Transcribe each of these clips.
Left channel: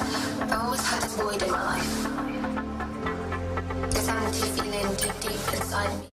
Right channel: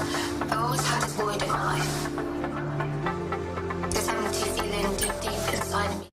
I've always had this void in my life. This empty feeling deep inside me.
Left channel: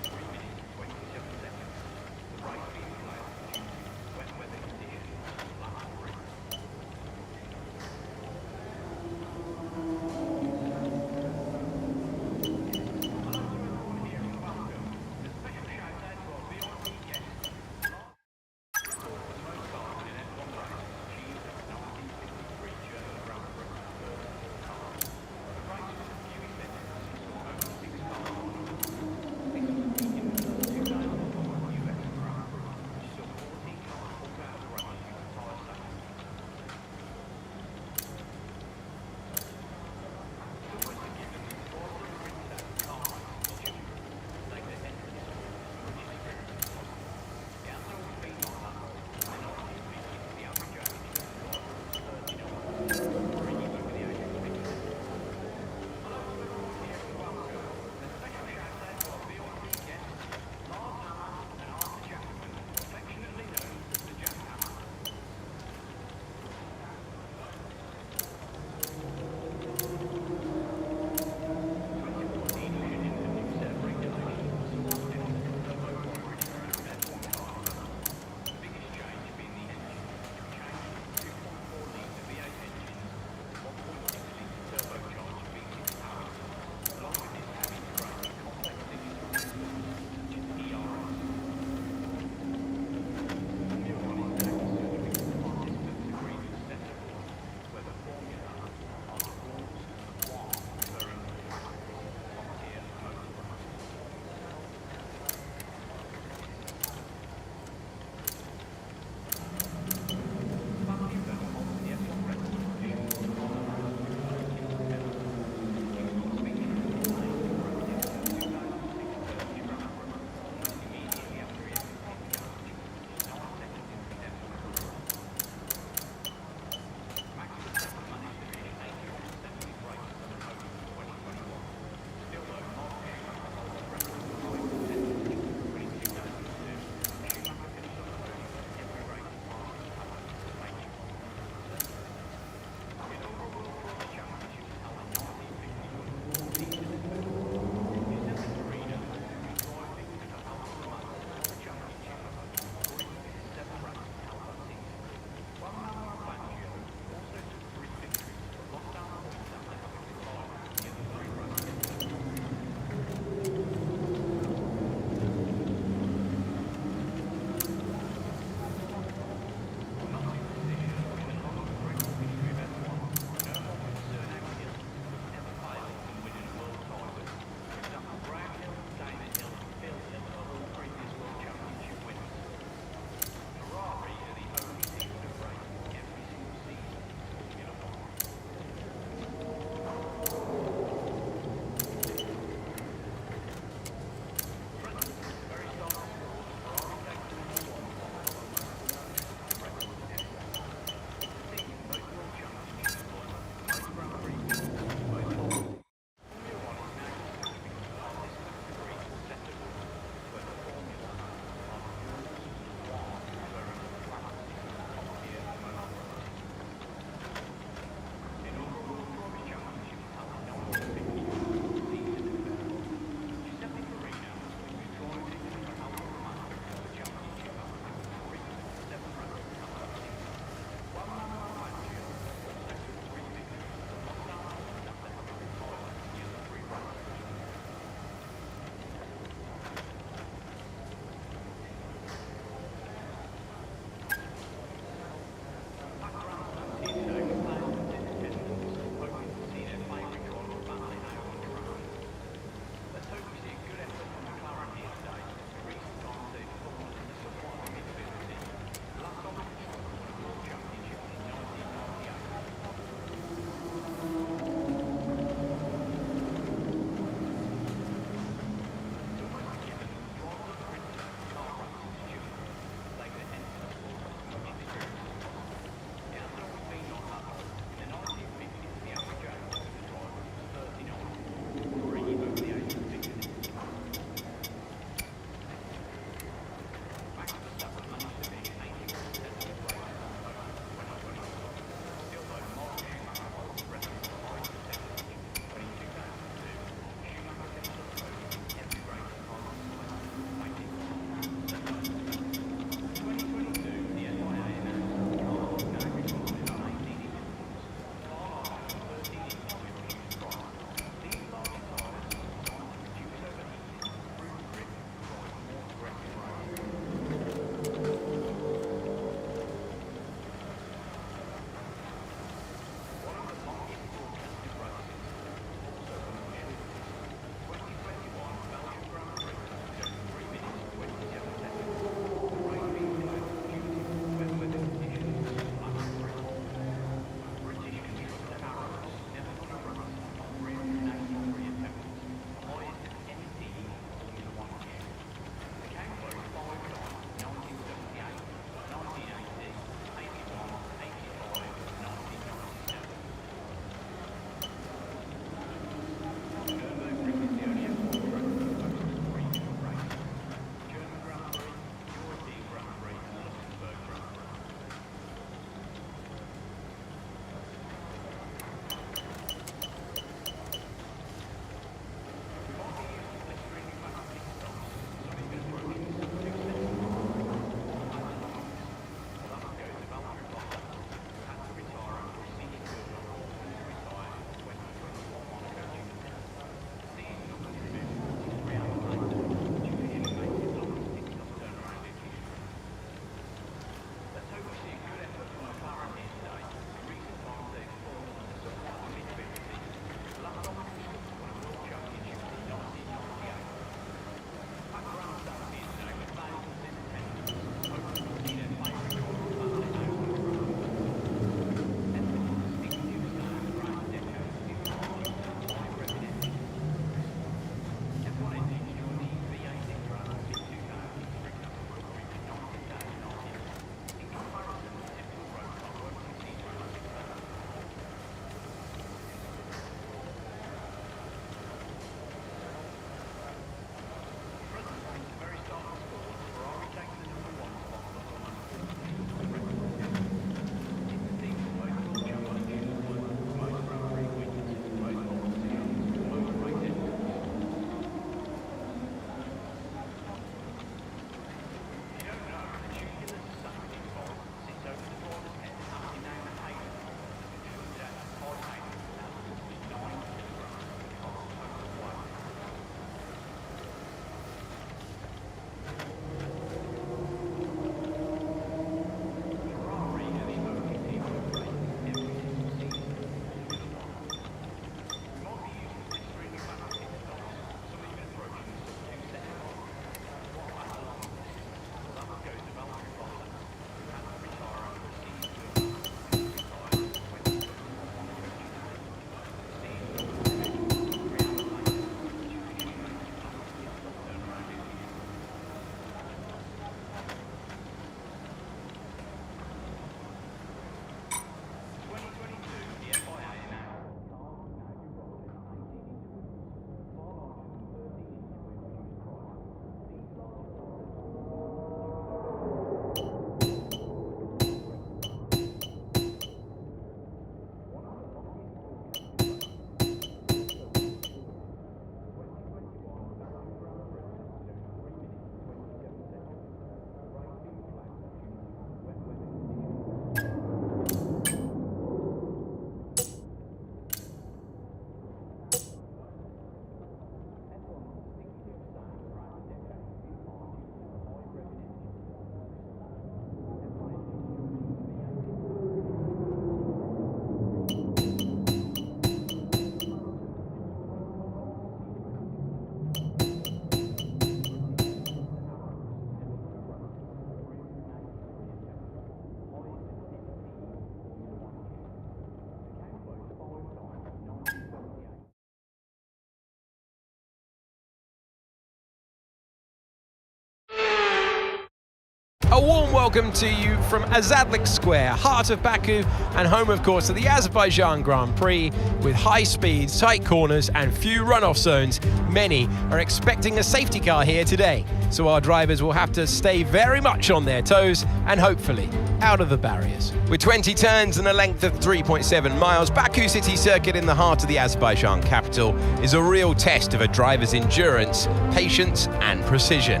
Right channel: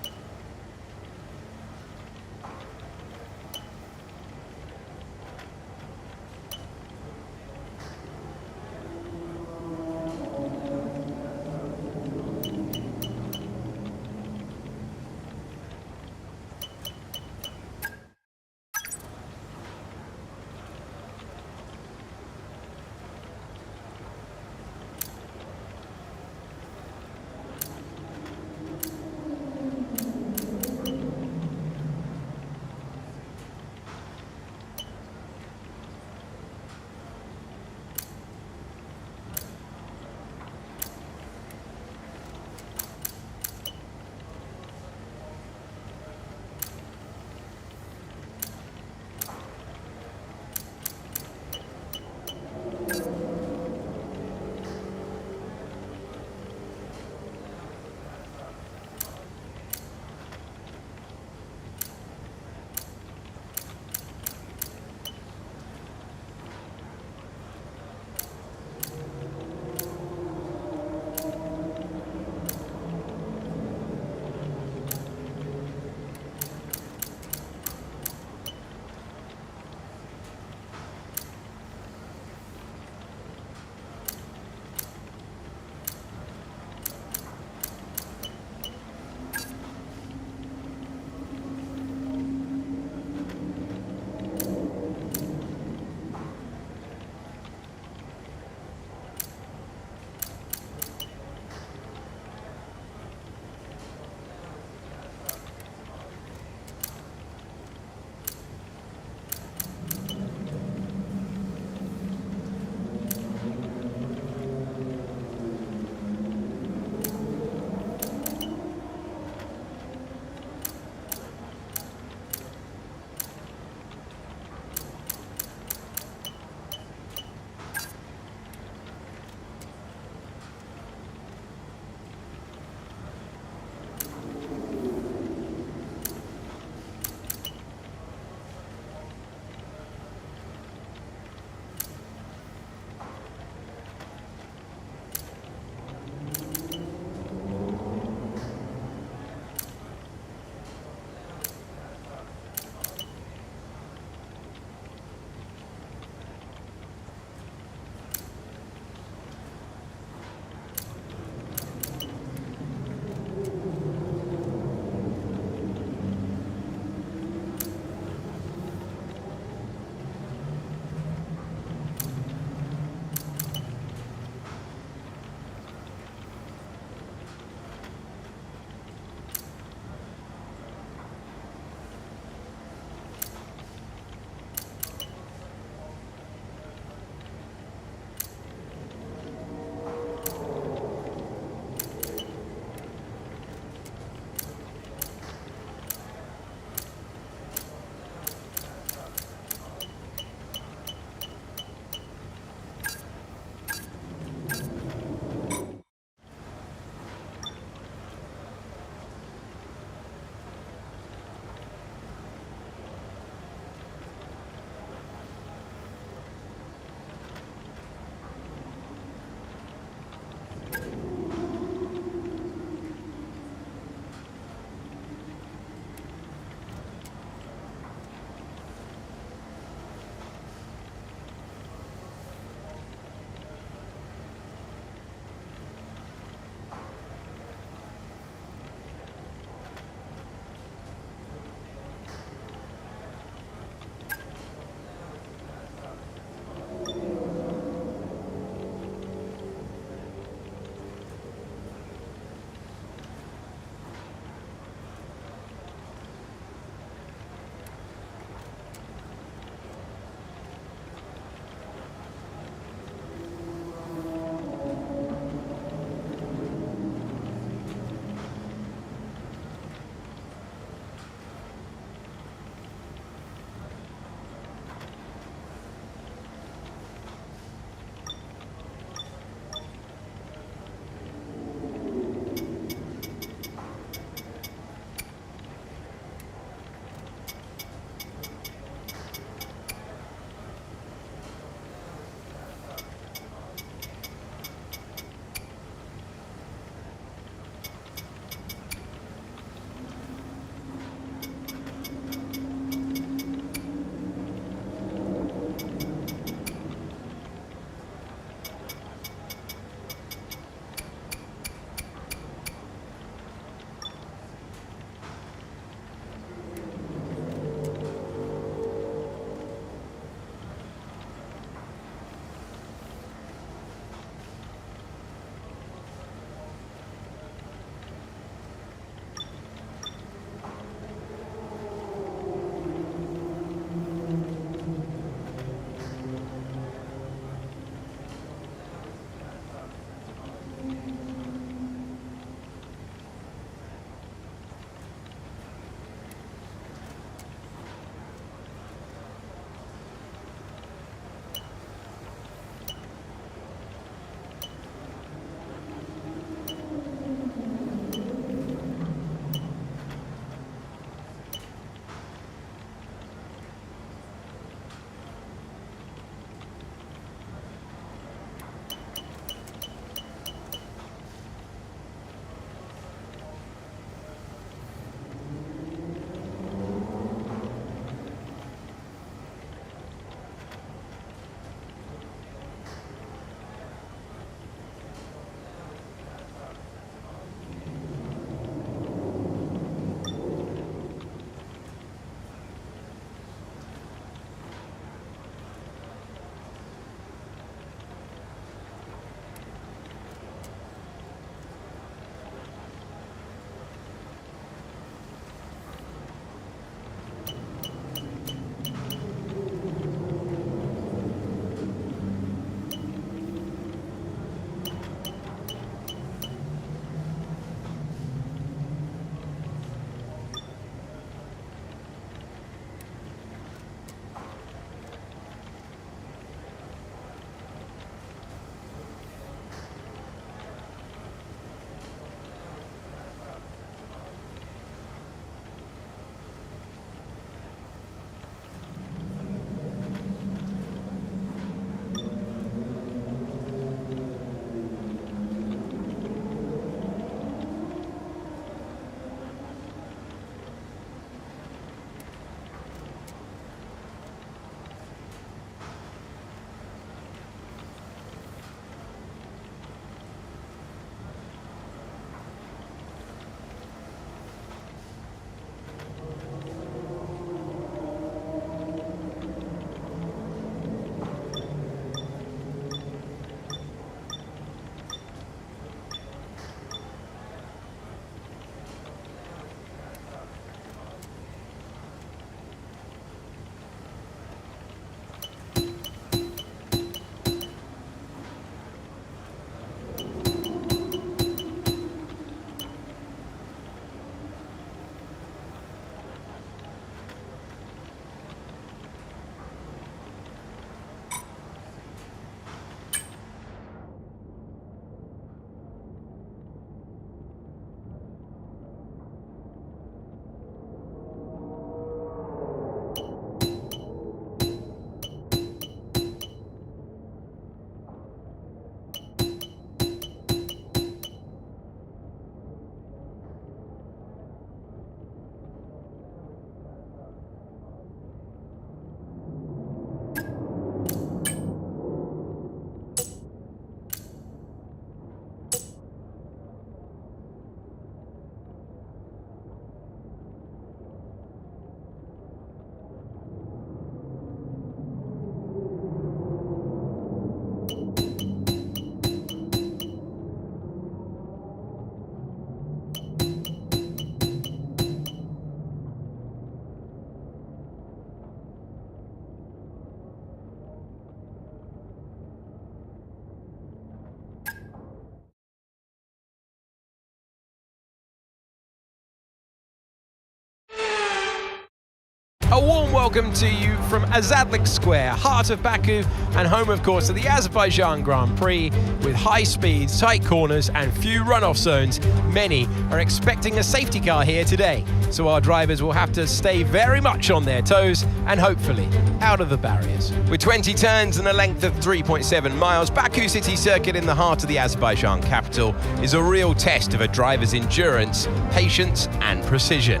A warm welcome to you from Azerbaijan Square, heart of Baku, and home, of course, of the Azerbaijan Grand Prix. With high speeds, tight corners, and few runoff zones, many are expecting a safety car here today. So our drivers will have to stay very much on their toes and hopefully out of the barriers. With 20 turns and a length of 3.7 miles, Baku City Circuit in the heart of the Azerbaijan capital is a real test of a driver's endurance, patience, and precision.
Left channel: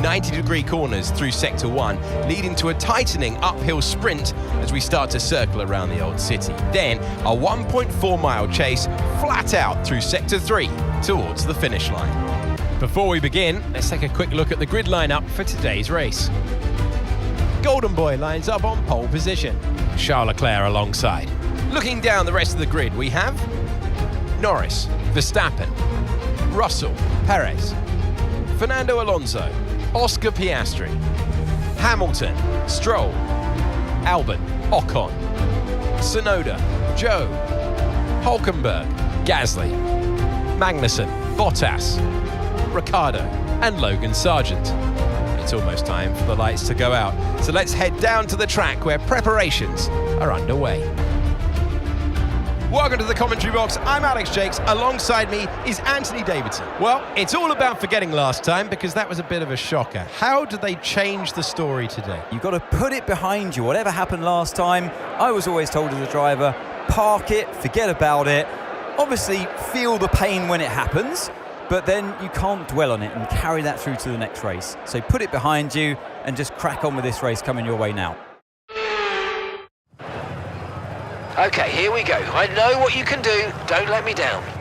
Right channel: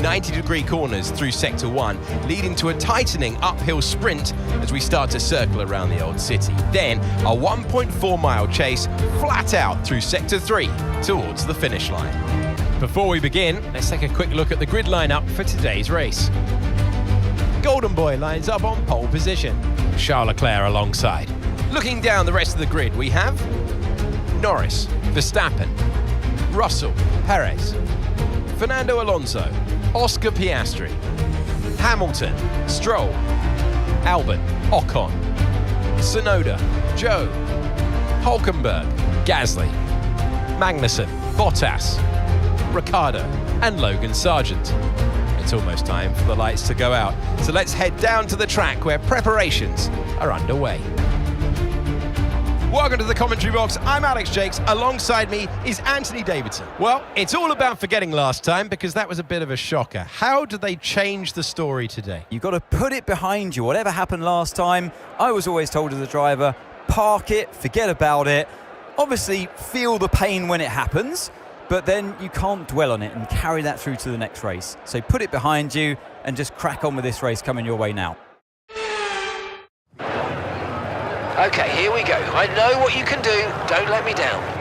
90-degree corners through Sector 1, leading to a tightening uphill sprint as we start to circle around the old city. Then a 1.4-mile chase flat out through Sector 3 towards the finish line. Before we begin, let's take a quick look at the grid lineup for today's race. Golden Boy lines up on pole position, Charles Leclerc alongside. Looking down the rest of the grid, we have Norris, Verstappen, Russell, Perez, Fernando Alonso, Oscar Piastri, Hamilton, Stroll, Albon, Ocon, Tsunoda, Zhou, Hülkenberg, Gasly, Magnussen, Bottas, Ricciardo, and Logan Sargent. It's almost time for the lights to go out, so let's head down to the track where preparations are underway. Welcome to the commentary box. I'm Alex Jakes. Alongside me is Anthony Davidson. Well, it's all about forgetting last time because that was a bit of a shocker. How did they change the story today? You've got to put it behind you. Whatever happened last time, I was always told as a driver, park it, forget about it. Obviously, feel the pain when it happens, but then you can't dwell on it and carry that through to the next race. So put it behind you and just crack on with this race coming your way now. Okay, here we go. I know what you can do. Don't let me down.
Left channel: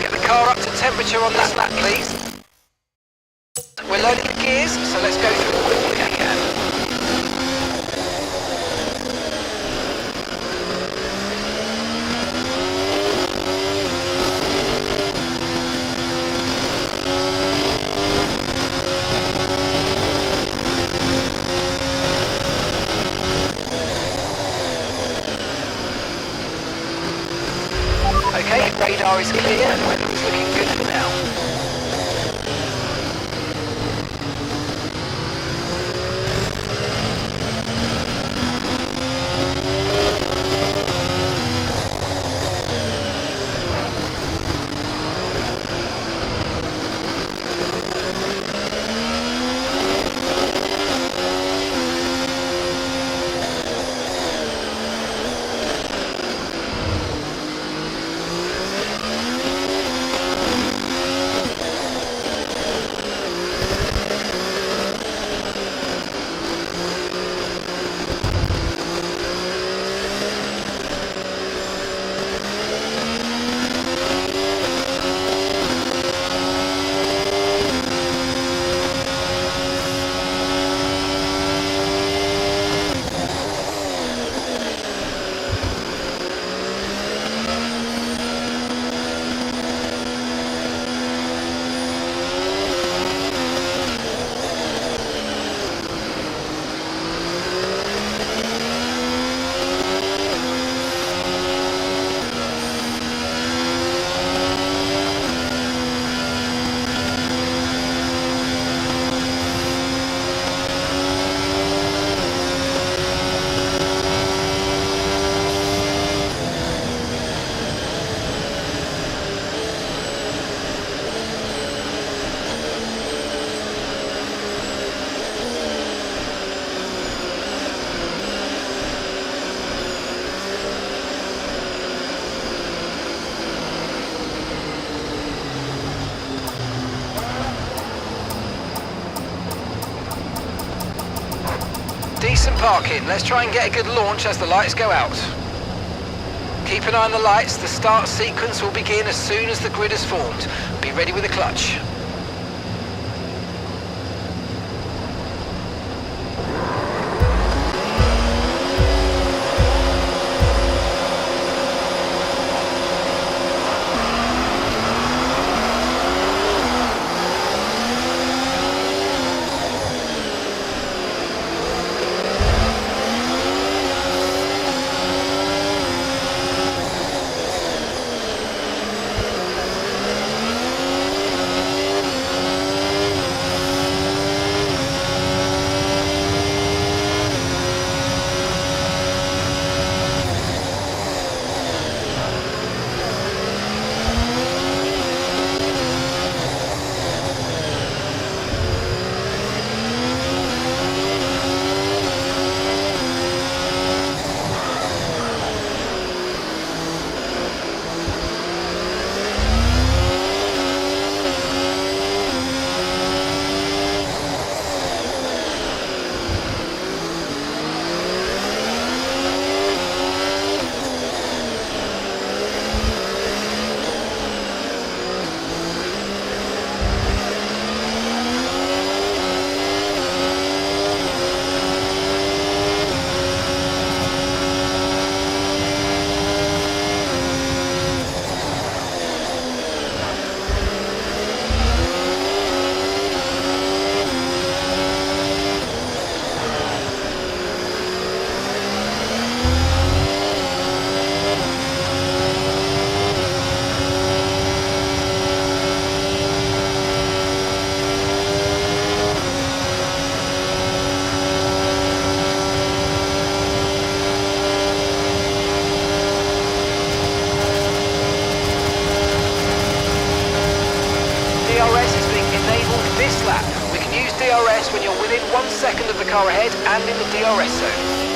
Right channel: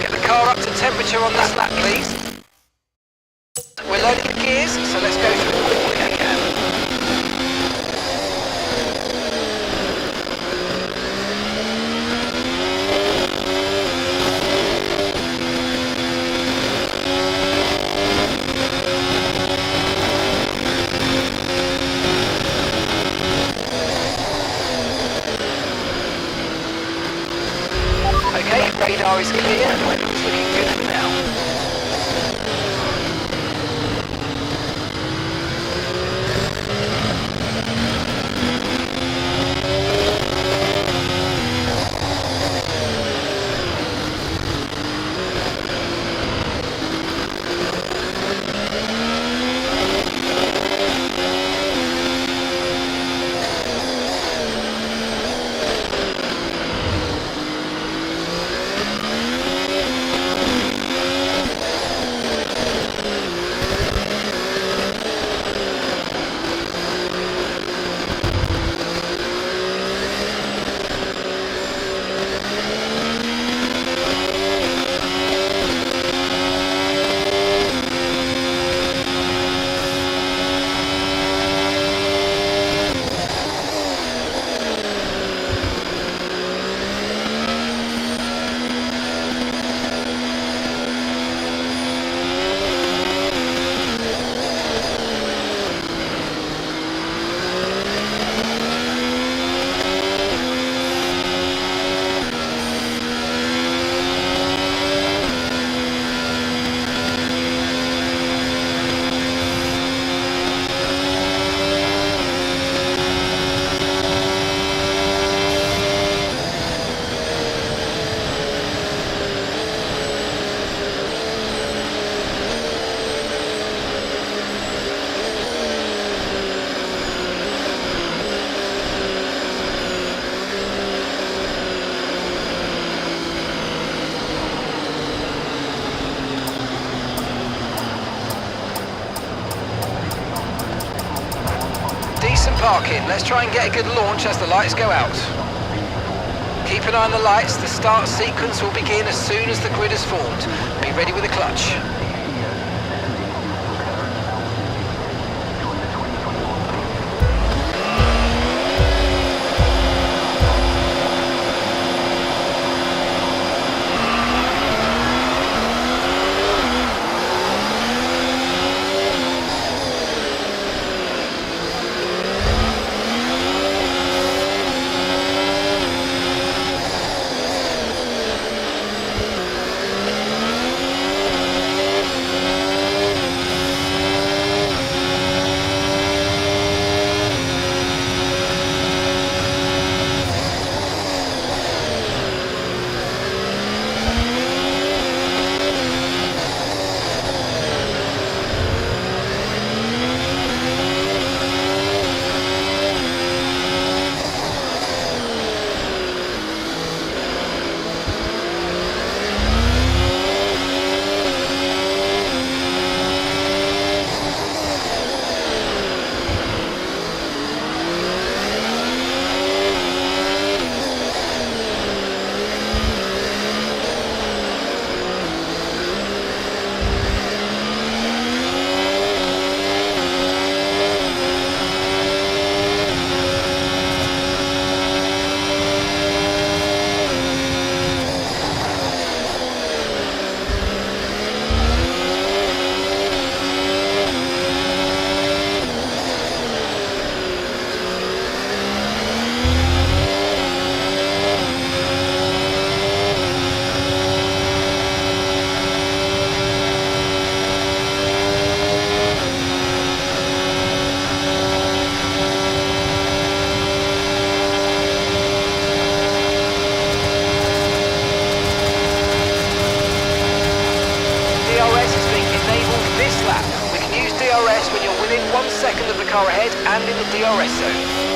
Get the car up to temperature on this lap, please. We're loading the gears, so let's go through it quickly I can. Okay, radar is clear and weather's looking good for now. Decent parking. Let's try and get a good launch as the lights go out. Keep an eye on the lights. The start sequence will begin as soon as the grid is formed. Be ready with the clutch. DRS is being enabled this lap. We can use DRS when you're within 1 second of the car ahead and in the DRS zone.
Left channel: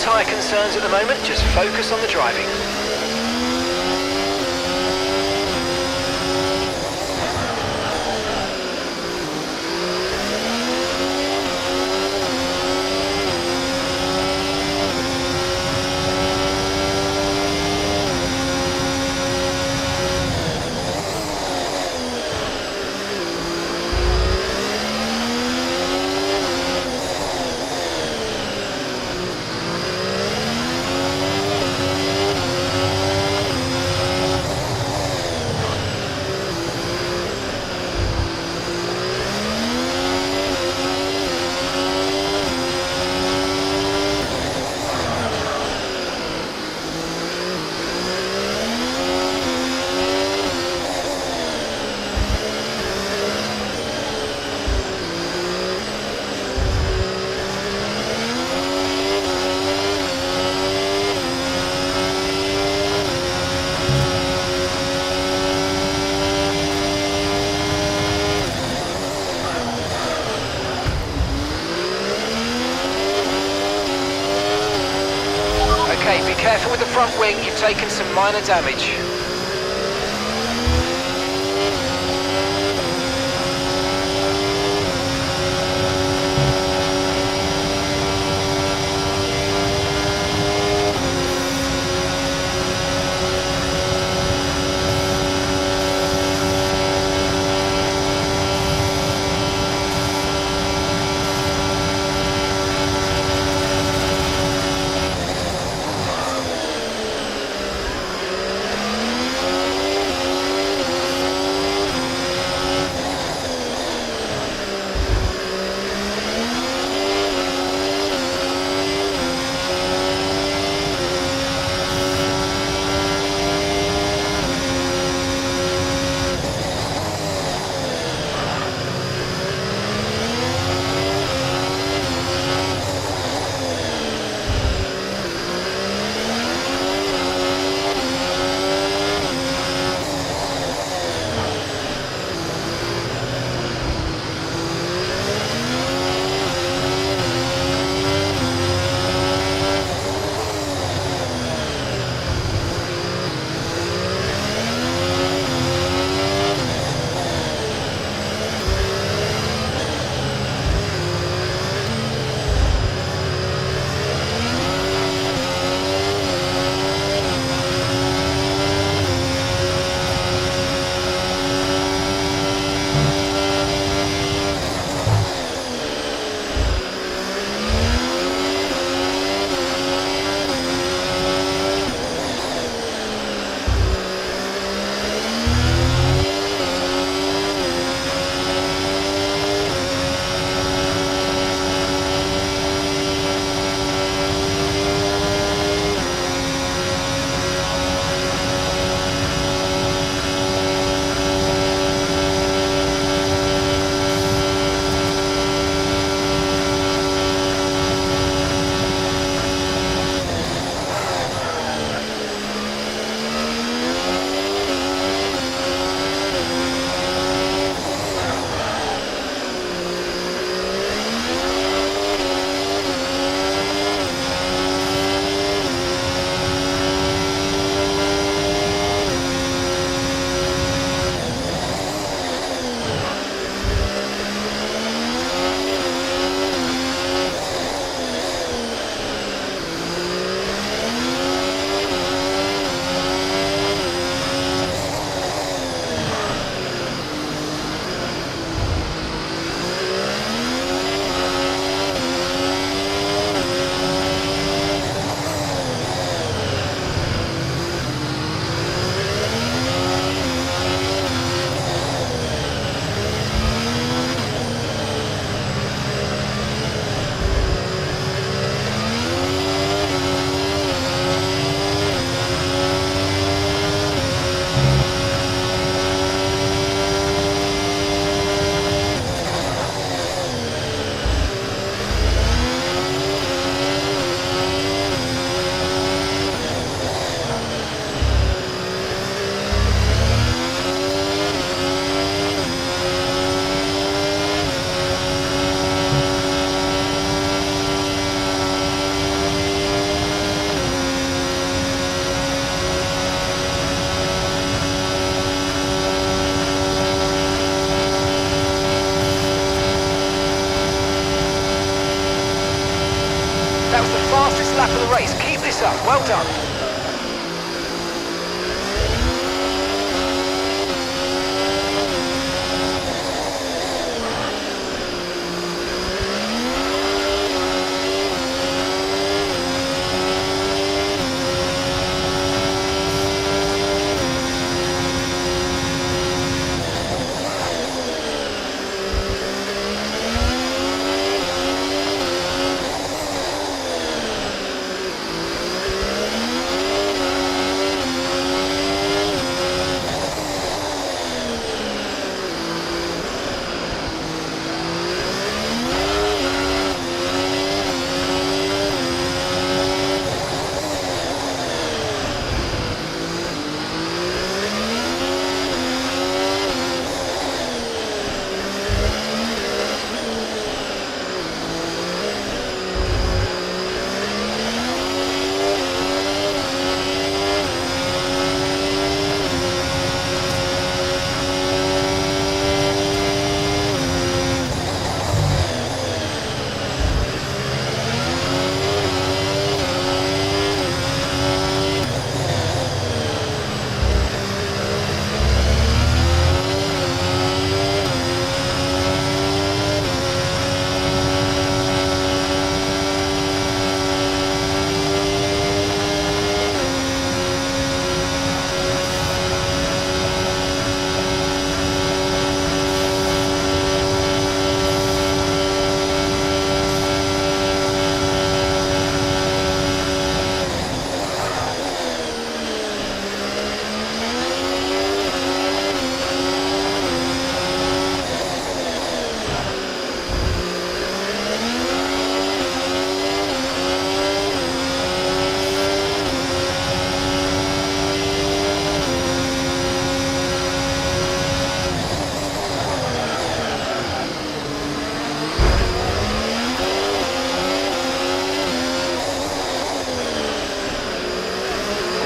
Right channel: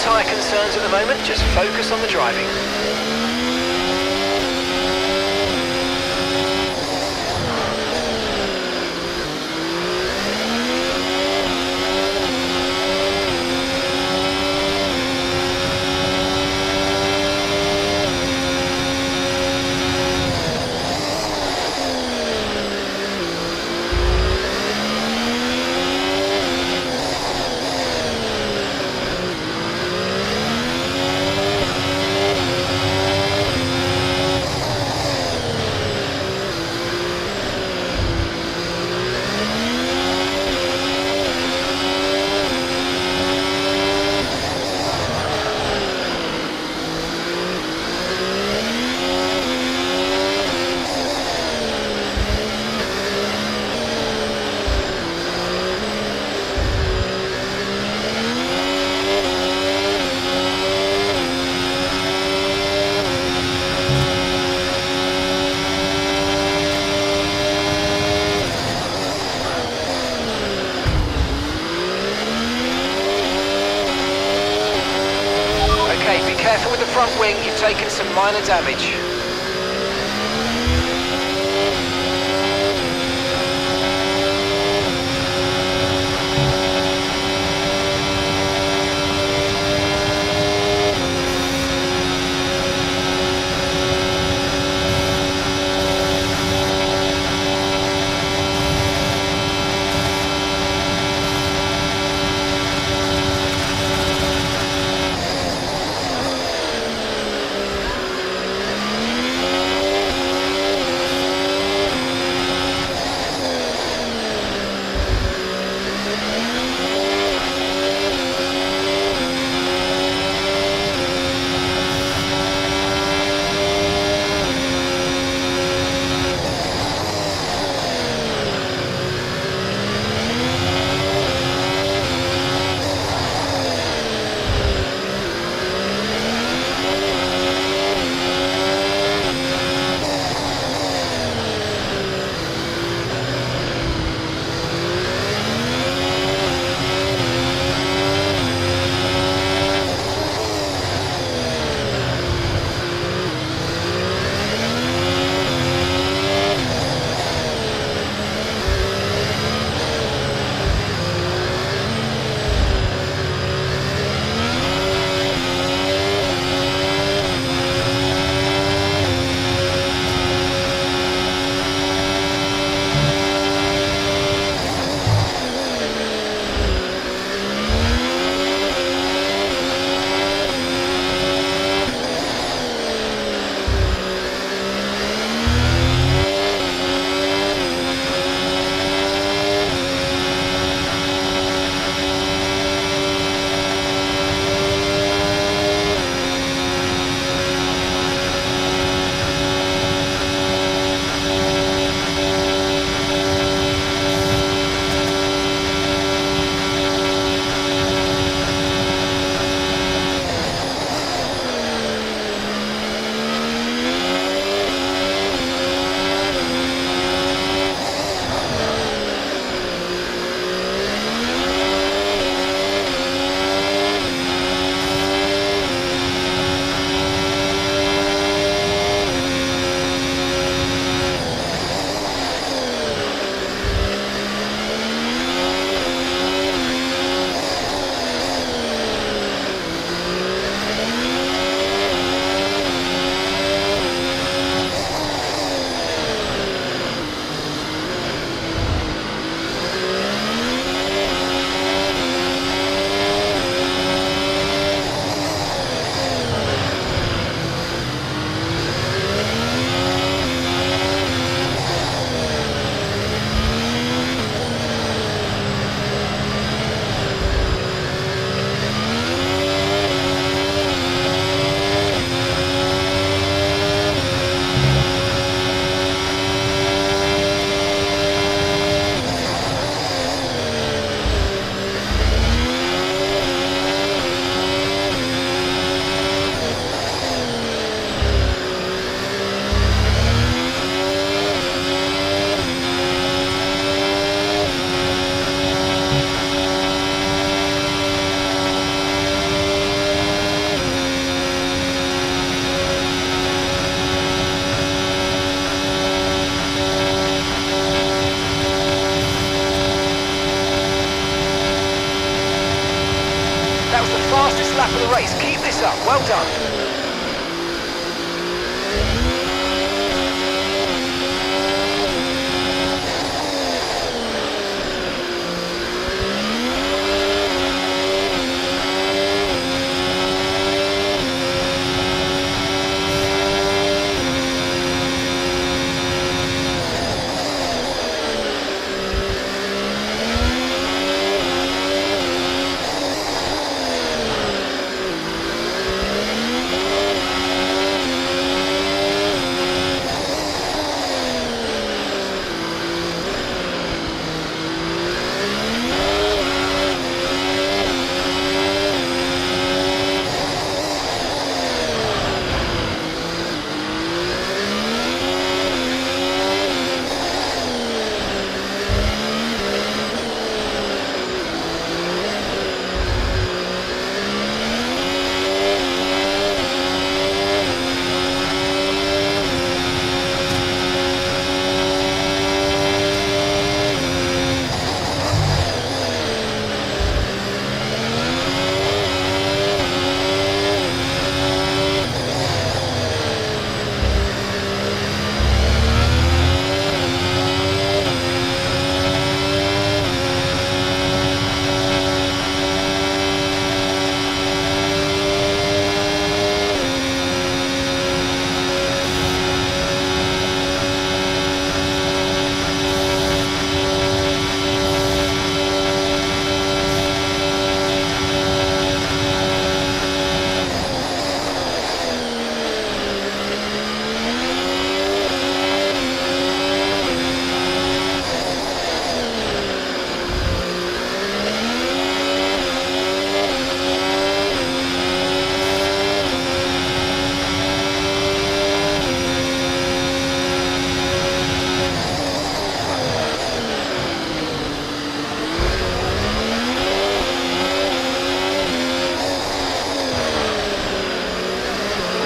tyre concerns at the moment, just focus on the driving. Okay, be careful with the front wing, you've taken some minor damage. was the fastest lap of the race. Keep this up. Well done.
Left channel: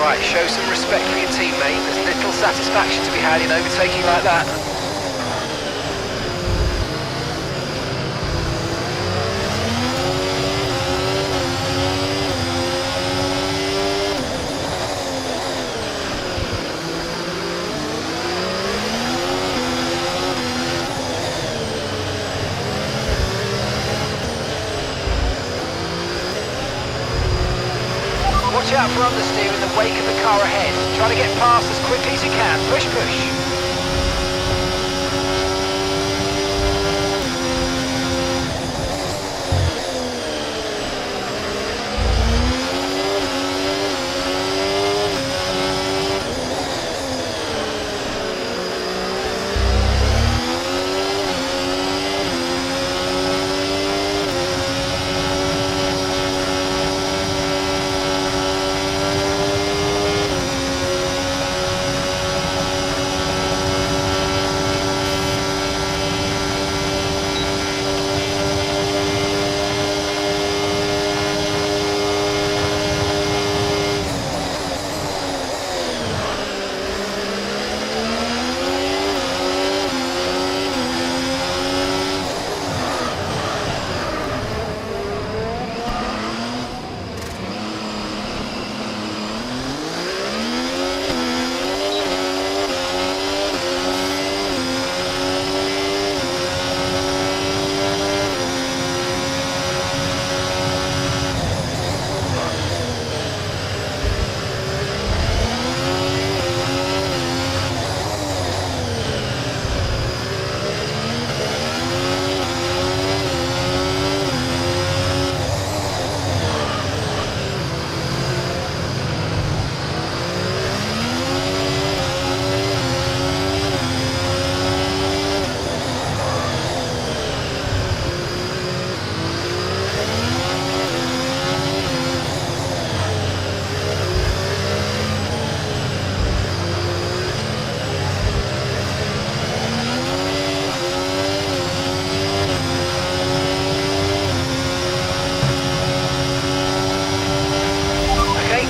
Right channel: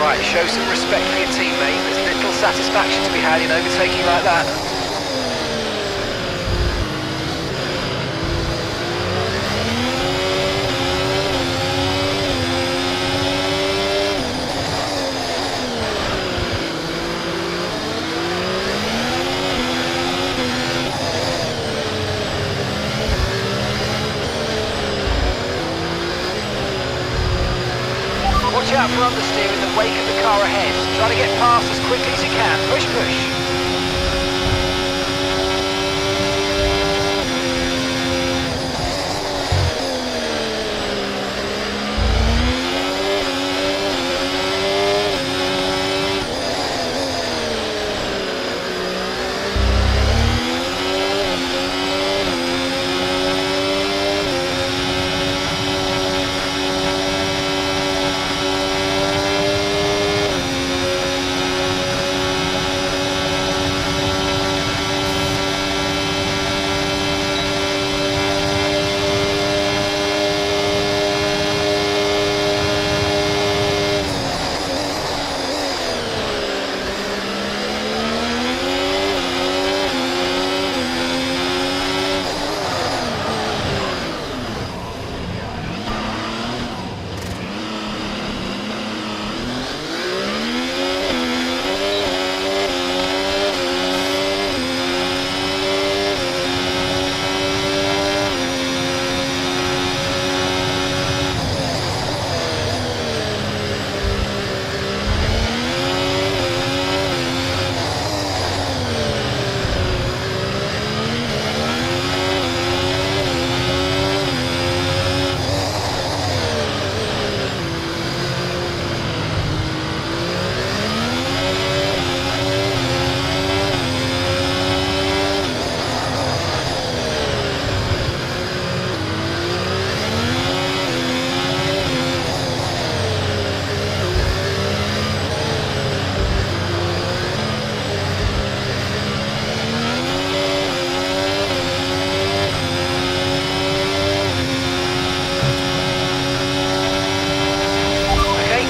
Right, show some respect for your teammate. There's little satisfaction to be had in overtaking like that. Watch out for understeer in the wake of the car ahead. Try to get past as quickly as you can. Push, push.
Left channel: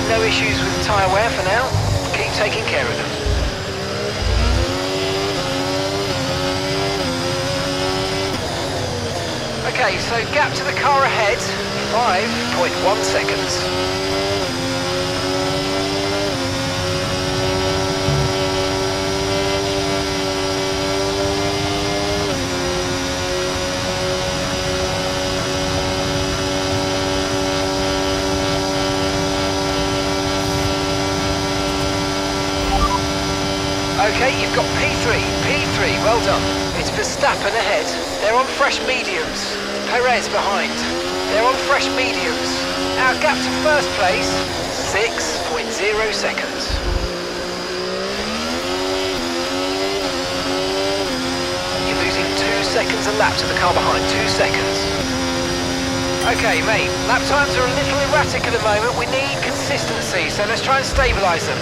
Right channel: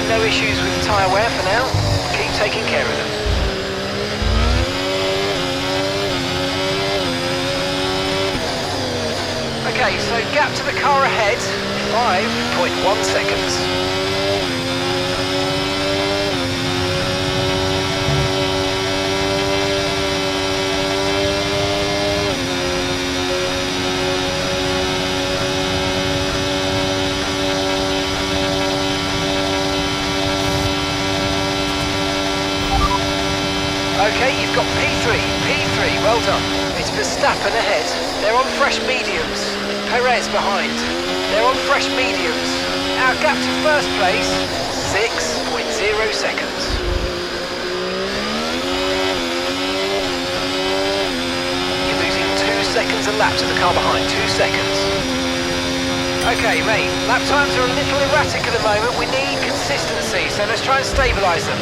No issues with tyre wear for now. Keep taking care of them. Okay, so gap to the car ahead, 5.1 seconds. Okay, you've got P3, well done. It's Verstappen ahead. They're on fresh mediums. Perez behind. They're on fresh mediums. Our gap to first place, 6.0 seconds. You're losing 2 seconds a lap to the car behind, 2 seconds. Okay, mate, lap times are a little erratic at the moment. We need consistency, so let's try and stabilise them.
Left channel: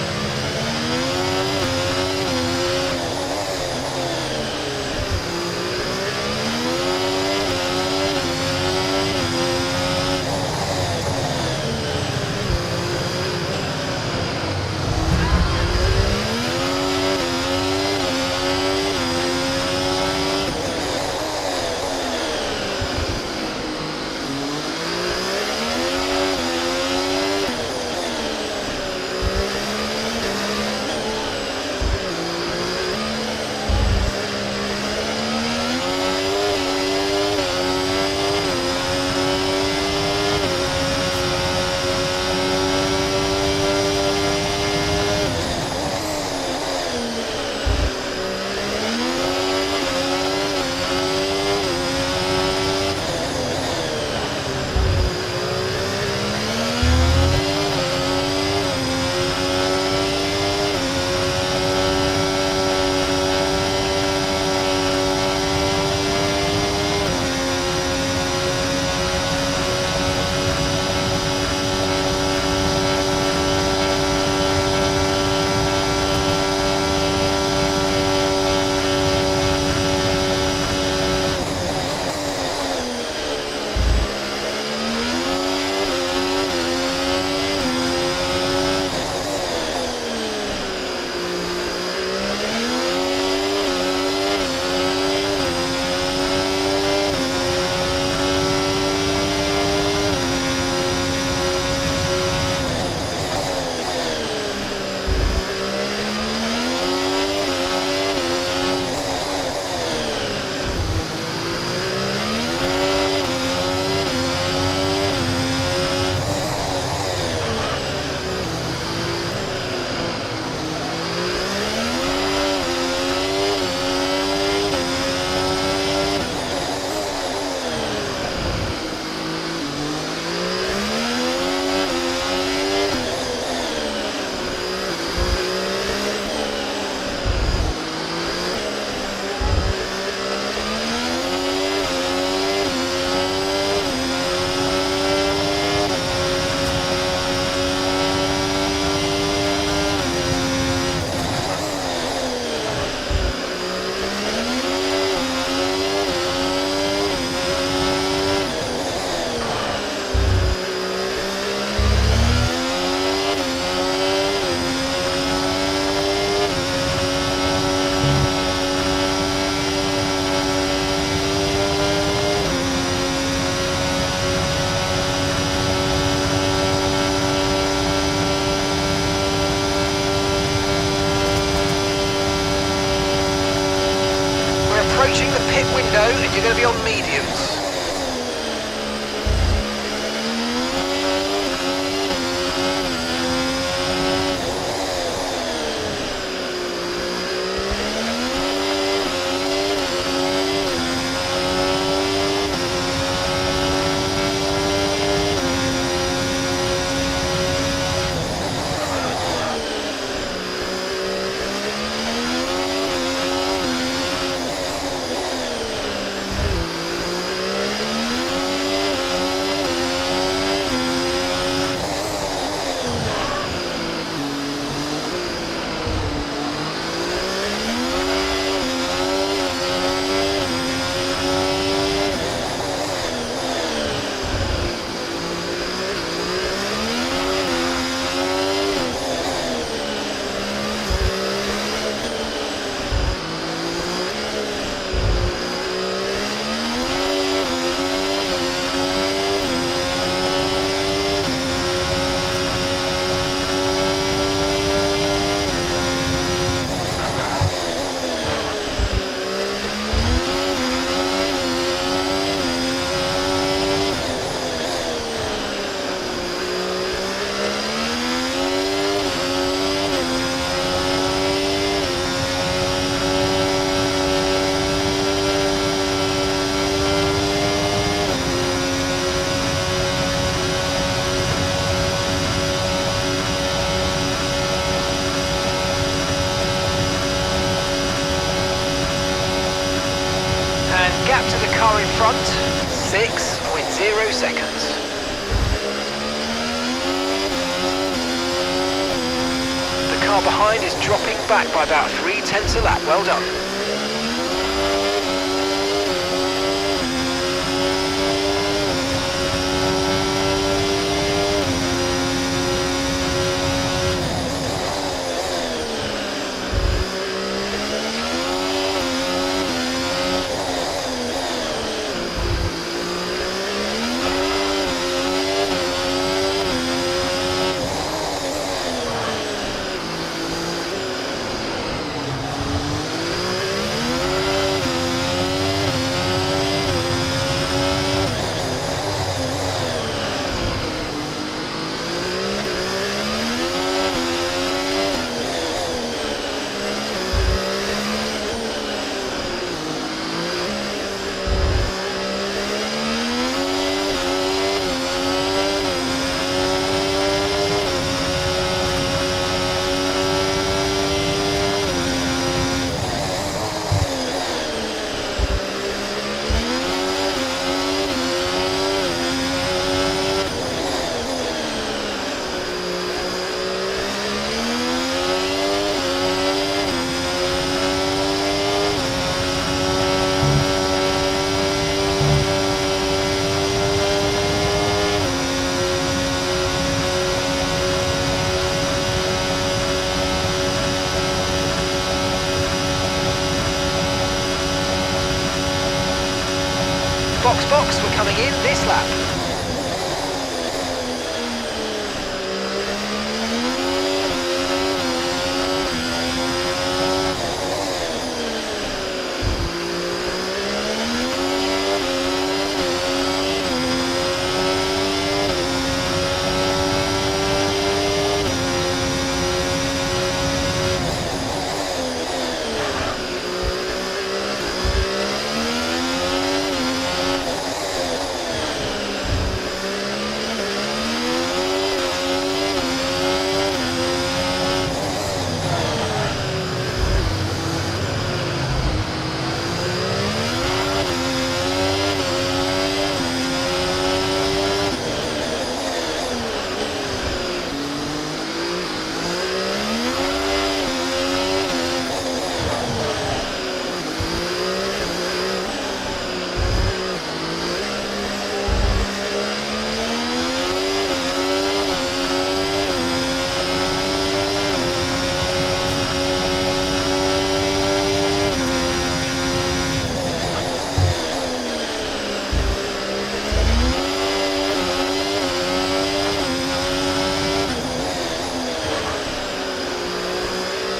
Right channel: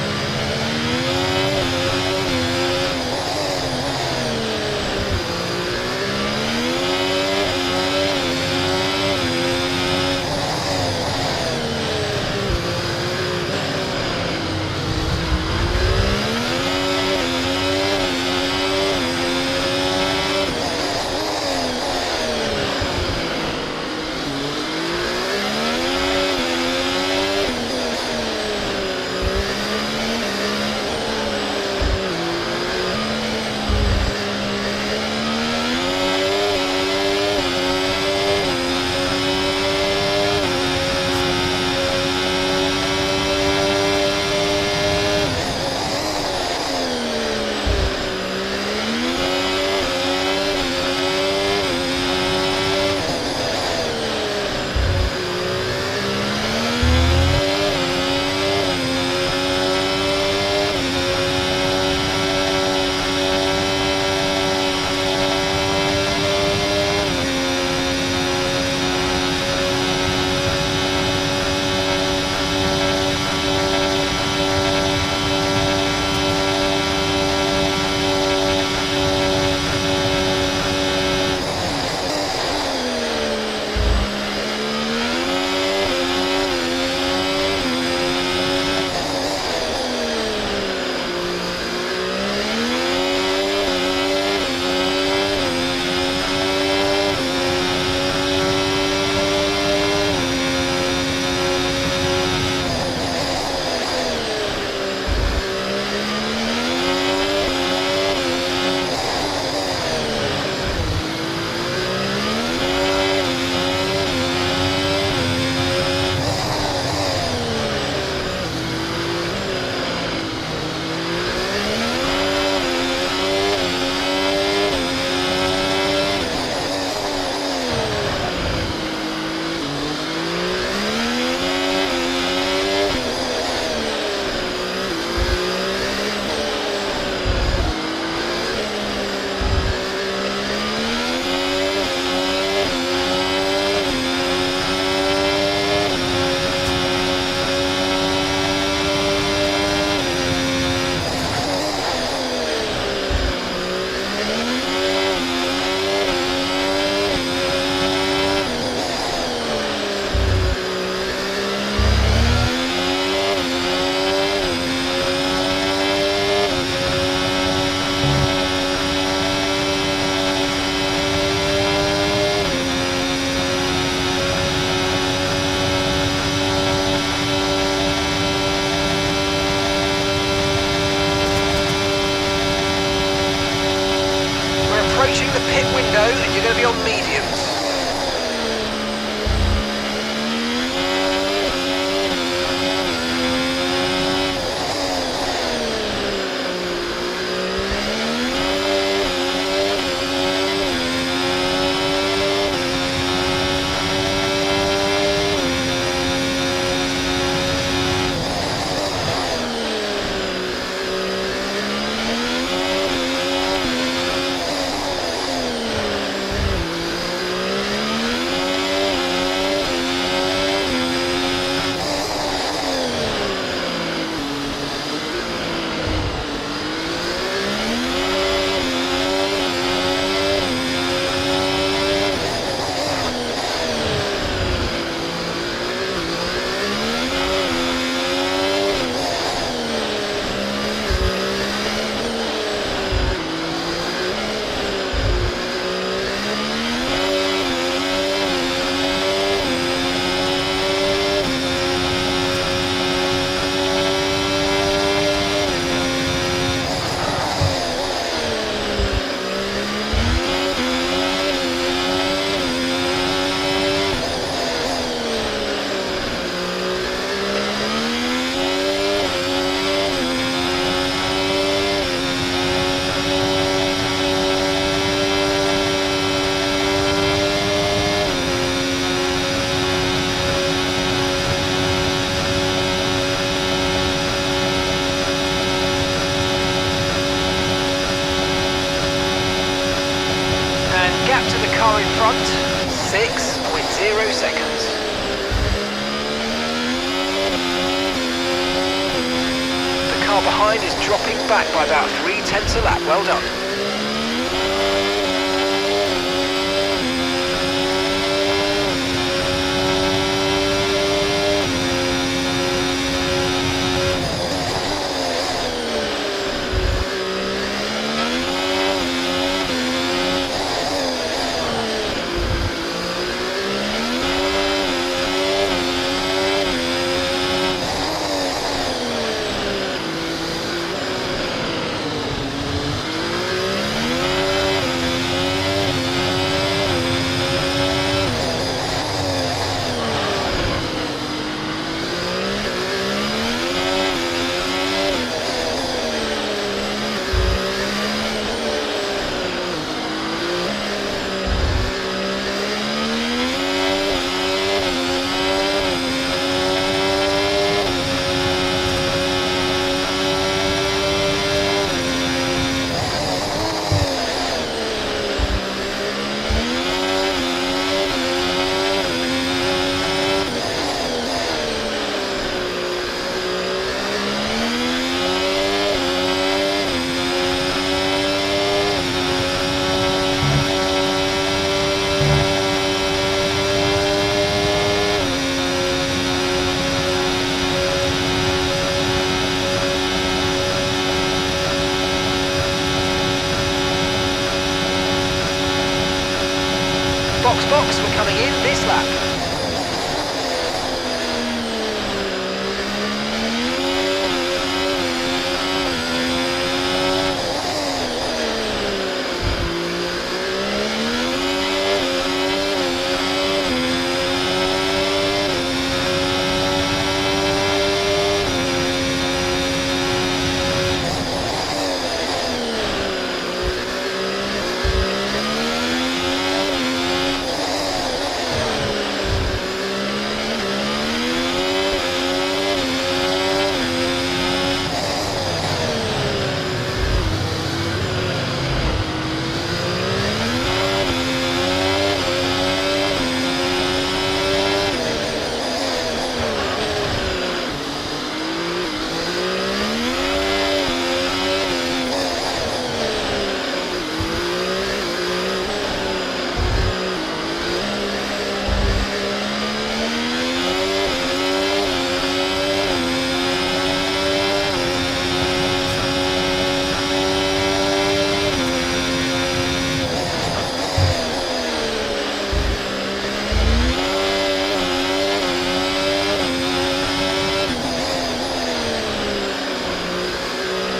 Approaching the pit window and you're going to be on mediums. front, 6.0 seconds. The car behind is dropping back by about 0.3 a lap. Well done. Box, we're coming in this lap.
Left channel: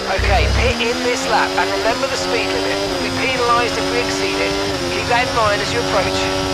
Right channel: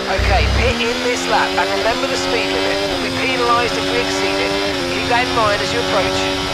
Okay, pit in this lap, and remember the speed limit. We'll be penalised if we exceed it. Keep that in mind as you approach.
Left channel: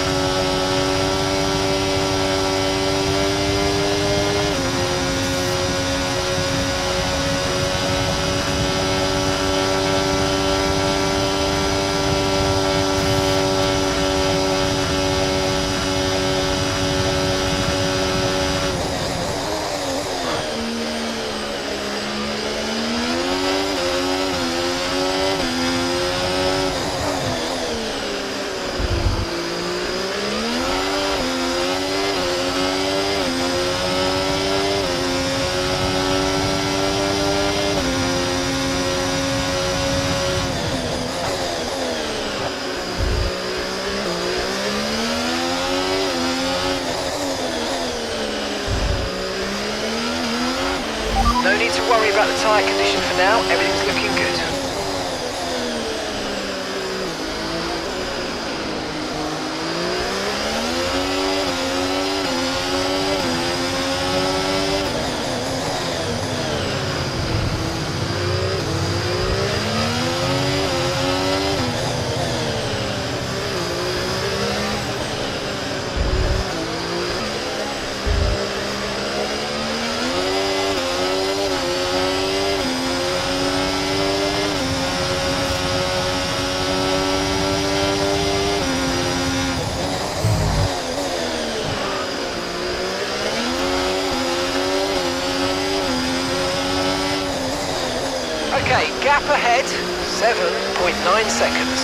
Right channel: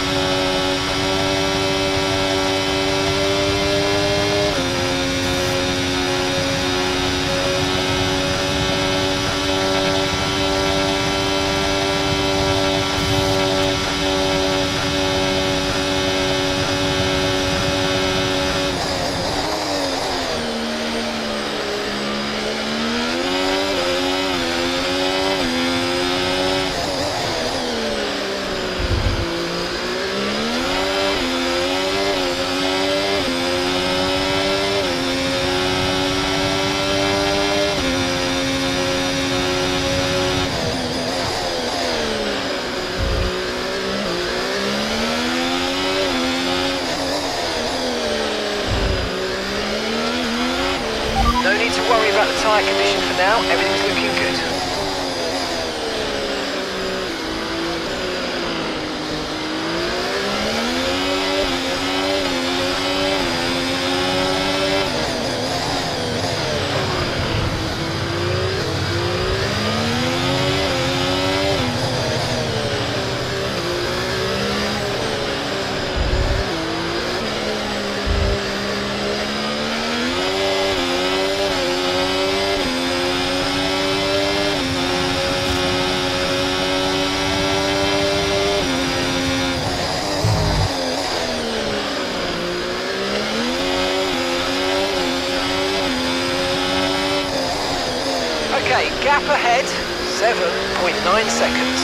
No need to worry about the tyre condition for now, everything's looking good. Okay, gap ahead, 7.9 seconds.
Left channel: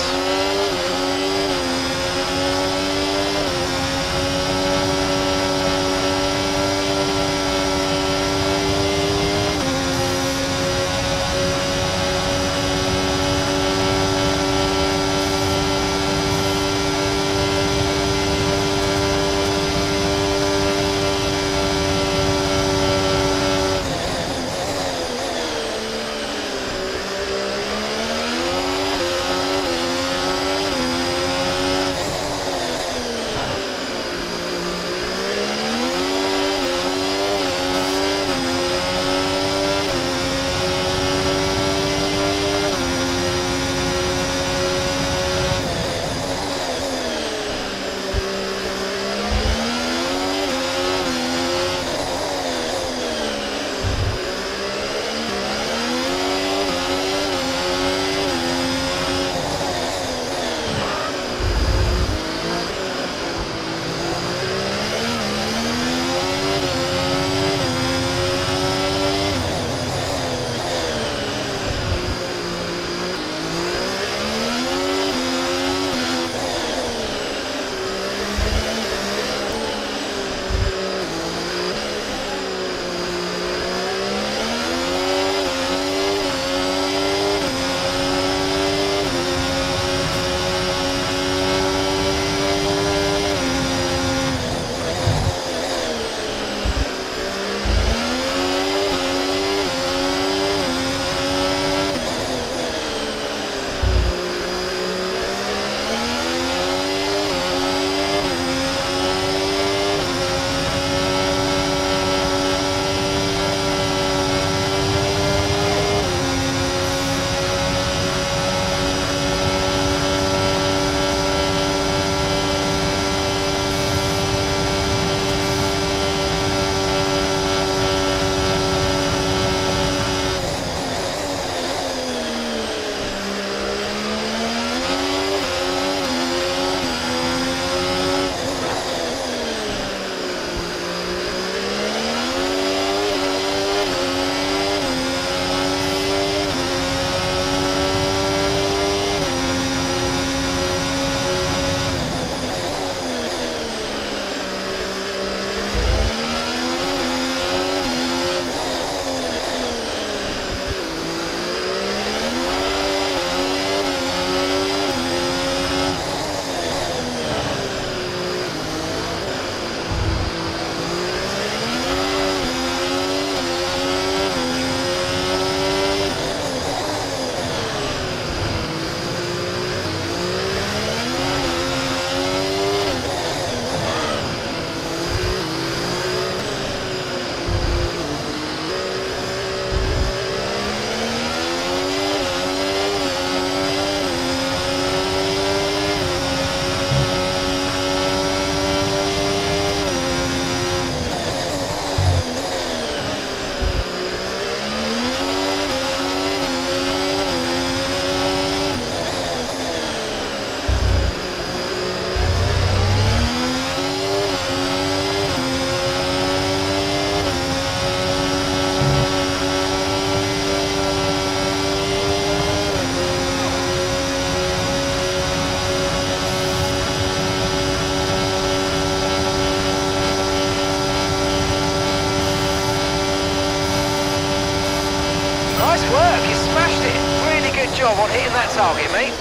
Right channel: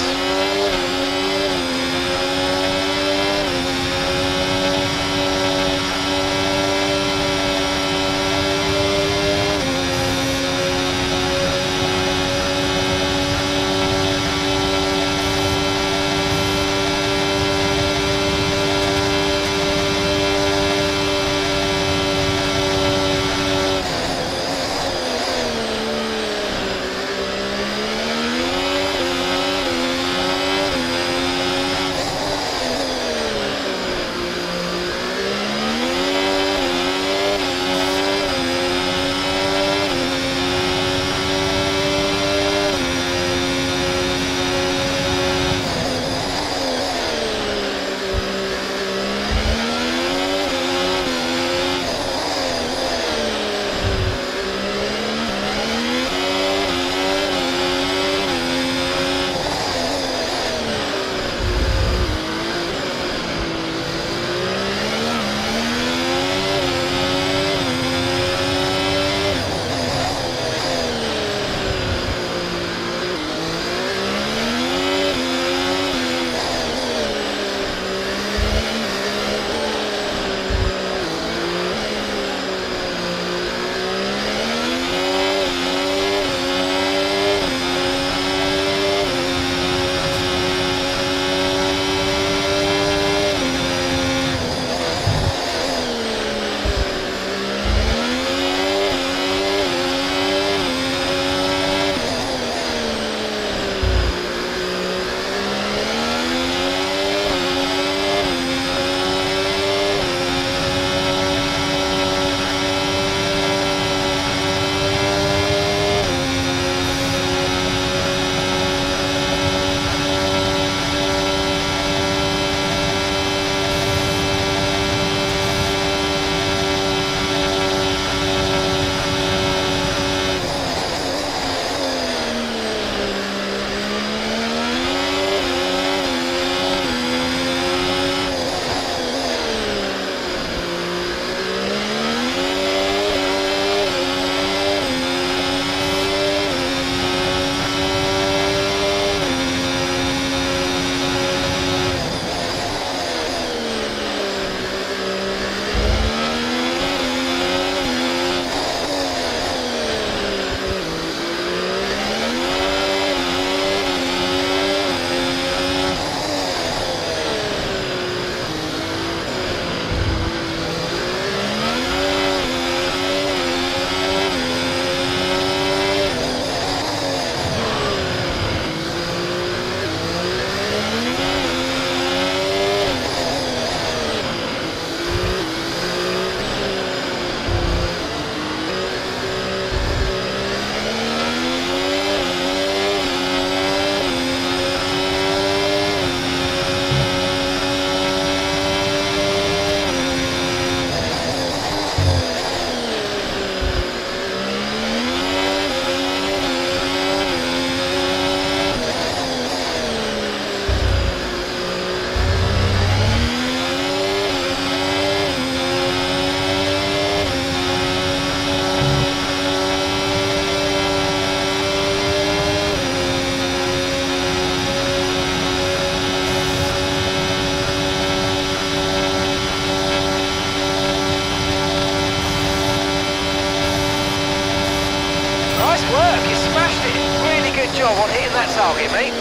Nice work, you smashed it. Really good job on hitting that target, mate.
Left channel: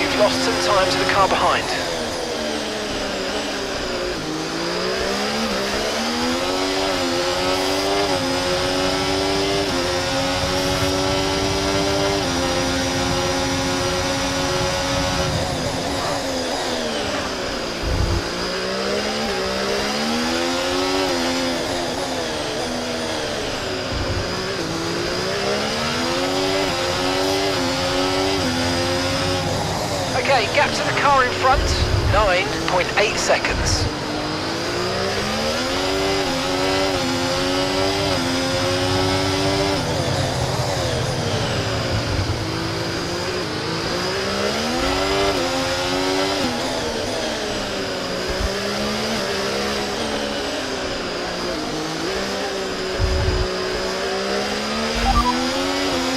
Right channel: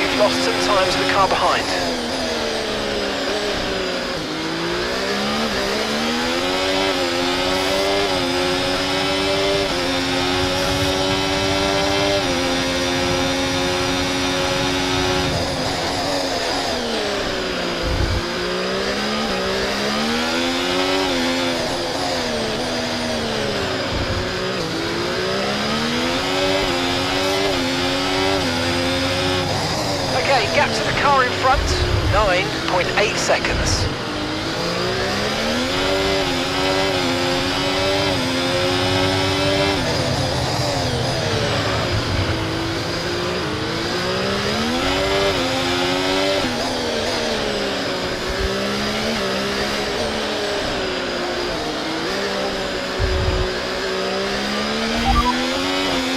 You've lost some time to the car behind. Okay, gap to the car in front, 9.8 seconds.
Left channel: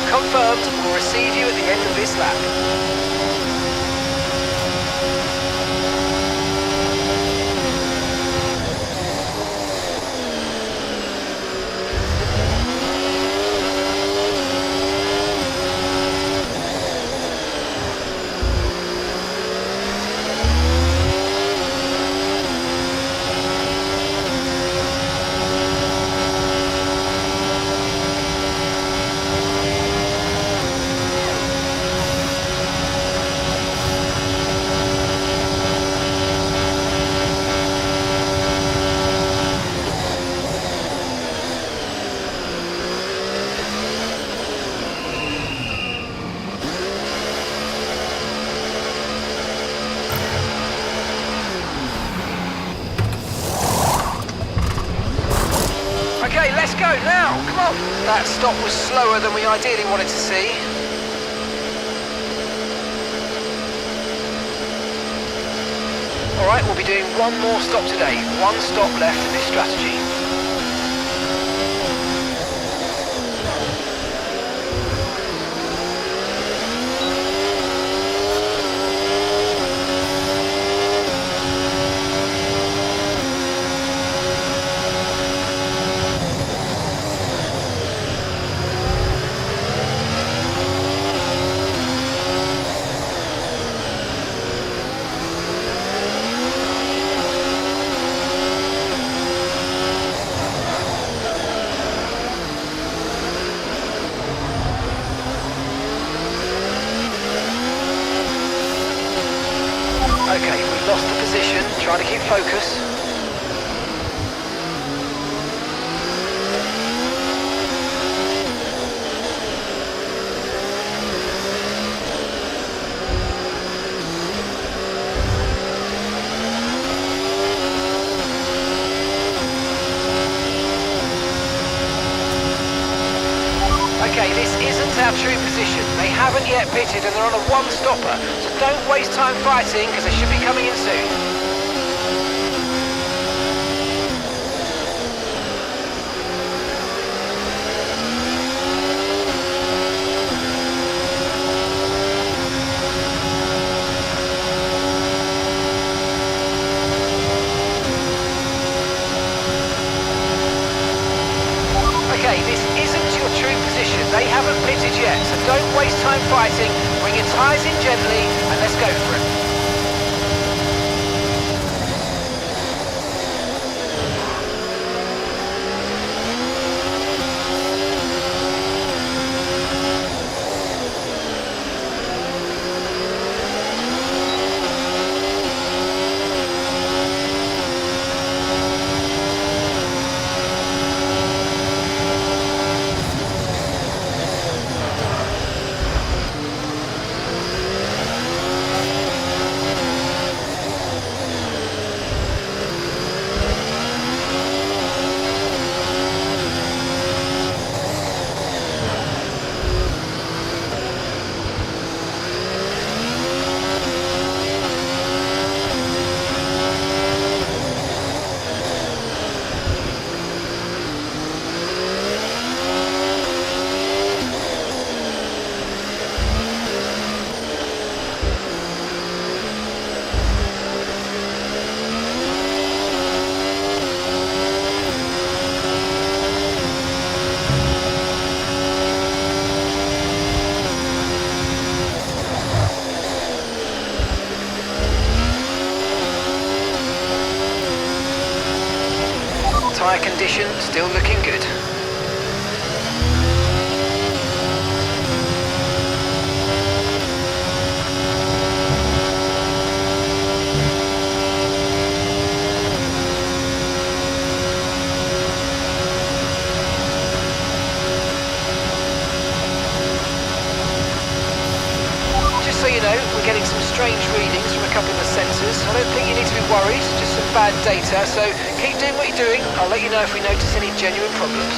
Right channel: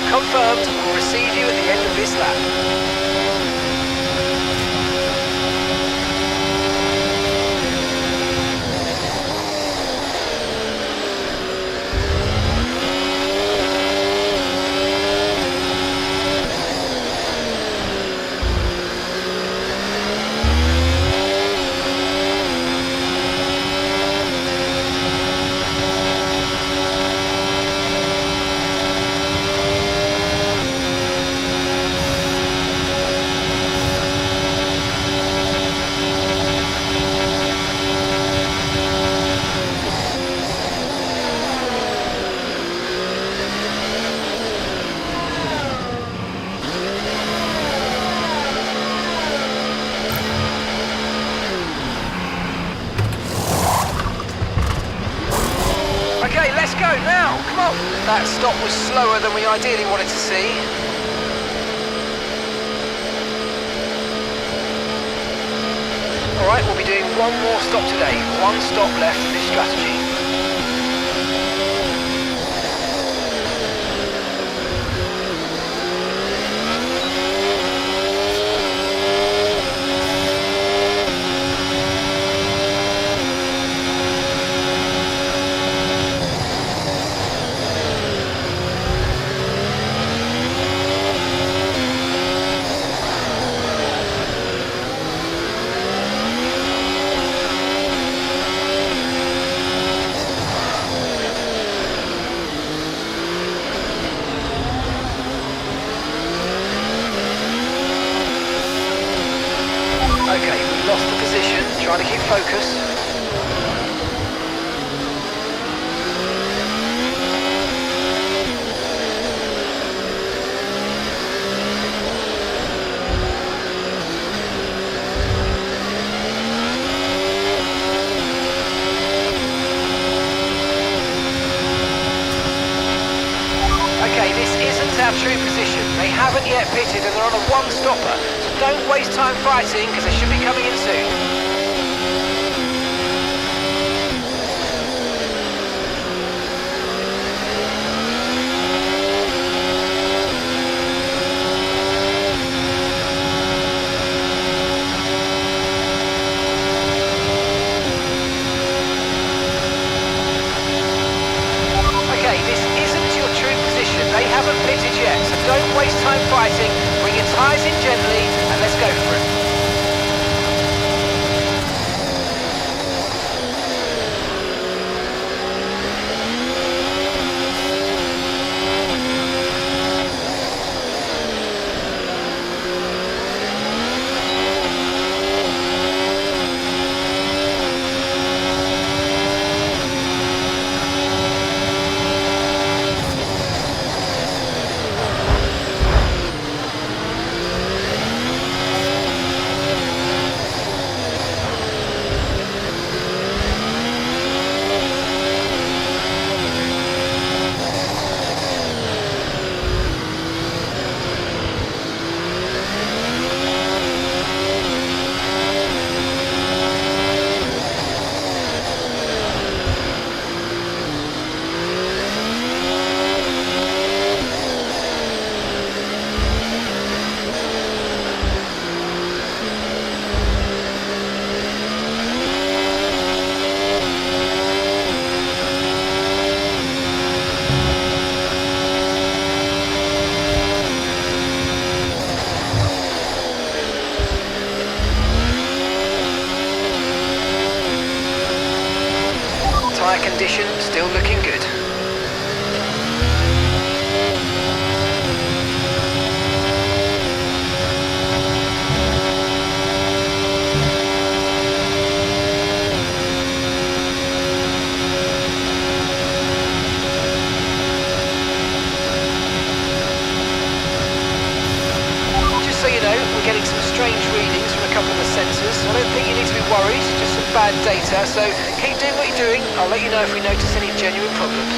Confirmed, we'll receive you at the end of this lap. Okay, let's go now, come on. That stop was slower than we ideally wanted to see. Alright, we'll be doing one more stop today. One stop left in this strategy. Okay, we lost the position, trying to keep focus. Okay, this isn't our true position. They haven't yet pitted and they're on a one-stopper, so don't waste time fighting because they should be coming in soon. Okay, this isn't your true position. They haven't pitted yet, so don't waste time fighting. Bring your tyres in gently and let's go for it. Tyre condition still looking good. So you know, we're getting some strange readings from a couple of the sensors. I don't think you need to be worried, just some bad data, so keep doing what you're doing. I'll let you know if we notice any genuine problems.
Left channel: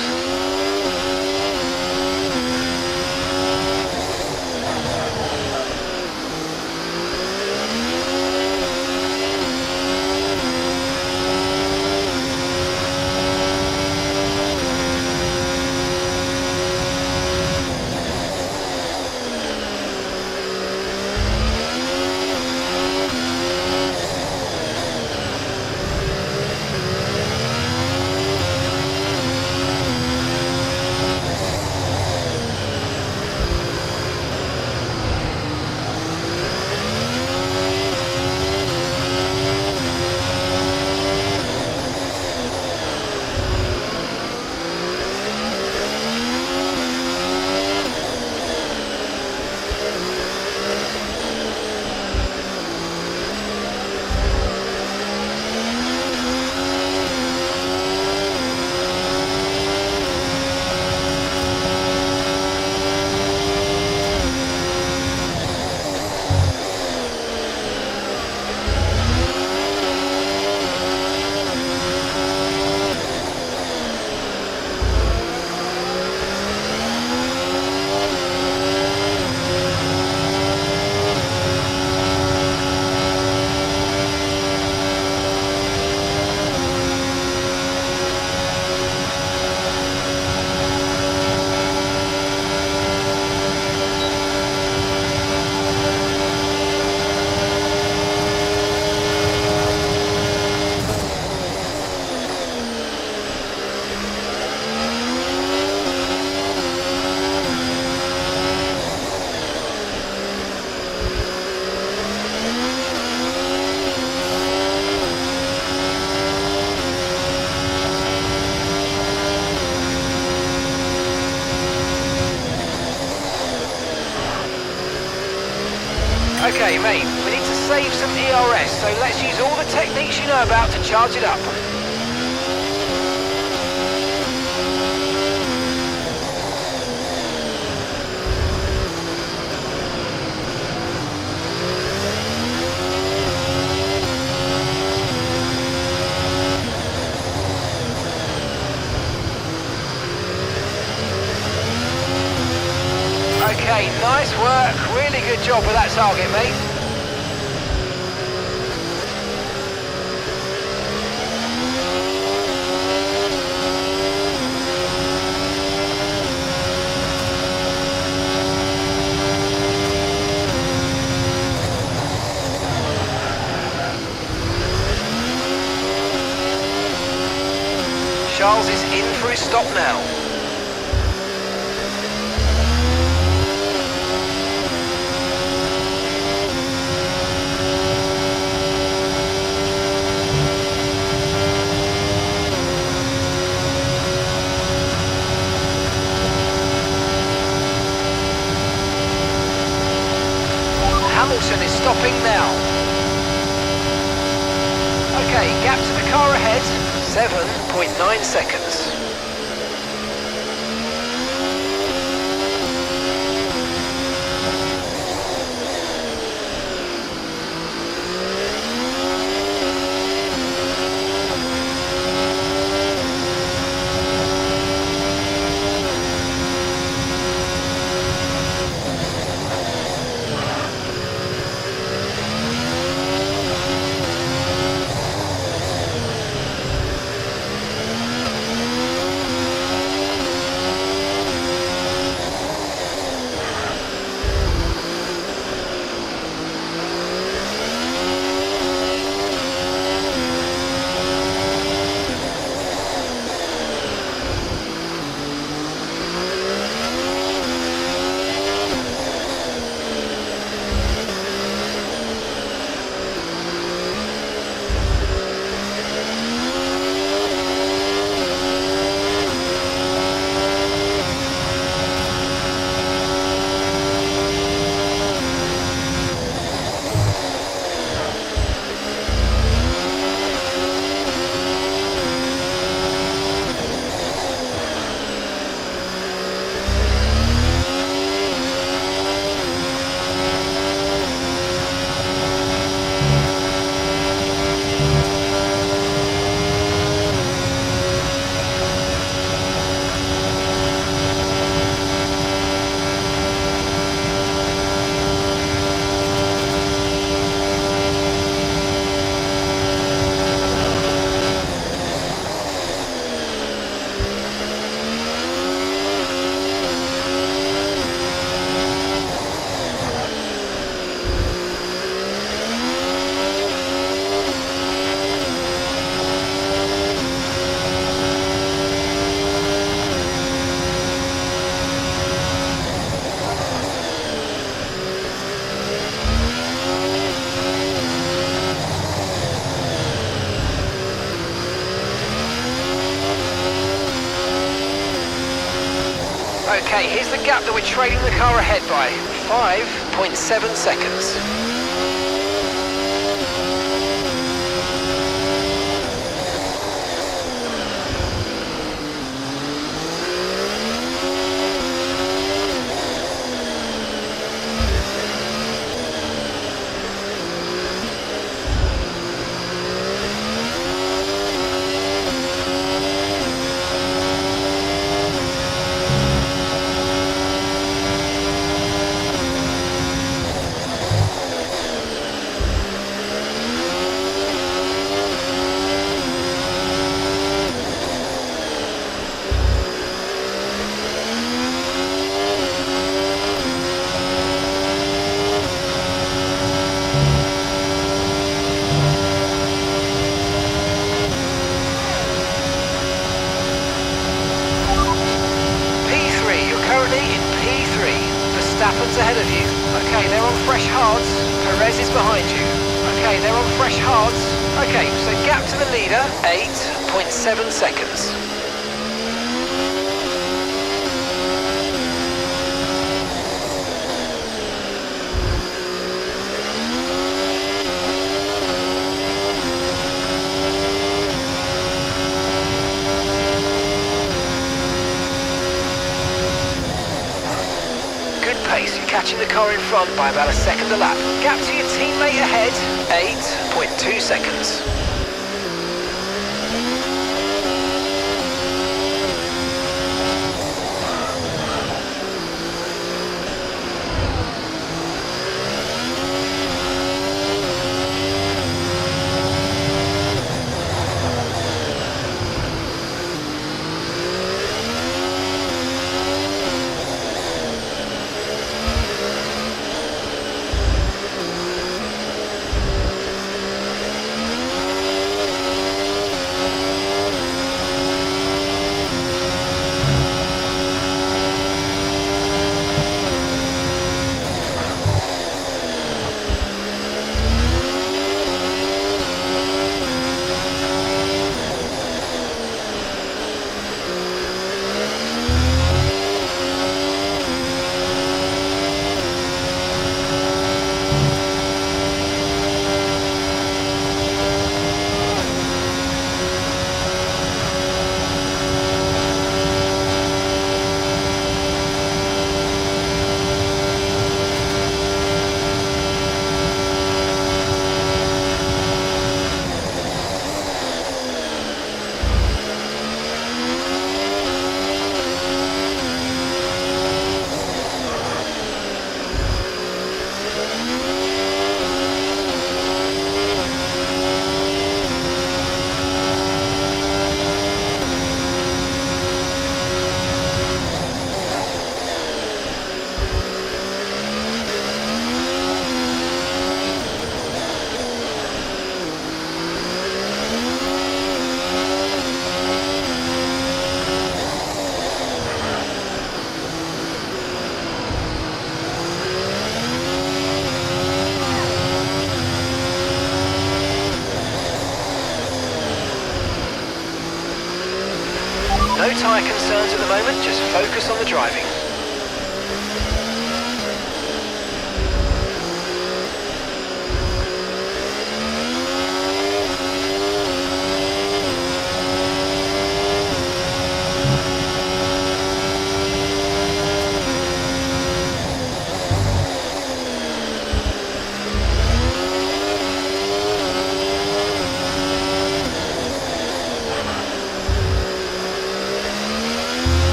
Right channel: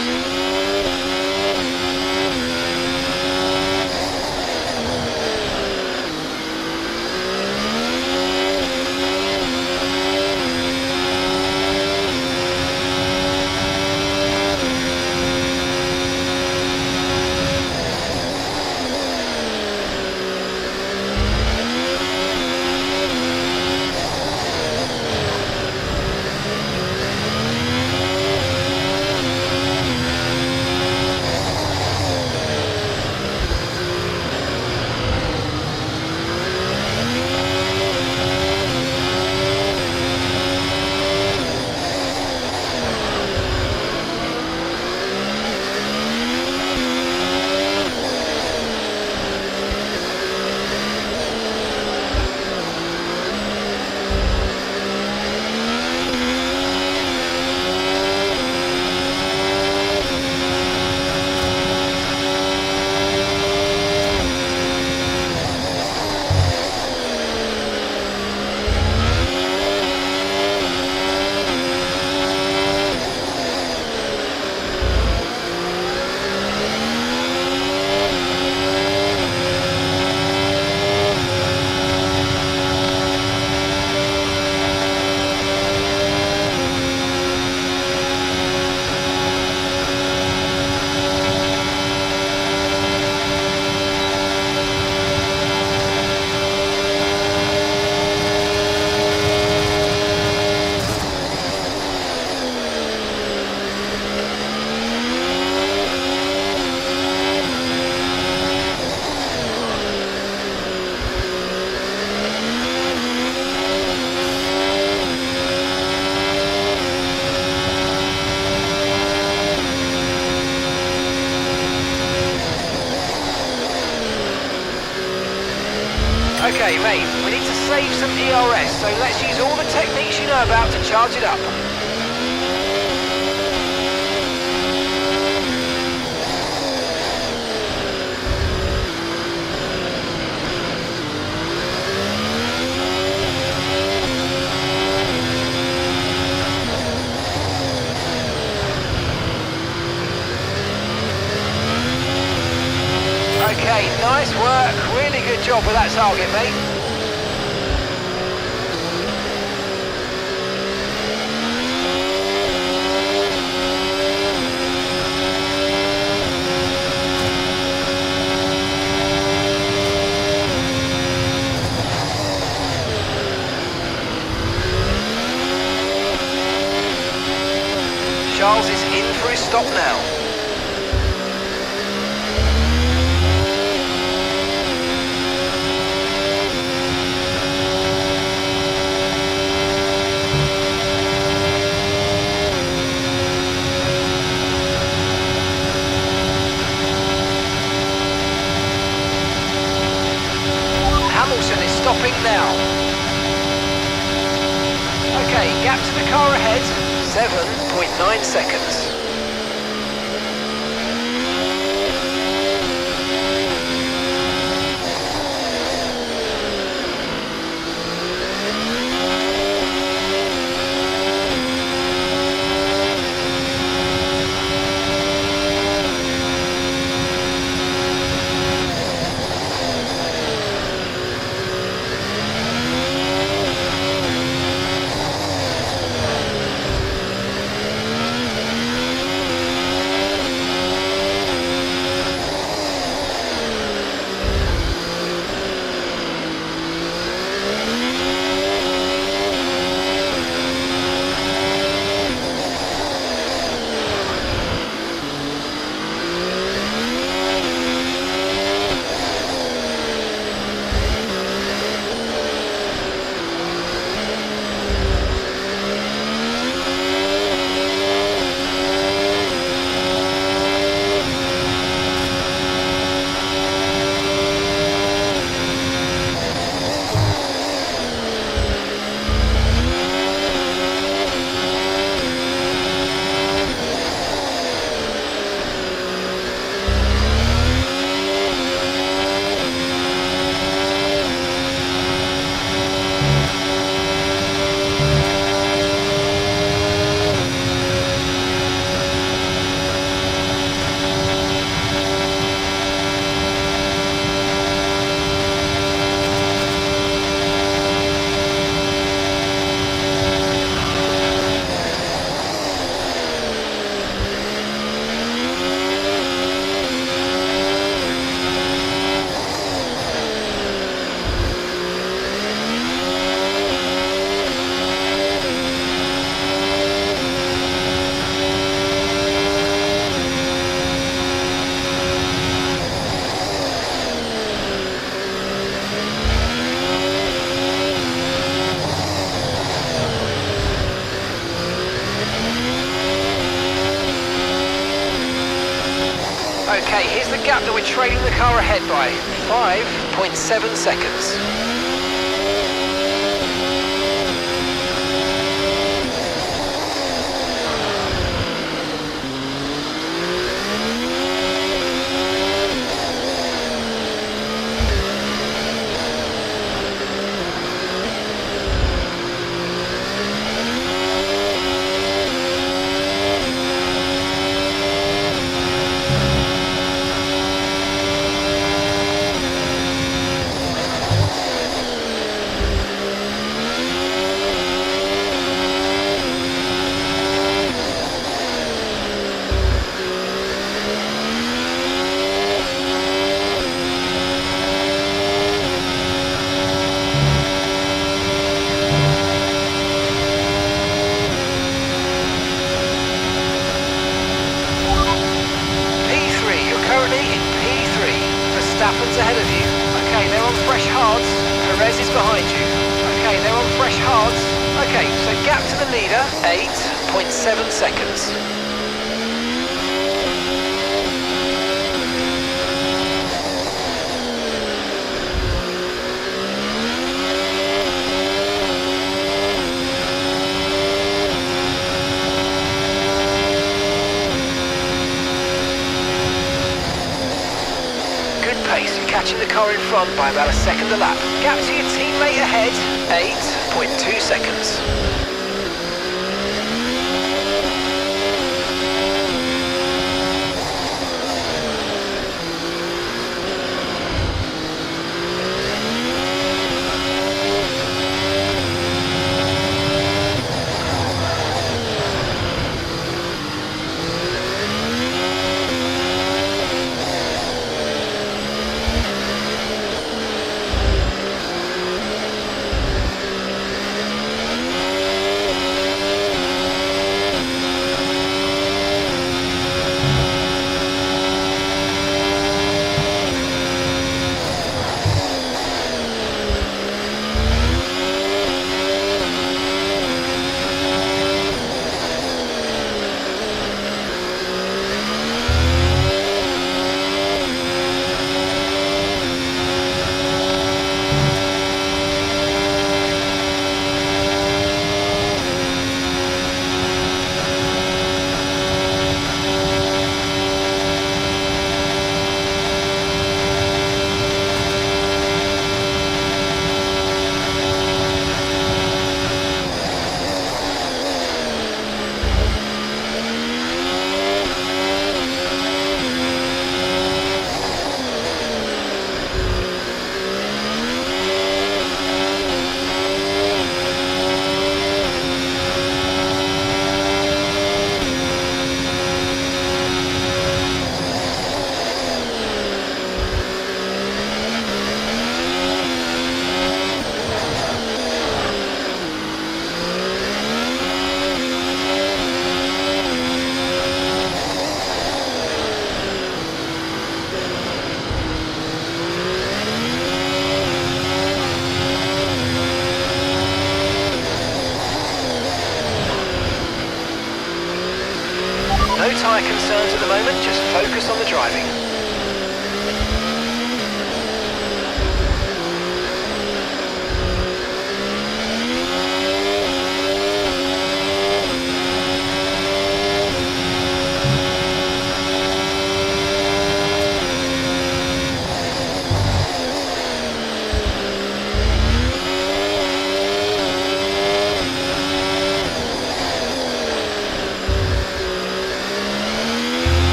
Okay, mate, we need to save some ERS, so let's use all the techniques you know about to charge it up. Okay, nice work. Really good job with that target, mate. Charles is in for his stop now. Hamilton is stopping now. Okay, gap to the car ahead, 7.9 seconds. Okay, here's the gap that we're trailing the car ahead by. 5.7 seconds. Currently in P3, Verstappen's ahead of you. Okay, they're on fresh hards. Perez is behind you. Okay, they're on fresh hards. Okay, so gap to the leader, 8.7 seconds. Pace, you're catching the car in front by about a second a lap. Gap to your teammate ahead, 8.2 seconds. No tyre concerns at the moment, just focus on the driving.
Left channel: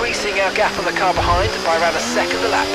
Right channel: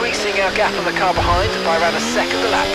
Increasing our gap on the car behind by around a second a lap.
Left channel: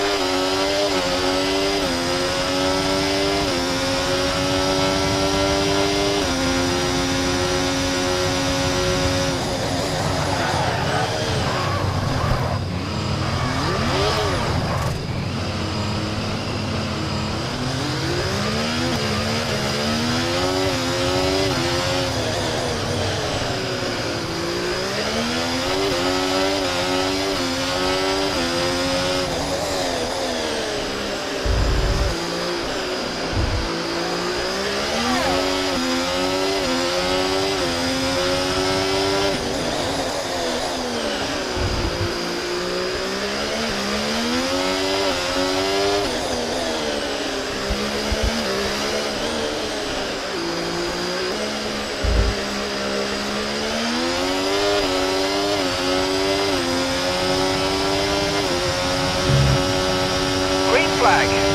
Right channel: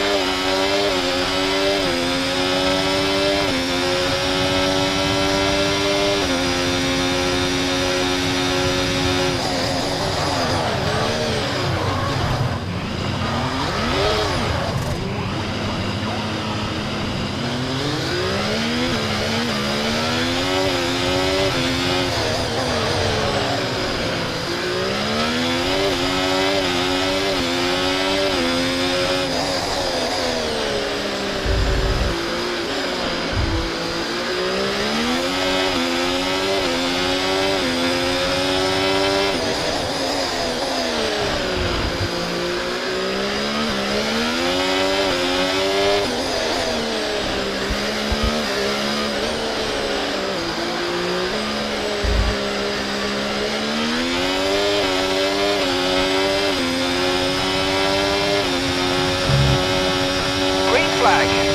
flag.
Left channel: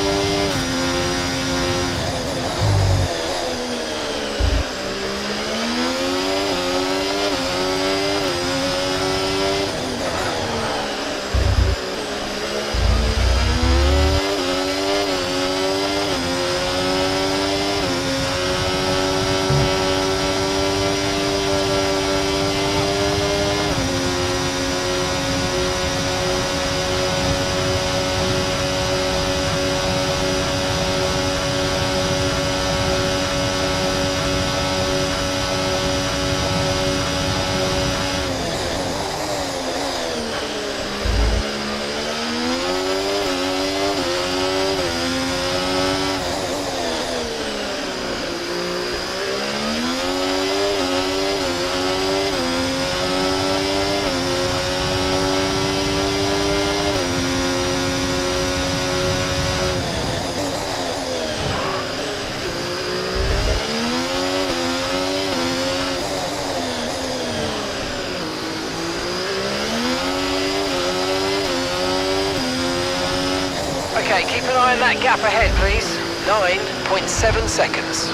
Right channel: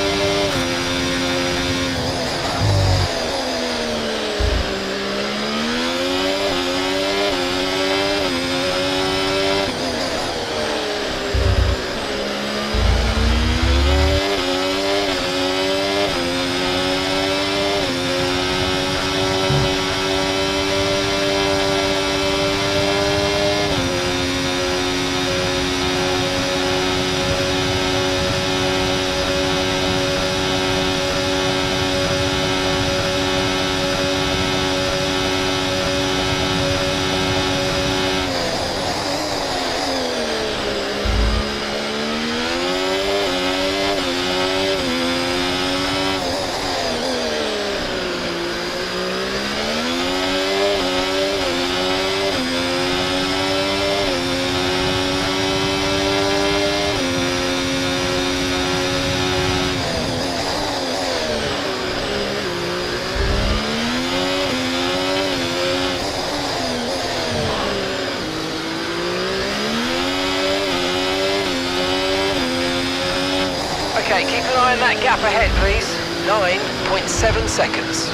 Okay, keep an eye on that gap ahead, please. 9.7 seconds.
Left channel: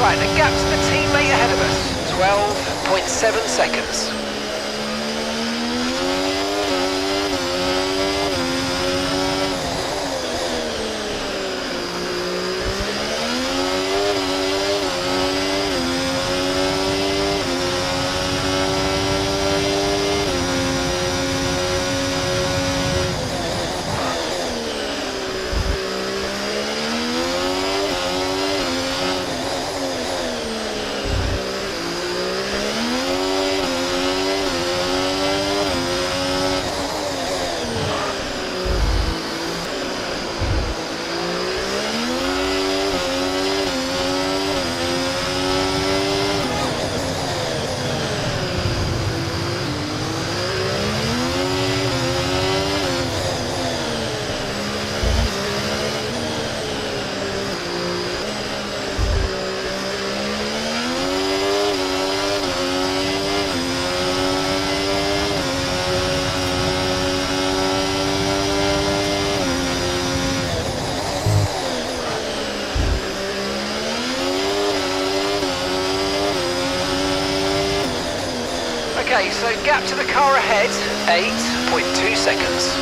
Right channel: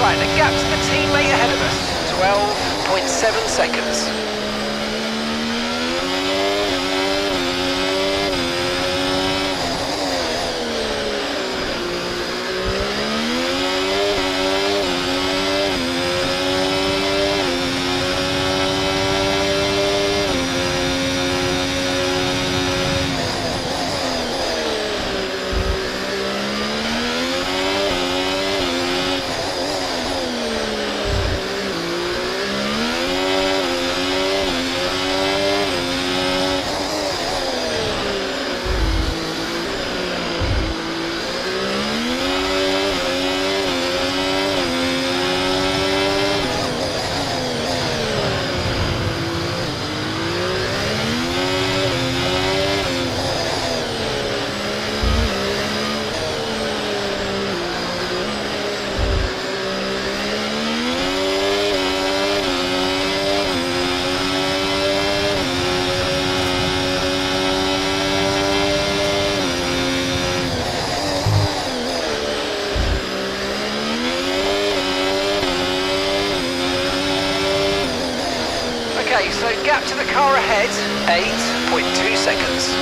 Right, the gap to the teammate ahead of us, 12.7 seconds. Okay, so gap to the car ahead, 8.2 seconds.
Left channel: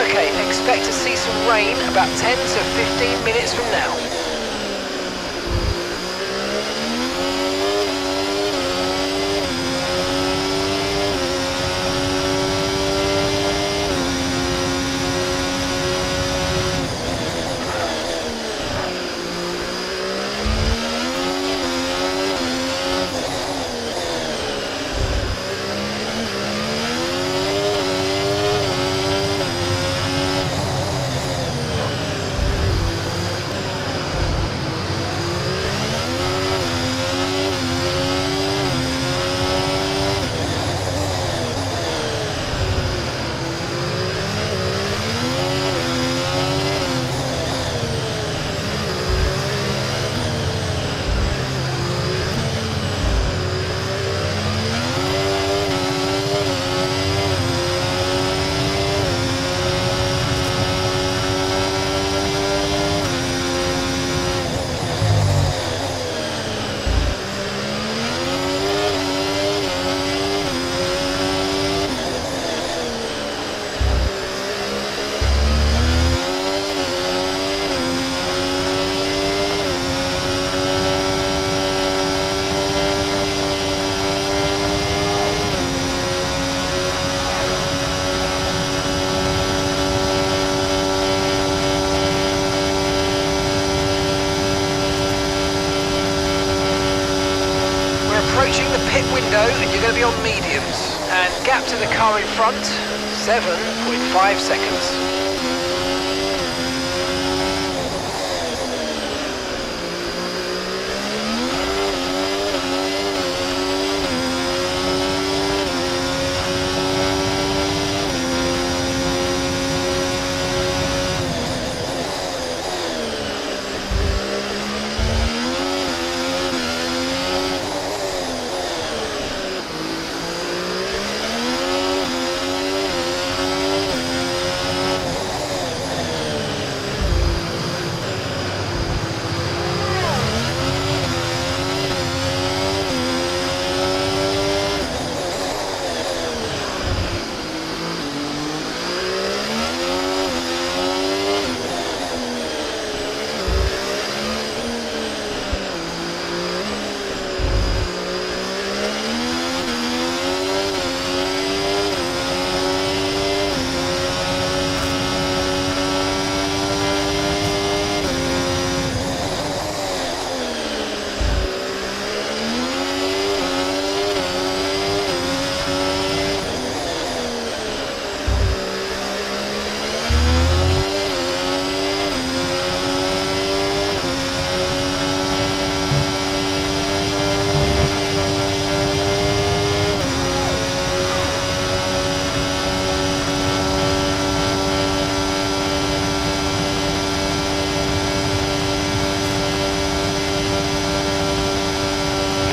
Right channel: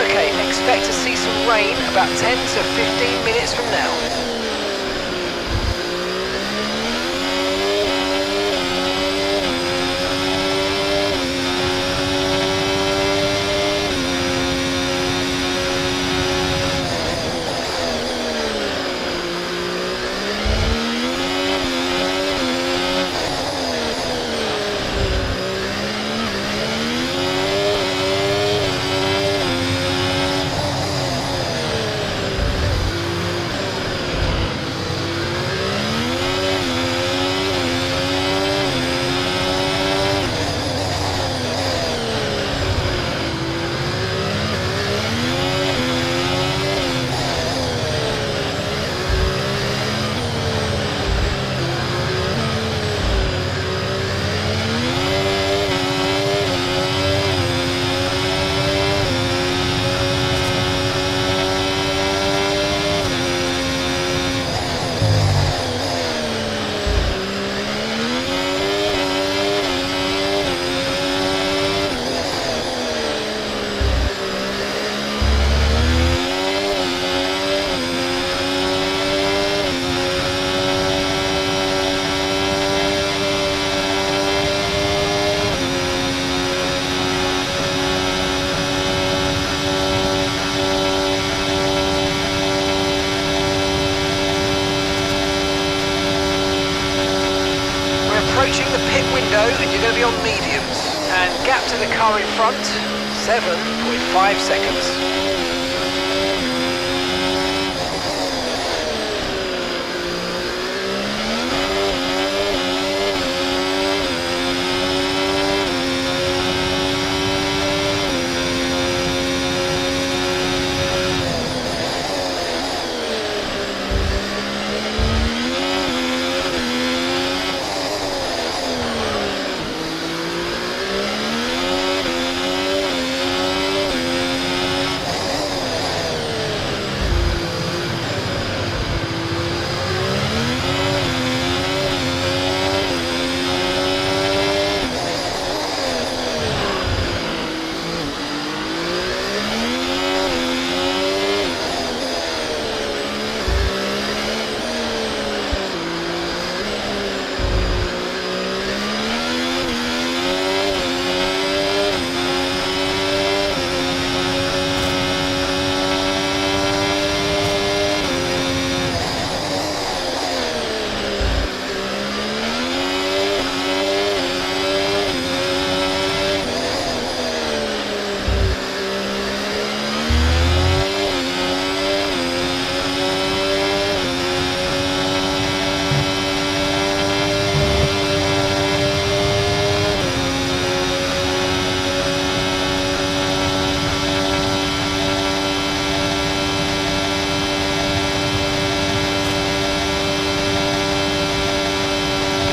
Okay, expect to see some rain about 10 to 15 minutes from now. approaching the pit window and you're going to be on mediums. And gap to the car in front, 7.5 seconds.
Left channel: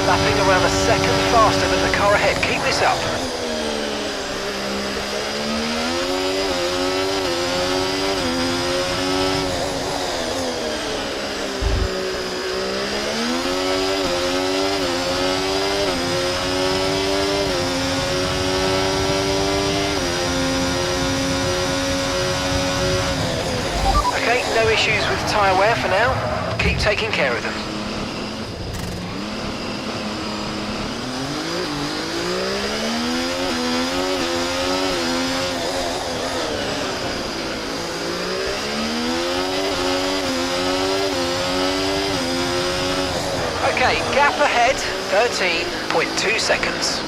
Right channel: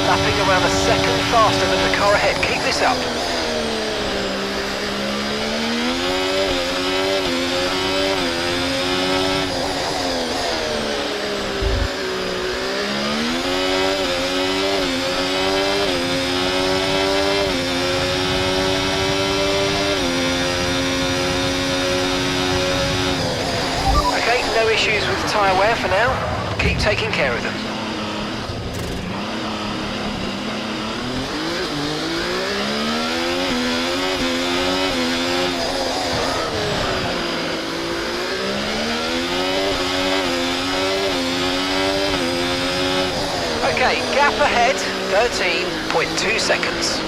Lapping around a second faster than the car ahead. Keep this up. Okay, no issues with tyre wear for now. Keep taking care of them. Okay, gap ahead, 13.2 seconds.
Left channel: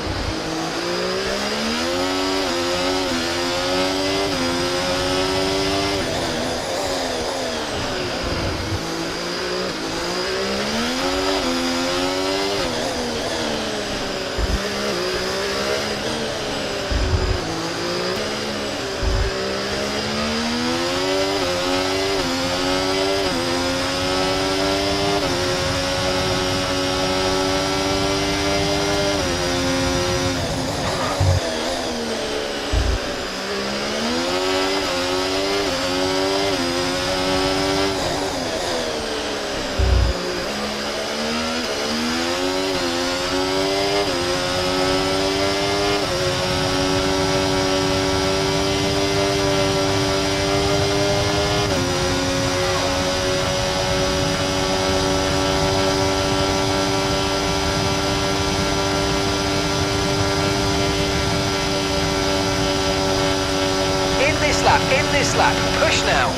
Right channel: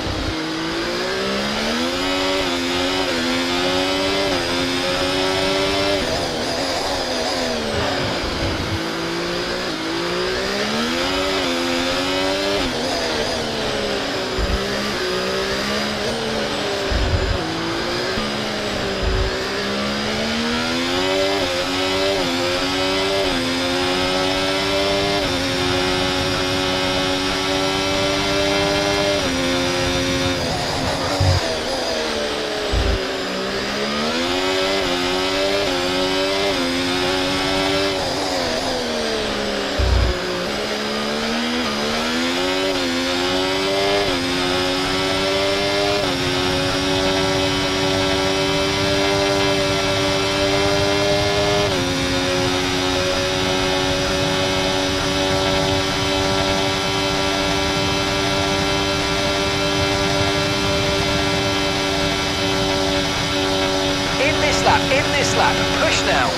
In this lap, push now.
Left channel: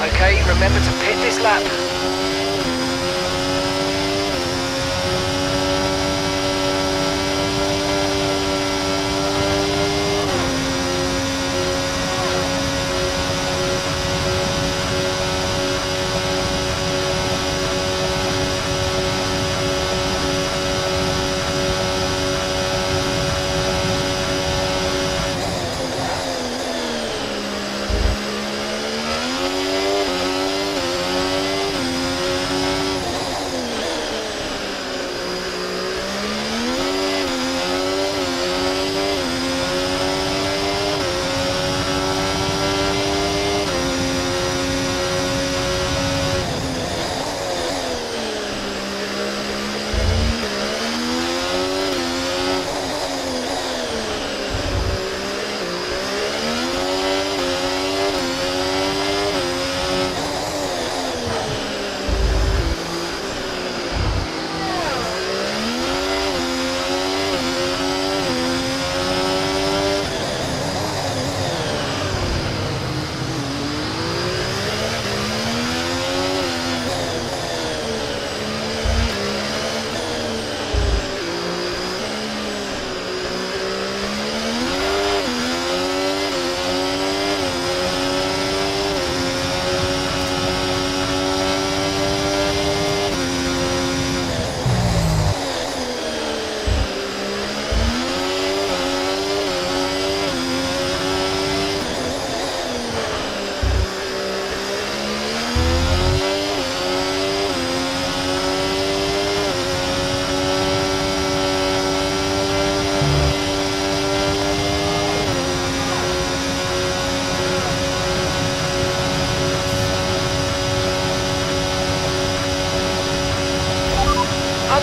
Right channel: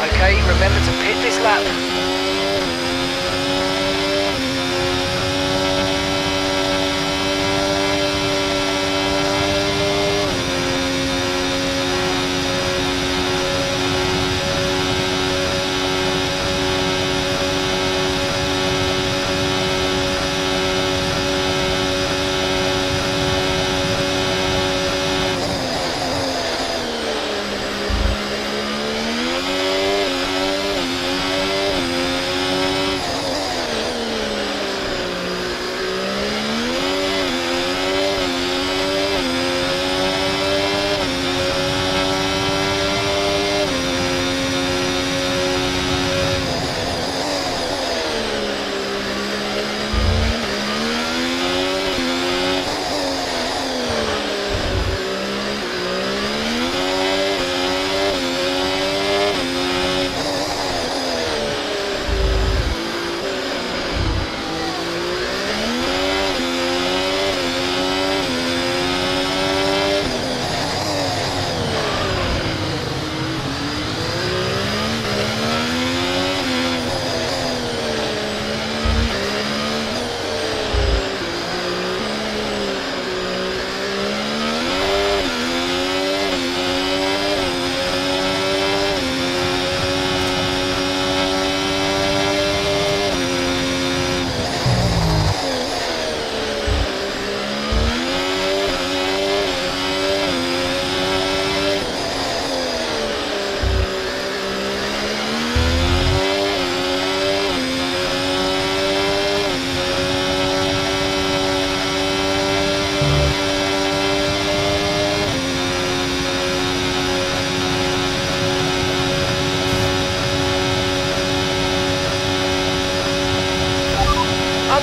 Okay, remember to pit this lap.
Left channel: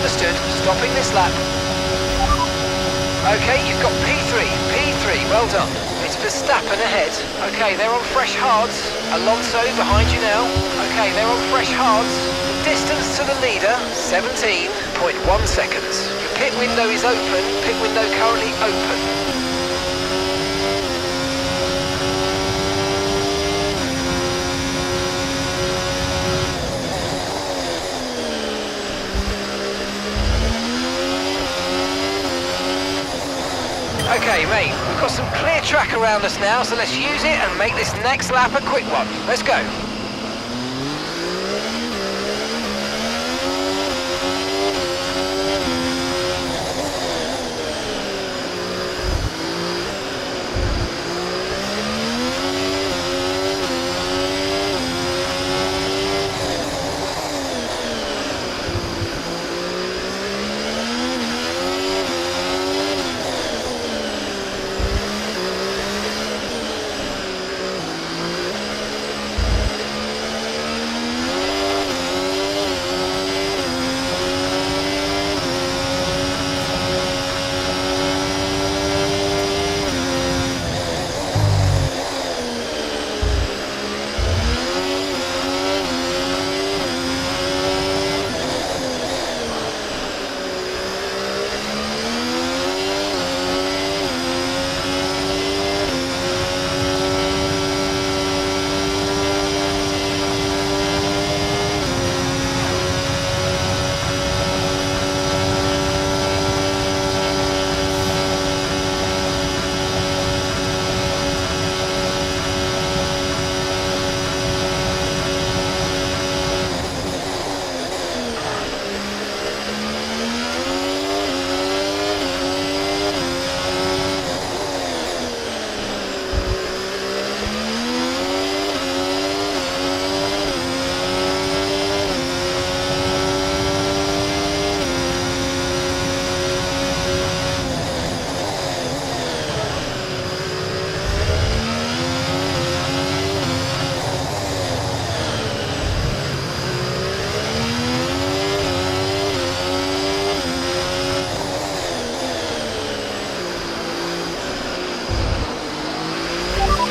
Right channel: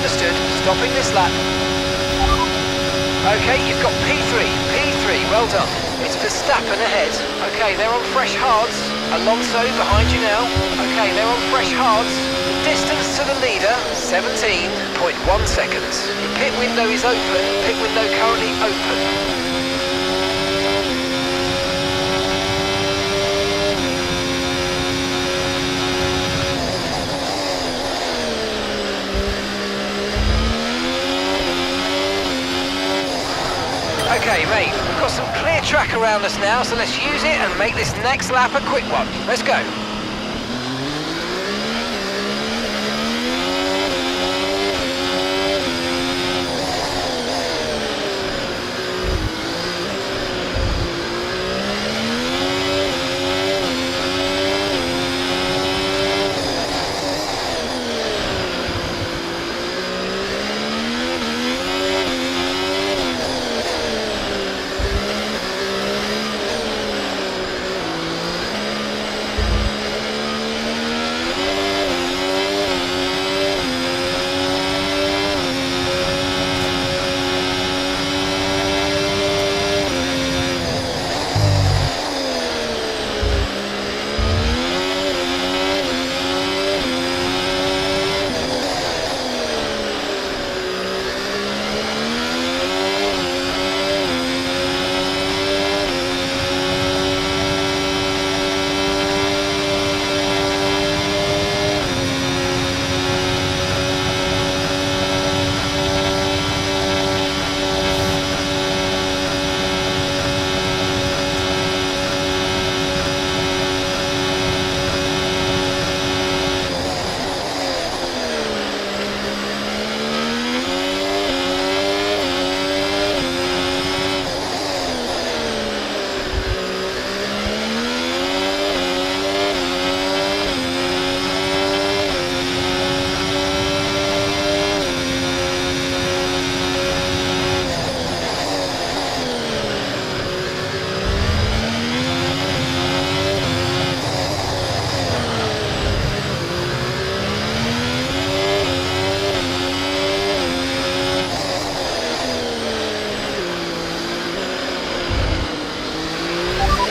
understood. Stopping this lap. Okay, you've got P3, well done. It's Verstappen ahead. Okay, they're on fresh hards. Alonso behind you now. Okay, they're on fresh hards. The distance to the leader, 17.1 seconds. Your pit window is open. Pit window currently open. Okay, mate, we've got some clear track around us now, so let's use it and make this next lap a quick one. Let's go.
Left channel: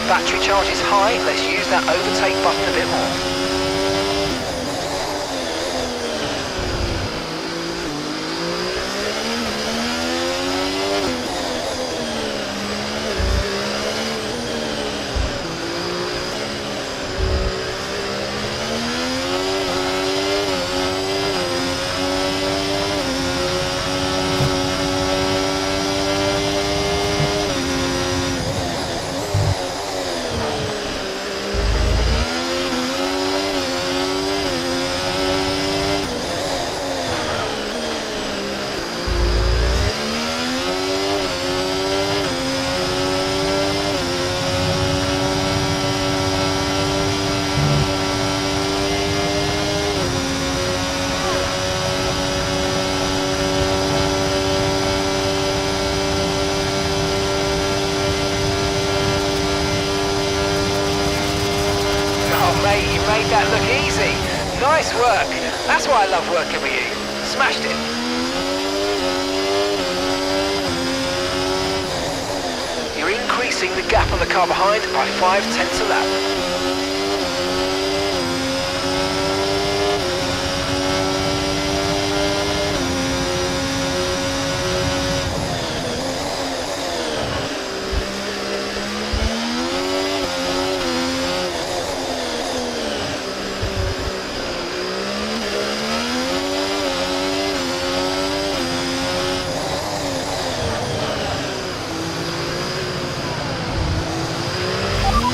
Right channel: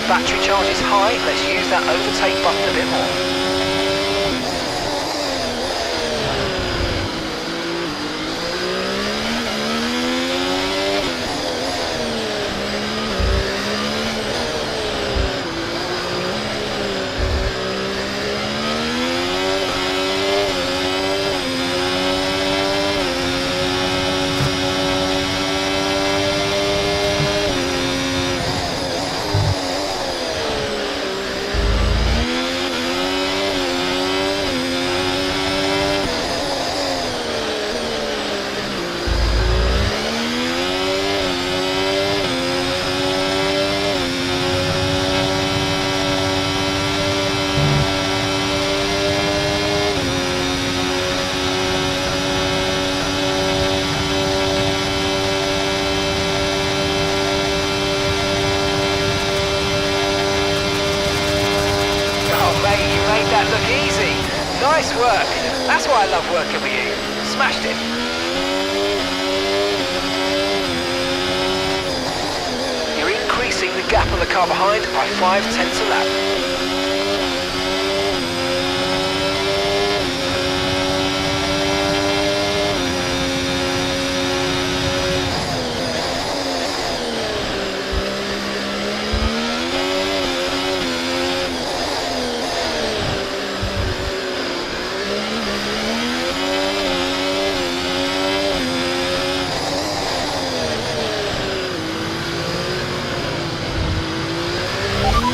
Battery charge is high, let's use that overtake button a bit more. Mate, you made that look easy. Nice work. That's why I love working with you. Smashed it. You're increasing the gap on the car behind by 0.5 a lap.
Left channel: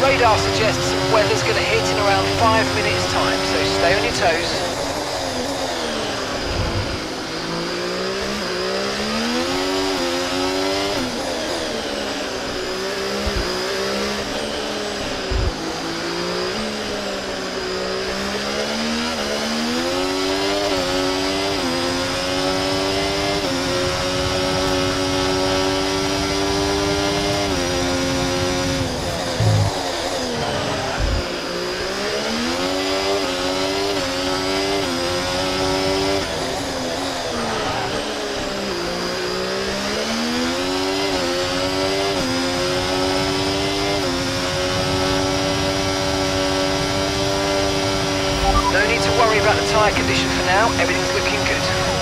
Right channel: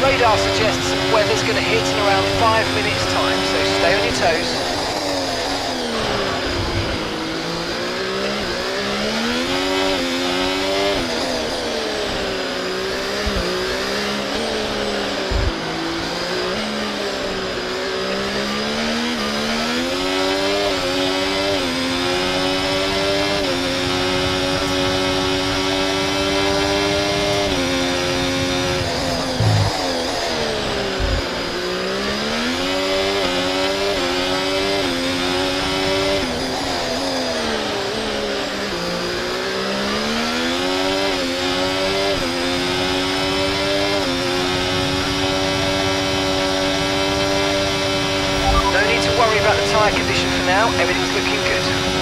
Radar suggests weather's going to hit in around 5 minutes time, so stay on your toes. need to worry about the tyre condition for now. Everything's looking good.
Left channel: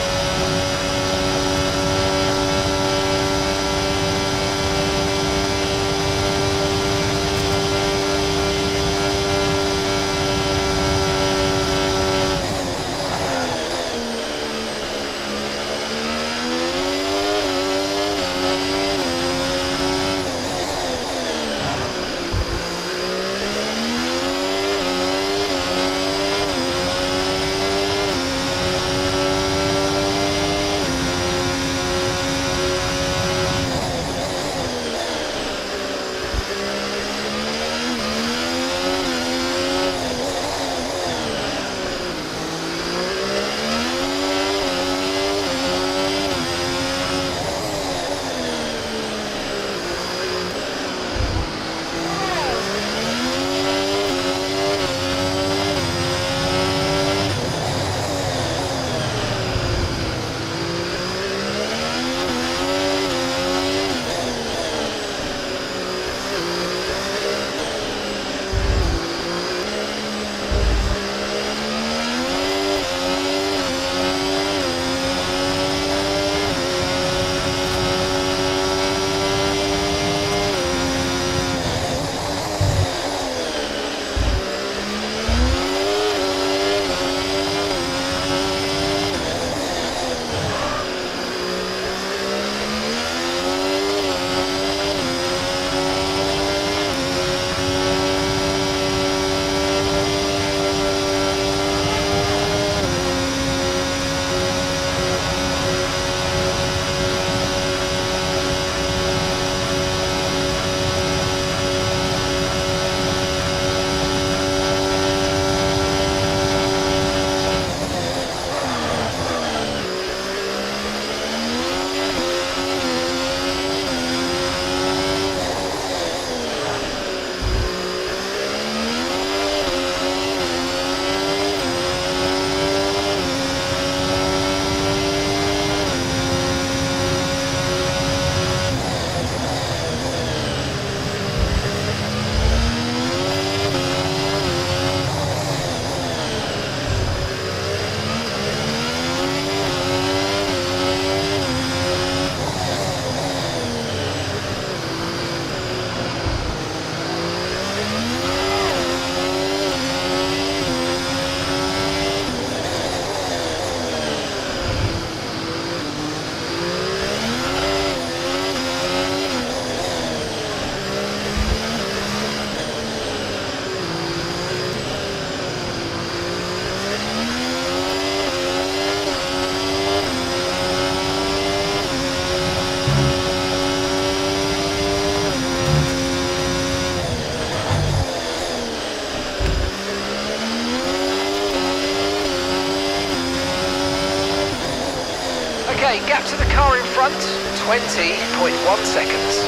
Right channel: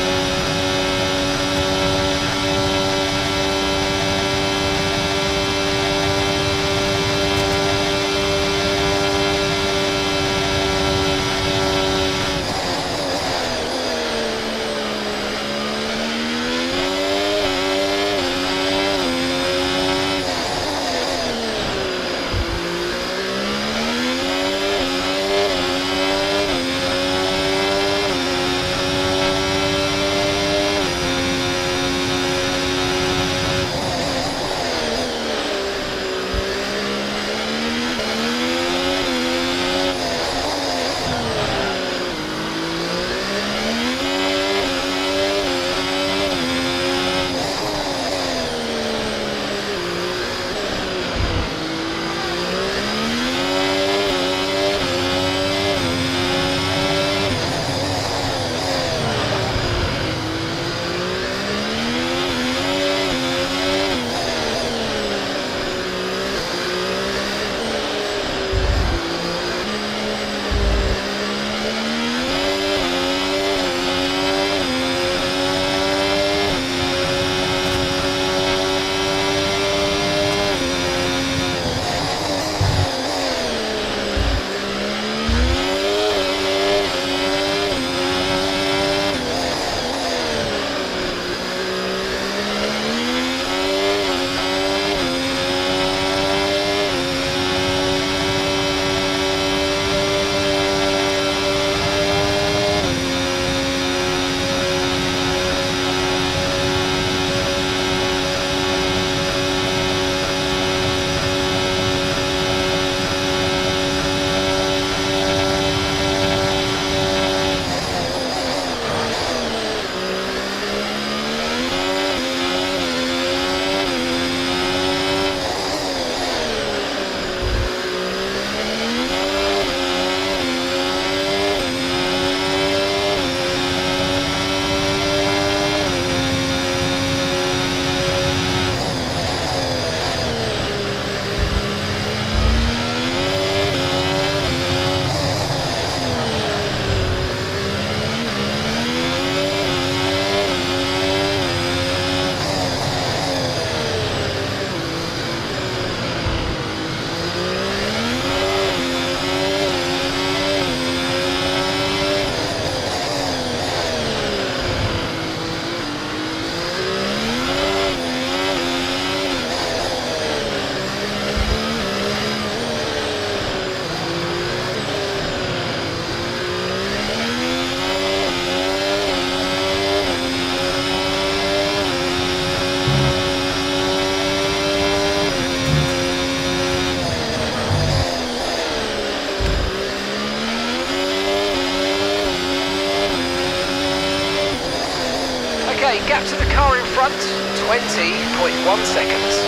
Okay, gap to the car in front, 20.1 seconds.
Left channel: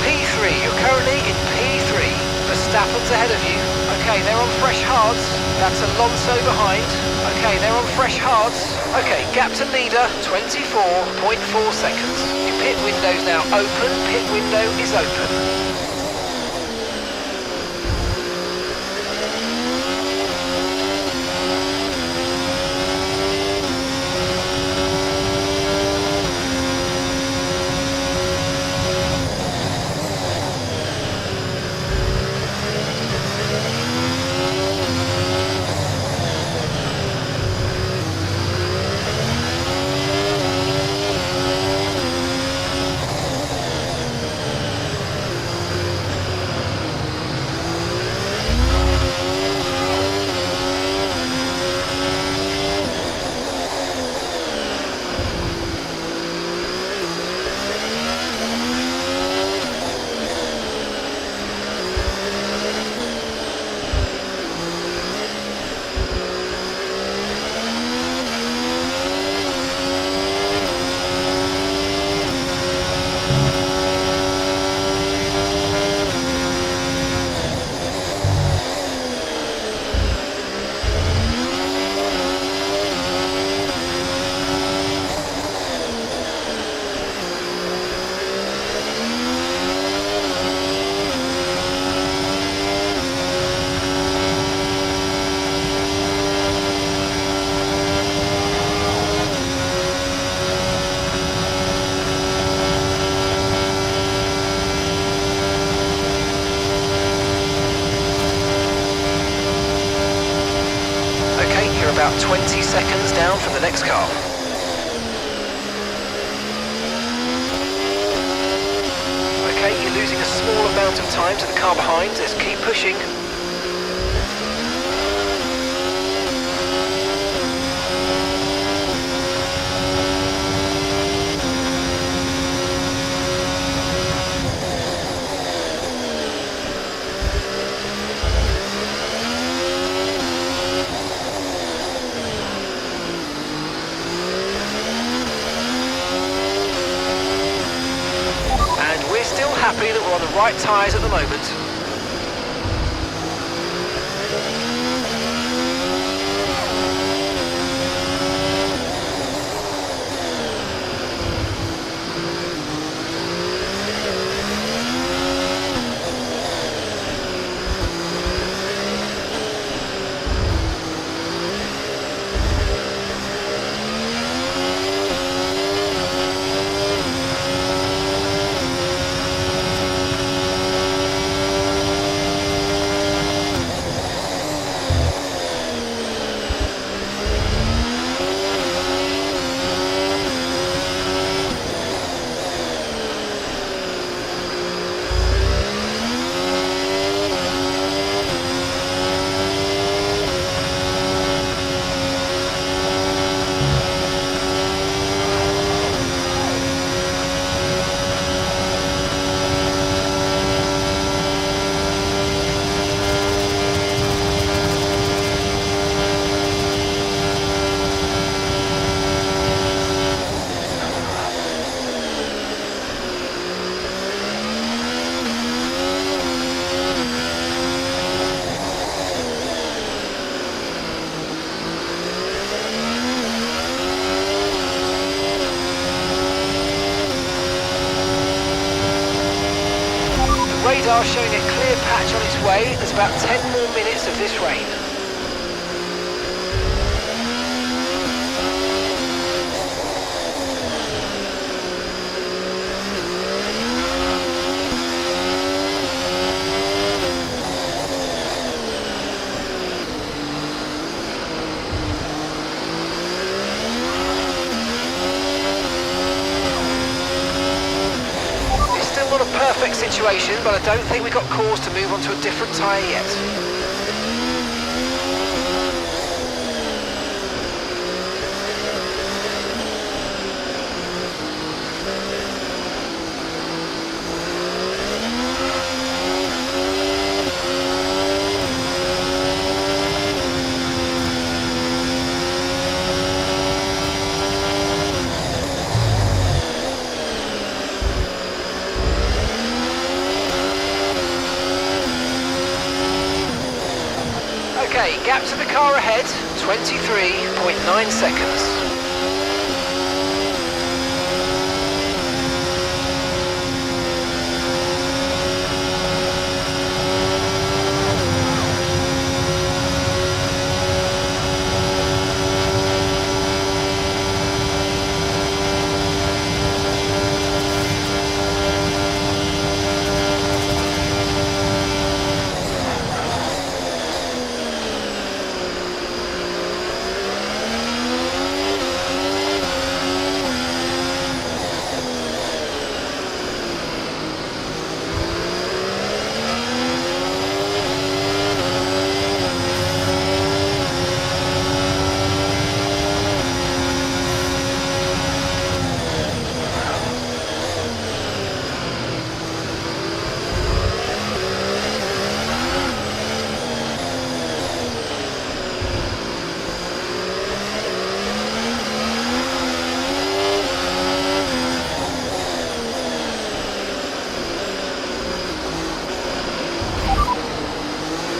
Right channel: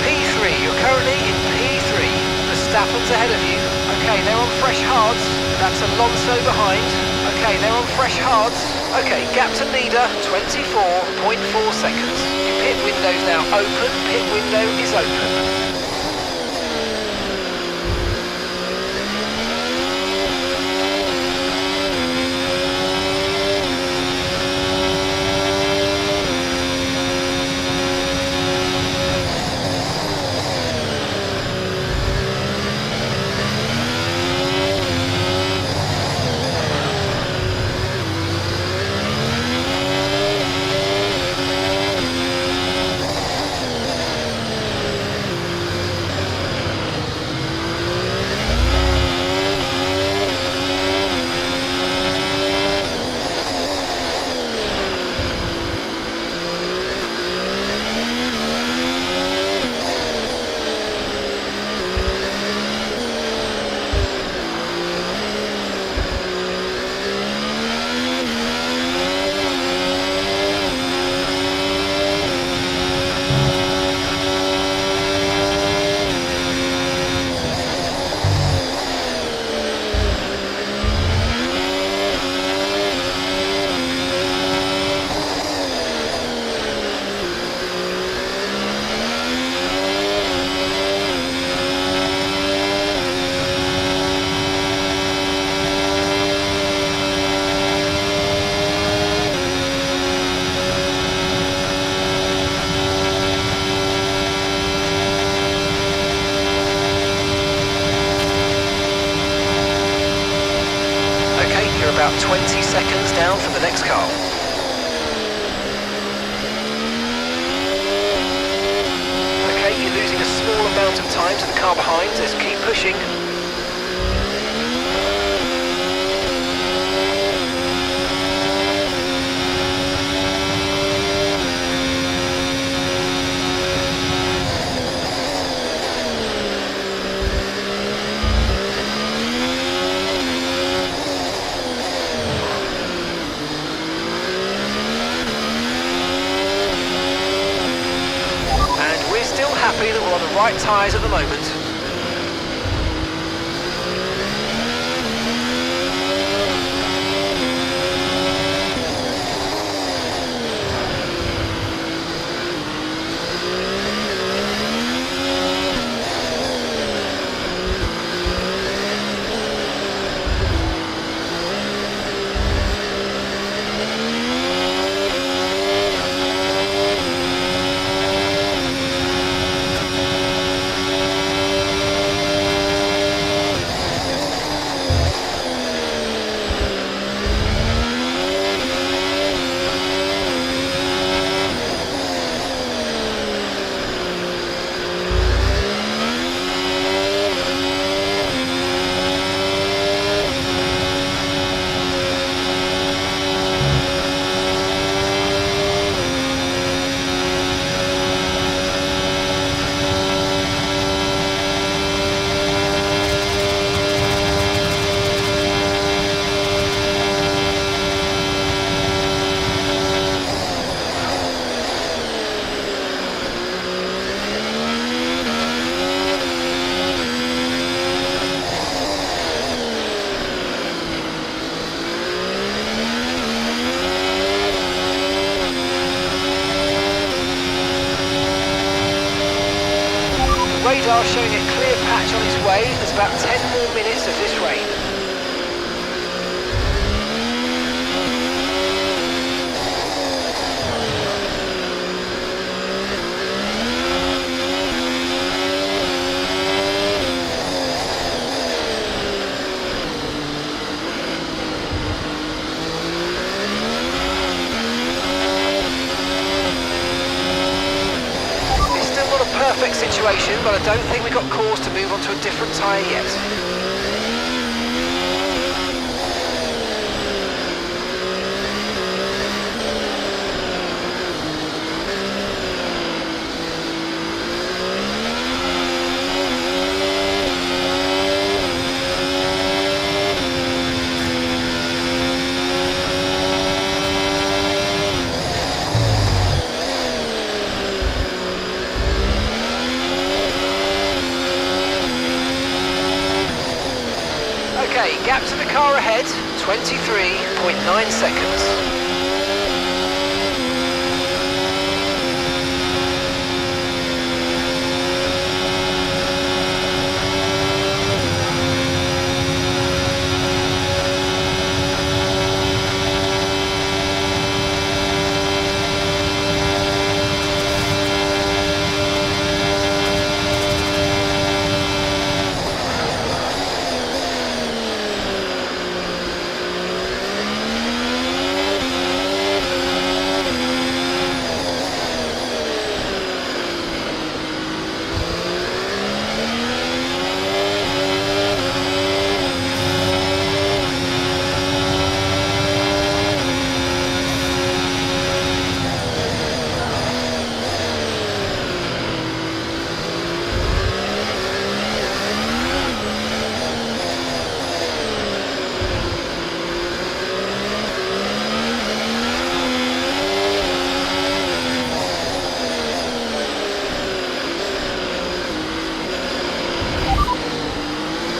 P3, you're currently in P3. Verstappen's ahead of you. Okay, they're on fresh hards. That's Alonso behind. Okay, they're on fresh hards. Okay, gap to leader, 24.4 seconds. Your pit window's now open. Pit window is open. about 20 seconds down from the next car. Okay, you're losing a small amount of time to the car behind. Let's keep pushing. We're still happy that we're on the right tyres at the moment. Radar showing a clear patch on its way. There's about 10 more minutes of this rain. Perfect situation, but I don't think we've got cause to move on to a different tyre yet. Okay, gap to the car ahead, 23.9 seconds.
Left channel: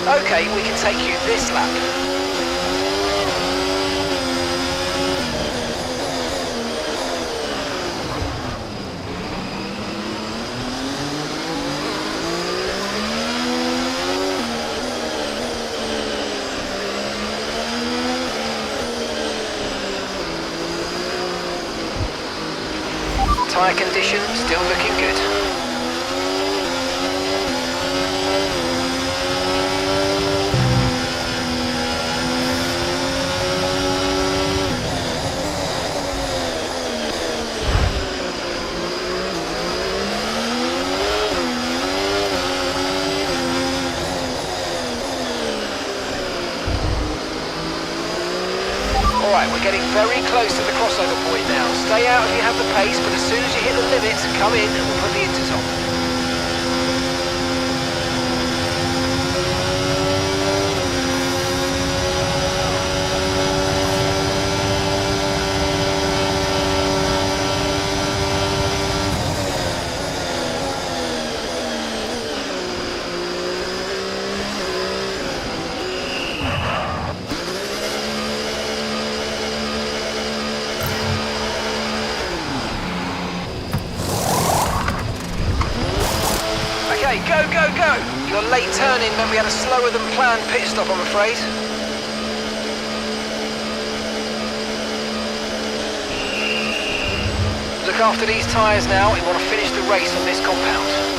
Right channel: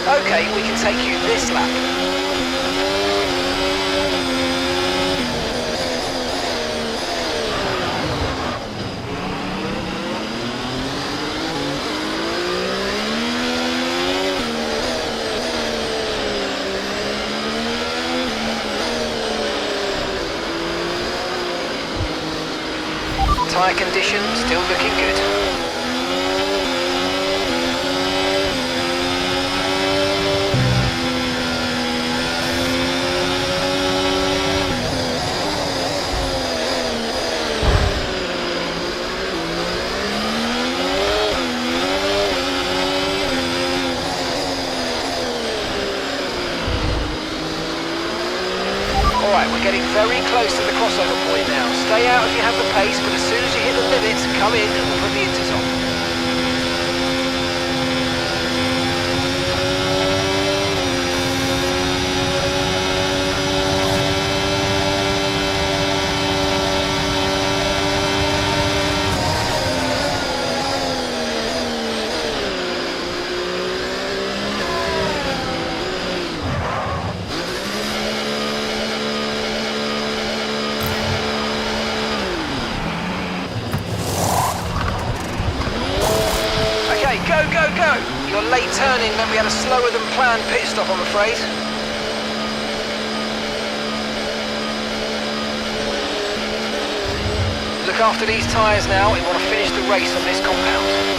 Okay, we can take you this lap. Tyre condition still looking good. Alright, we're getting very close to the crossover point now. Stay out if you have the pace, but as soon as you hit the limit, come in and we'll put the inters on. Okay, go, go, go! Your late turn-in meant we had a slower than planned pit stop, I'm afraid. Look after these tyres now, we want to finish the race on this compound.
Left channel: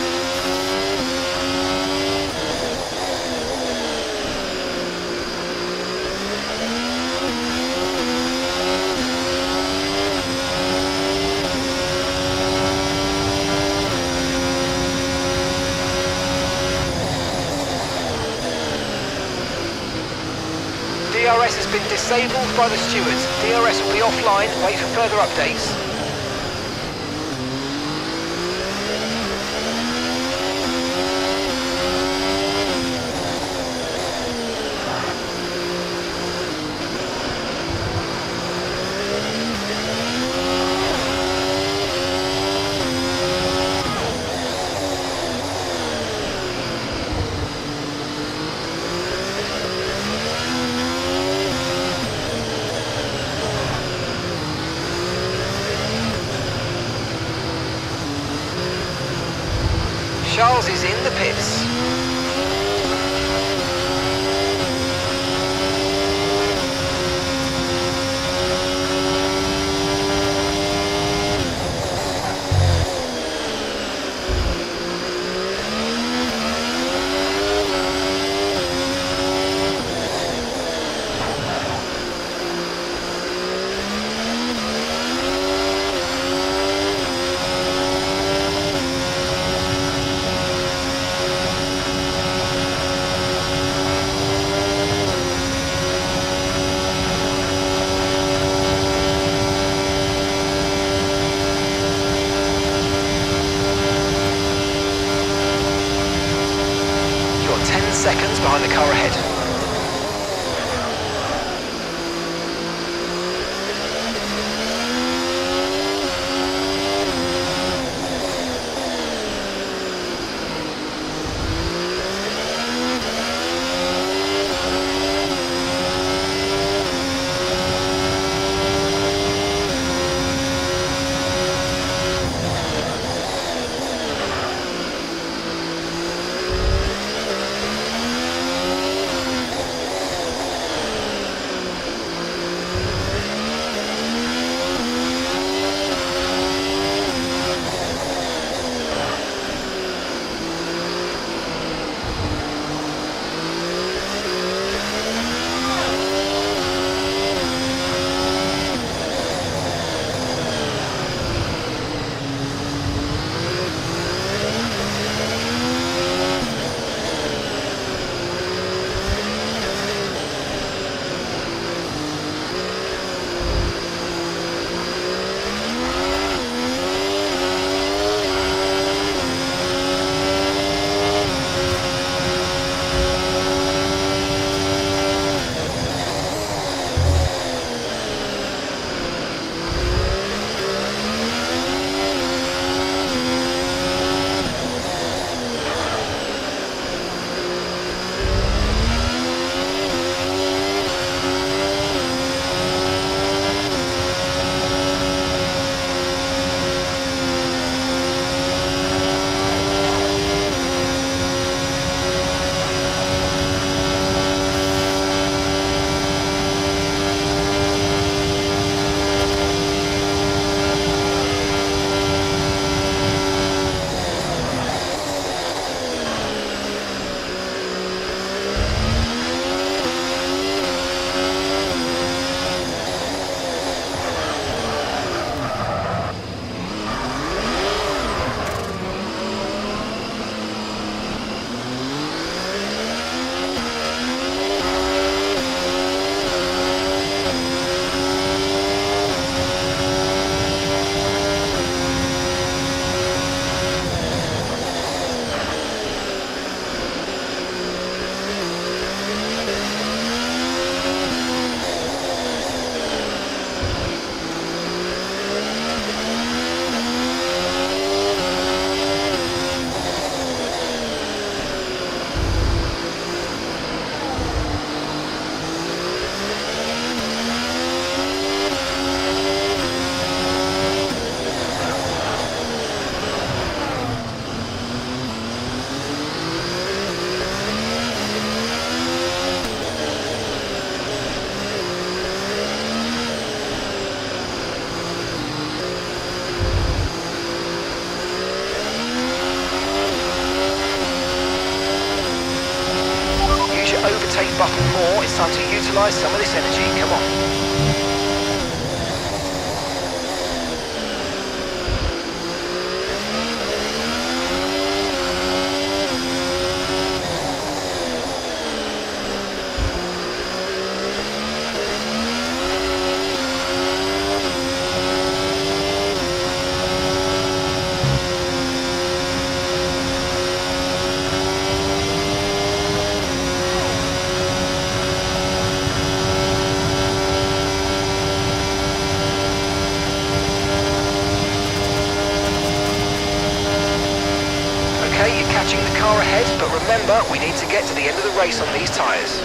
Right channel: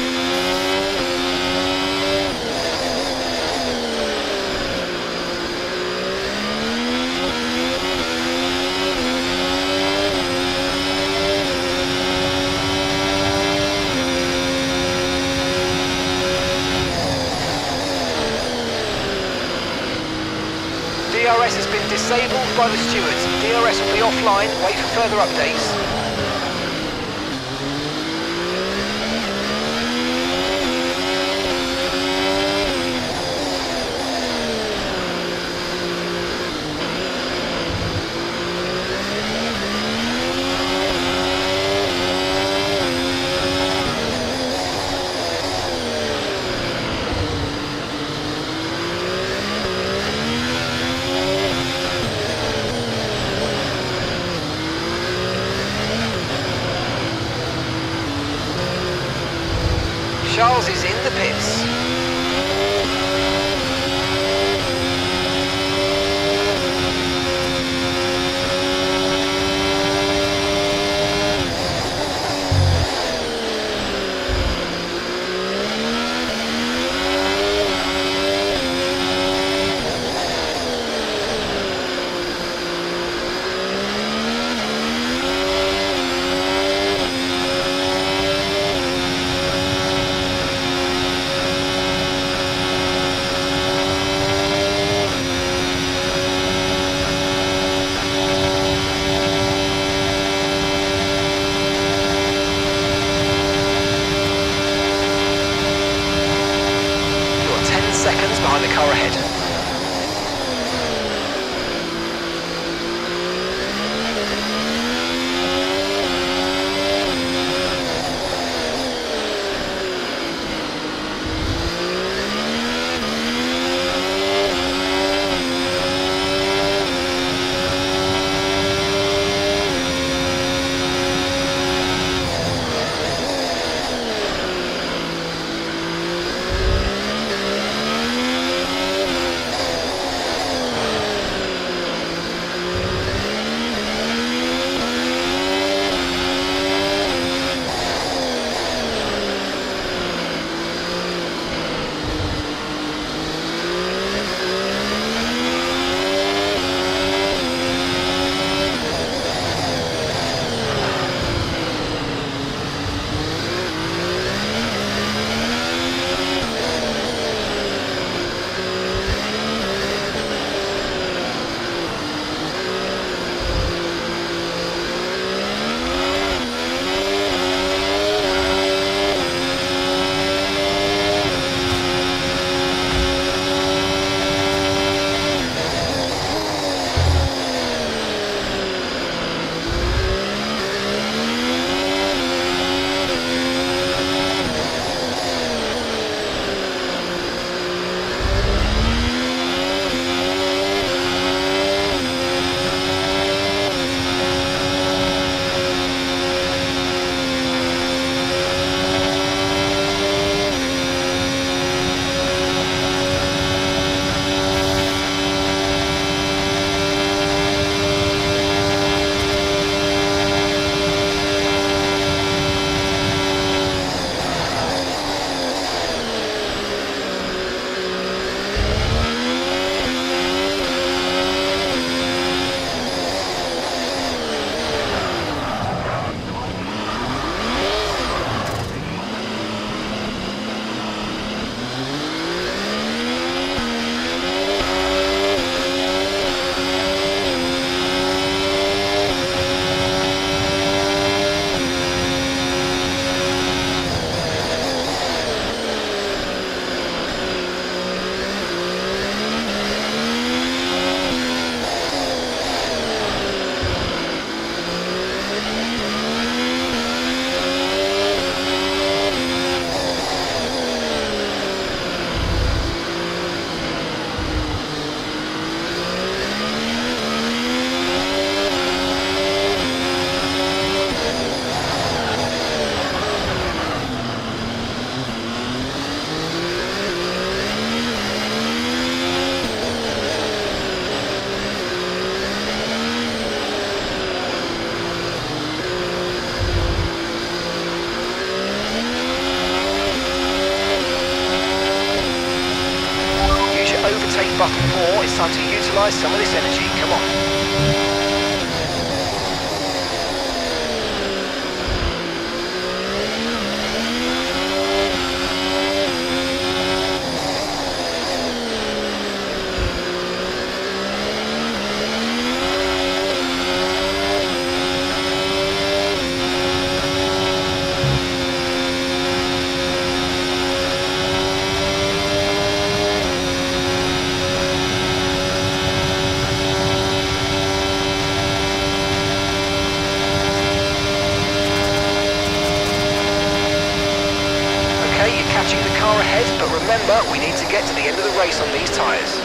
DRS has been disabled by the stewards. DRS will be offline, wait for further updates. Charles is in the pits. You're 10 seconds behind the car ahead. overtake button more. It's time to utilise some of this energy. Come on. Okay, you're catching the car ahead, but remember, we need to get to the end of the race on these tyres.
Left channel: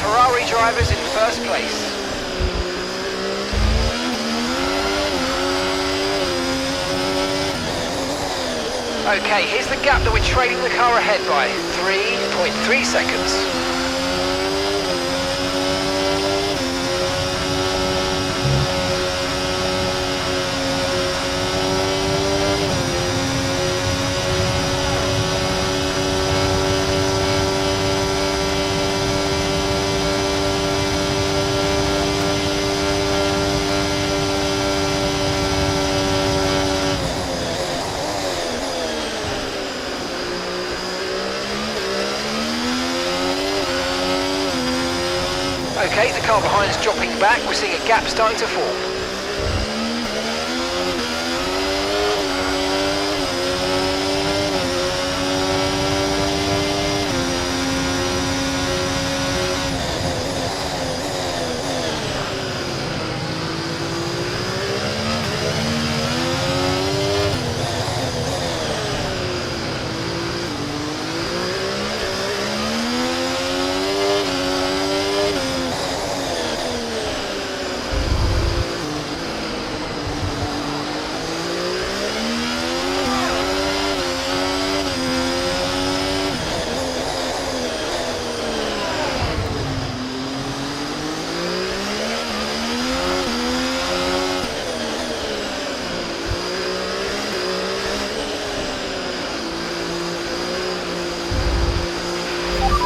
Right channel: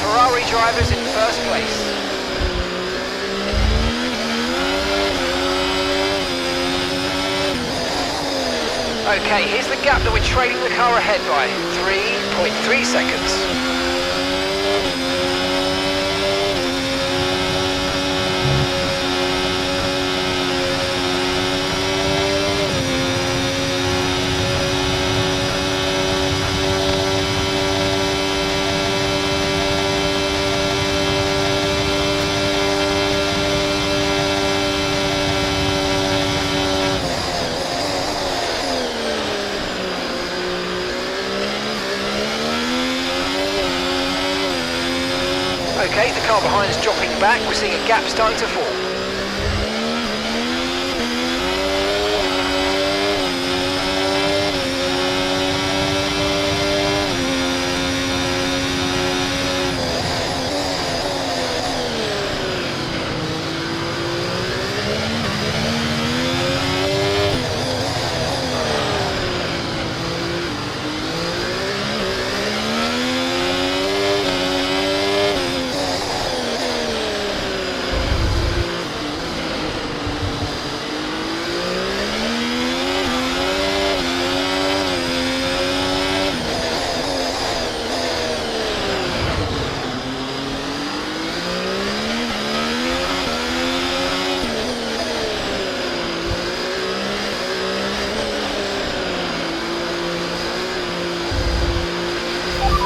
Ferrari drivers in first place. Okay, here's the gap that we're trailing the car ahead by. 3.3 seconds. Okay, the car behind is dropping back. We're seeing a gap starting to form.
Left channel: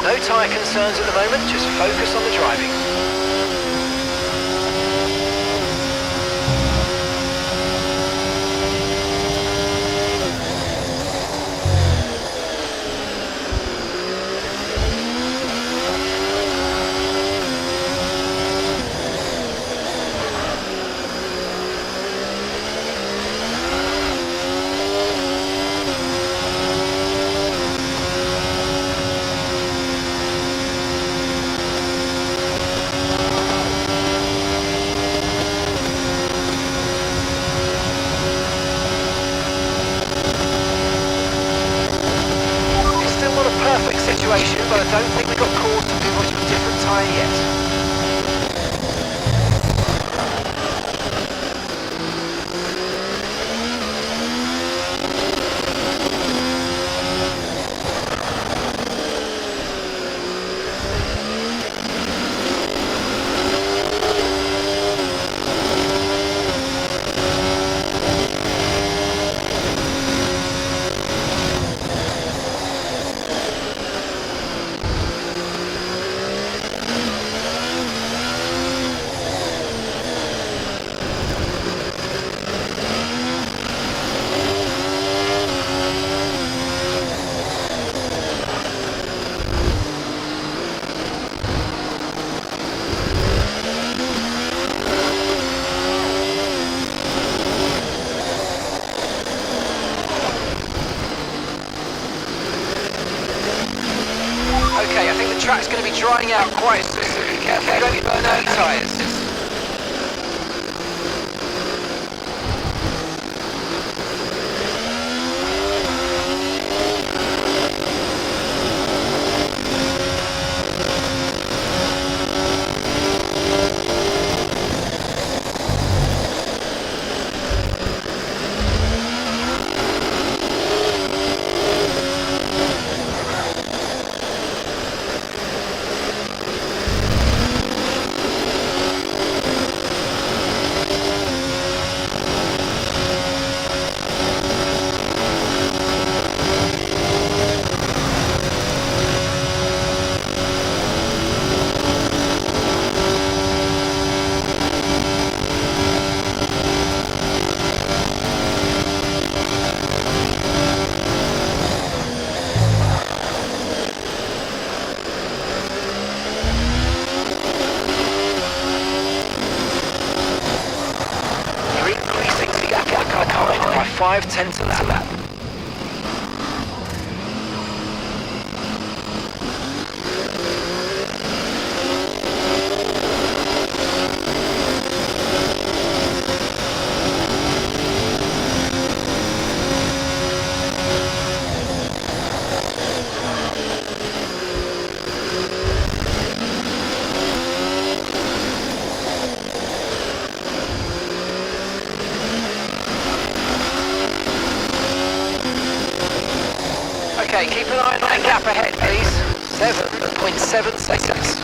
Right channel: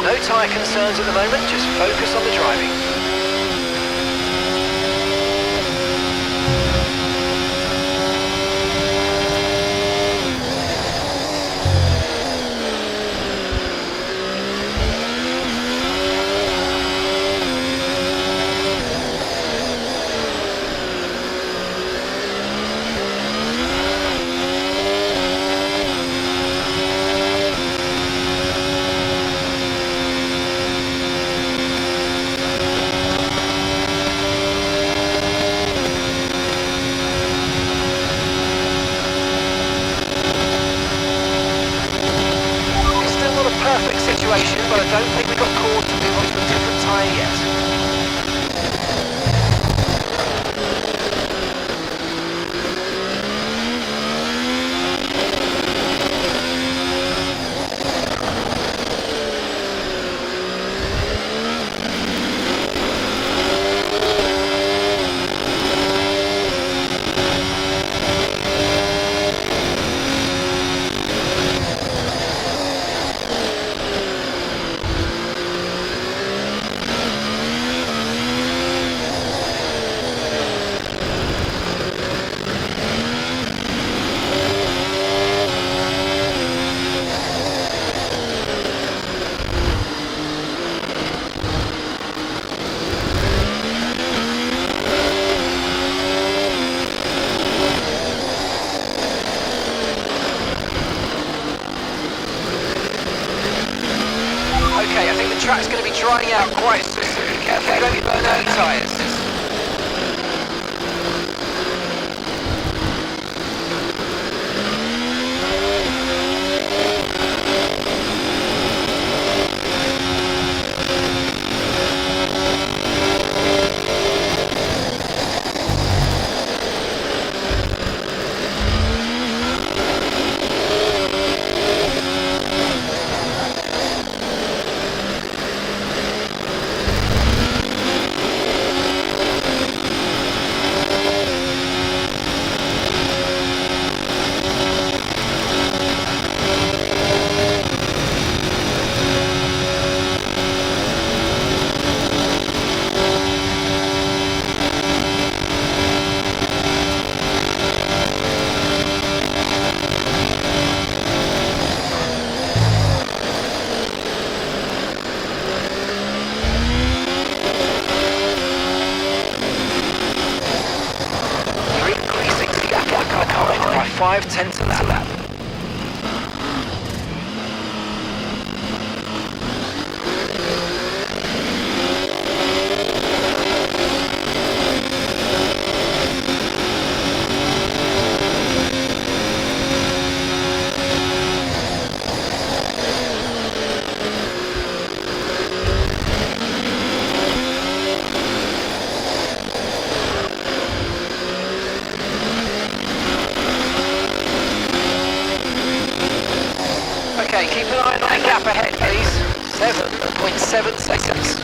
No tyre concerns at the moment, just focus on the driving. Perfect situation, but I don't think we got called to move on to a different tyre yet. drying out quite soon. Careful, don't burn out your tyres. By 5/10 of that lap. Okay, keep an eye on that gap ahead, please. 7.7 seconds.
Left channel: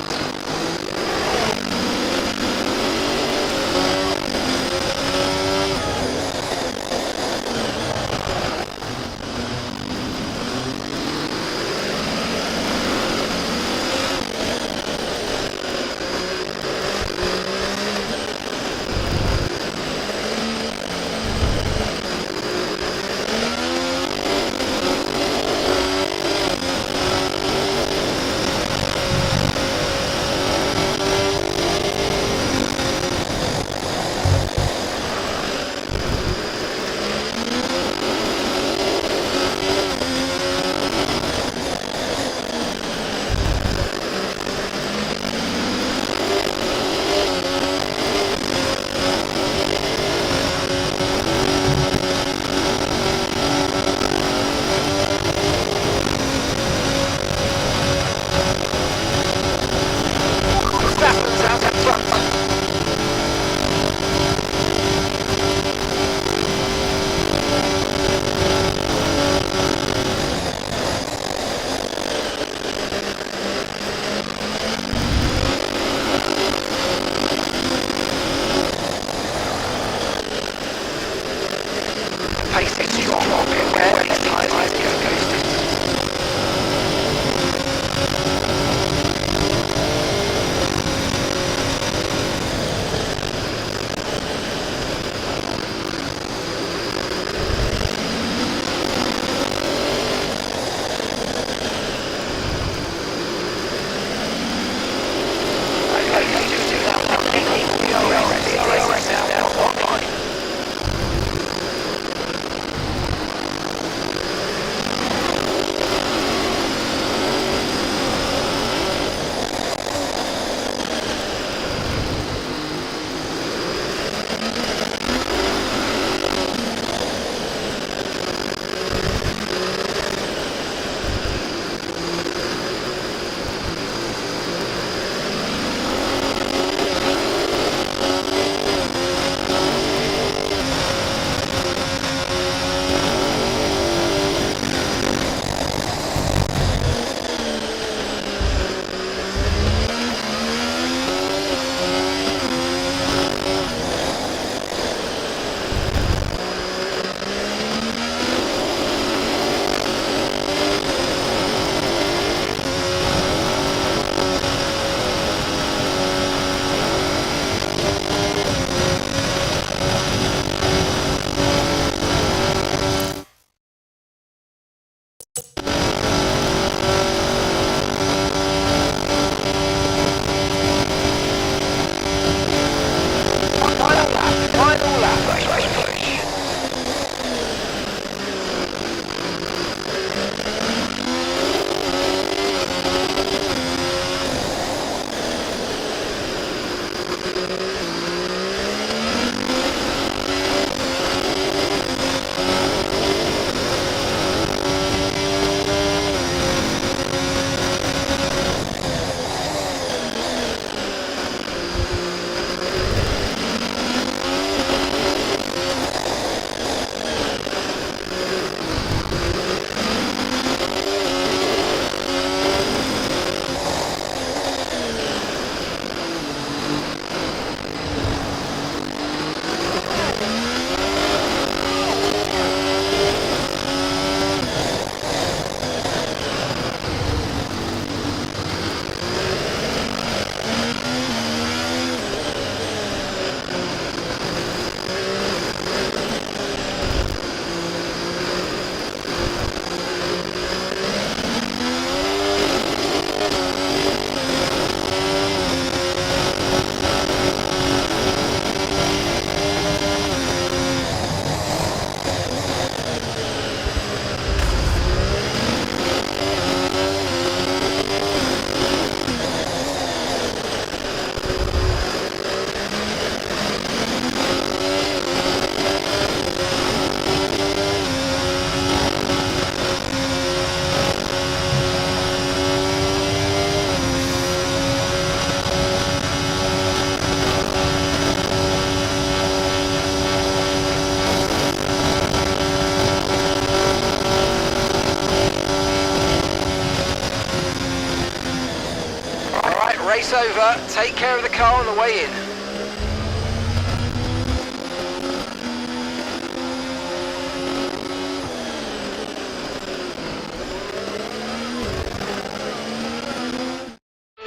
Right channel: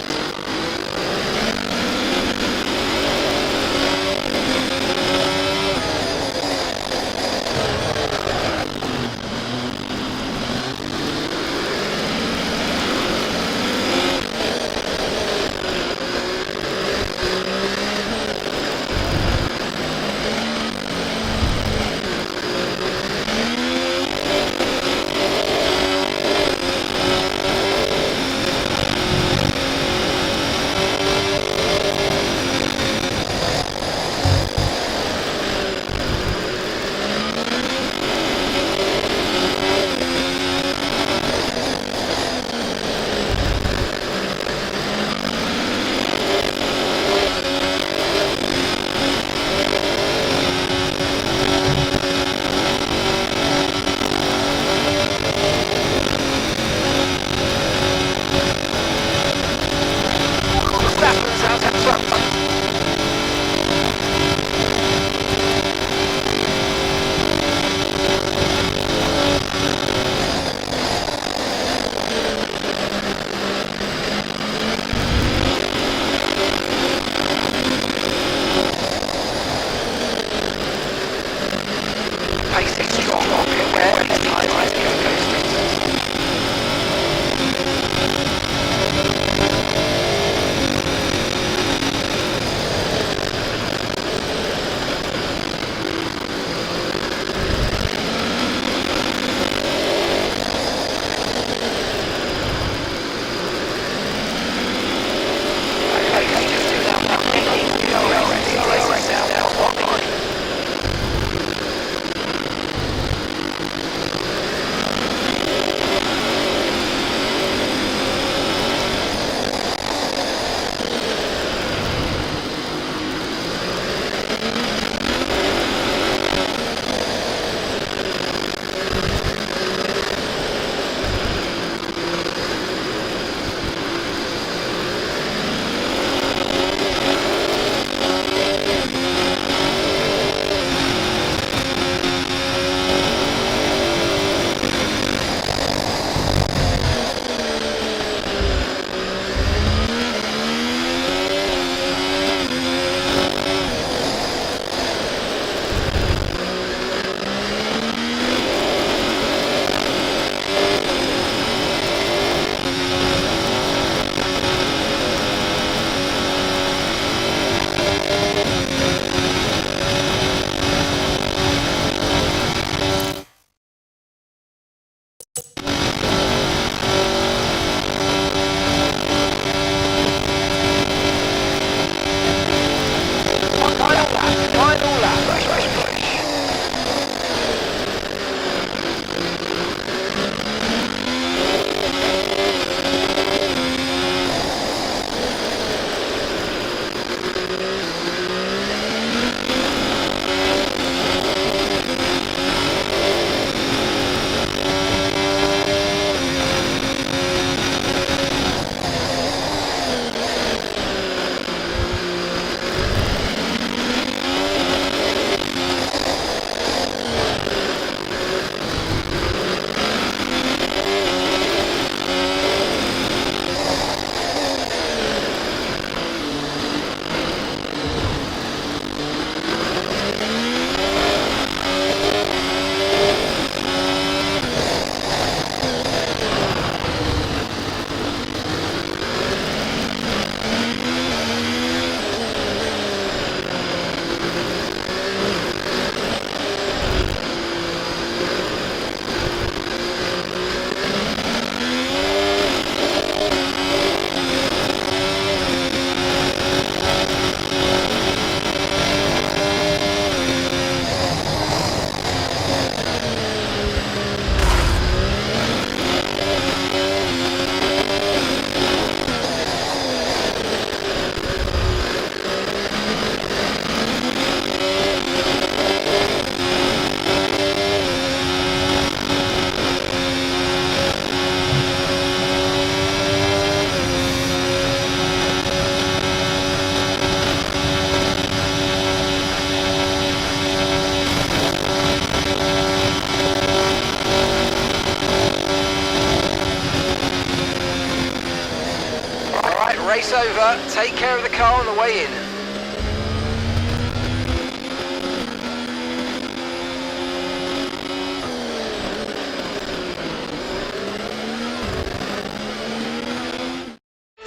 over. Take care of the car on the way in.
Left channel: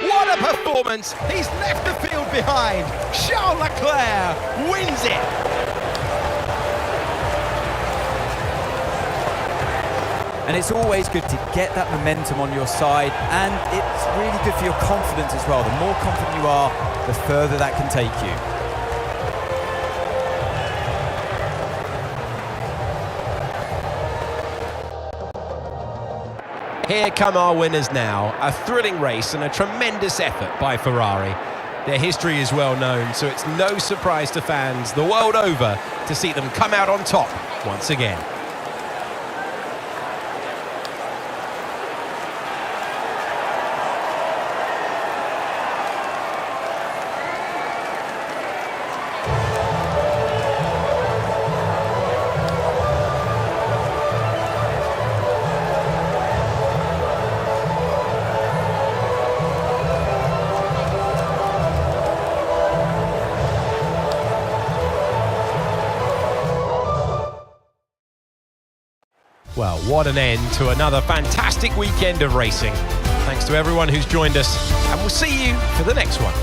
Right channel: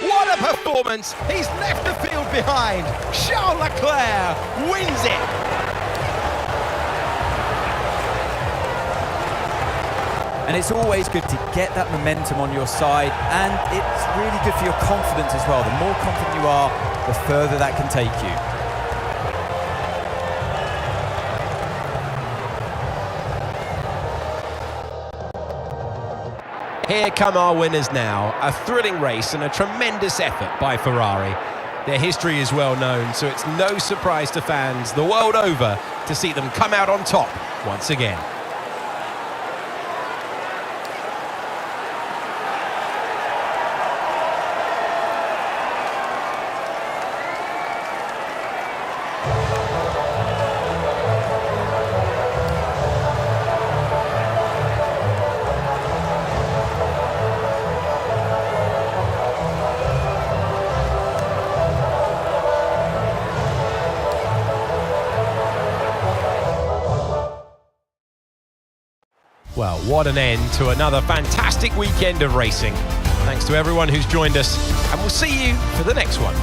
What a performance! He's left the field behind. Charles Leclerc wins it. And it's always good to get that momentum on your side, and it's really good for your confidence as well. The more confident you are, the further that can take you. Here come our winners now. A thrilling race and a tremendous effort by Ferrari. Their history is well known, so it's no surprise to fans the world over to see them come out on top once again. Well, what an end to another fantastic weekend of racing. Thanks to everyone who's joined us, and we'll see you for the next one.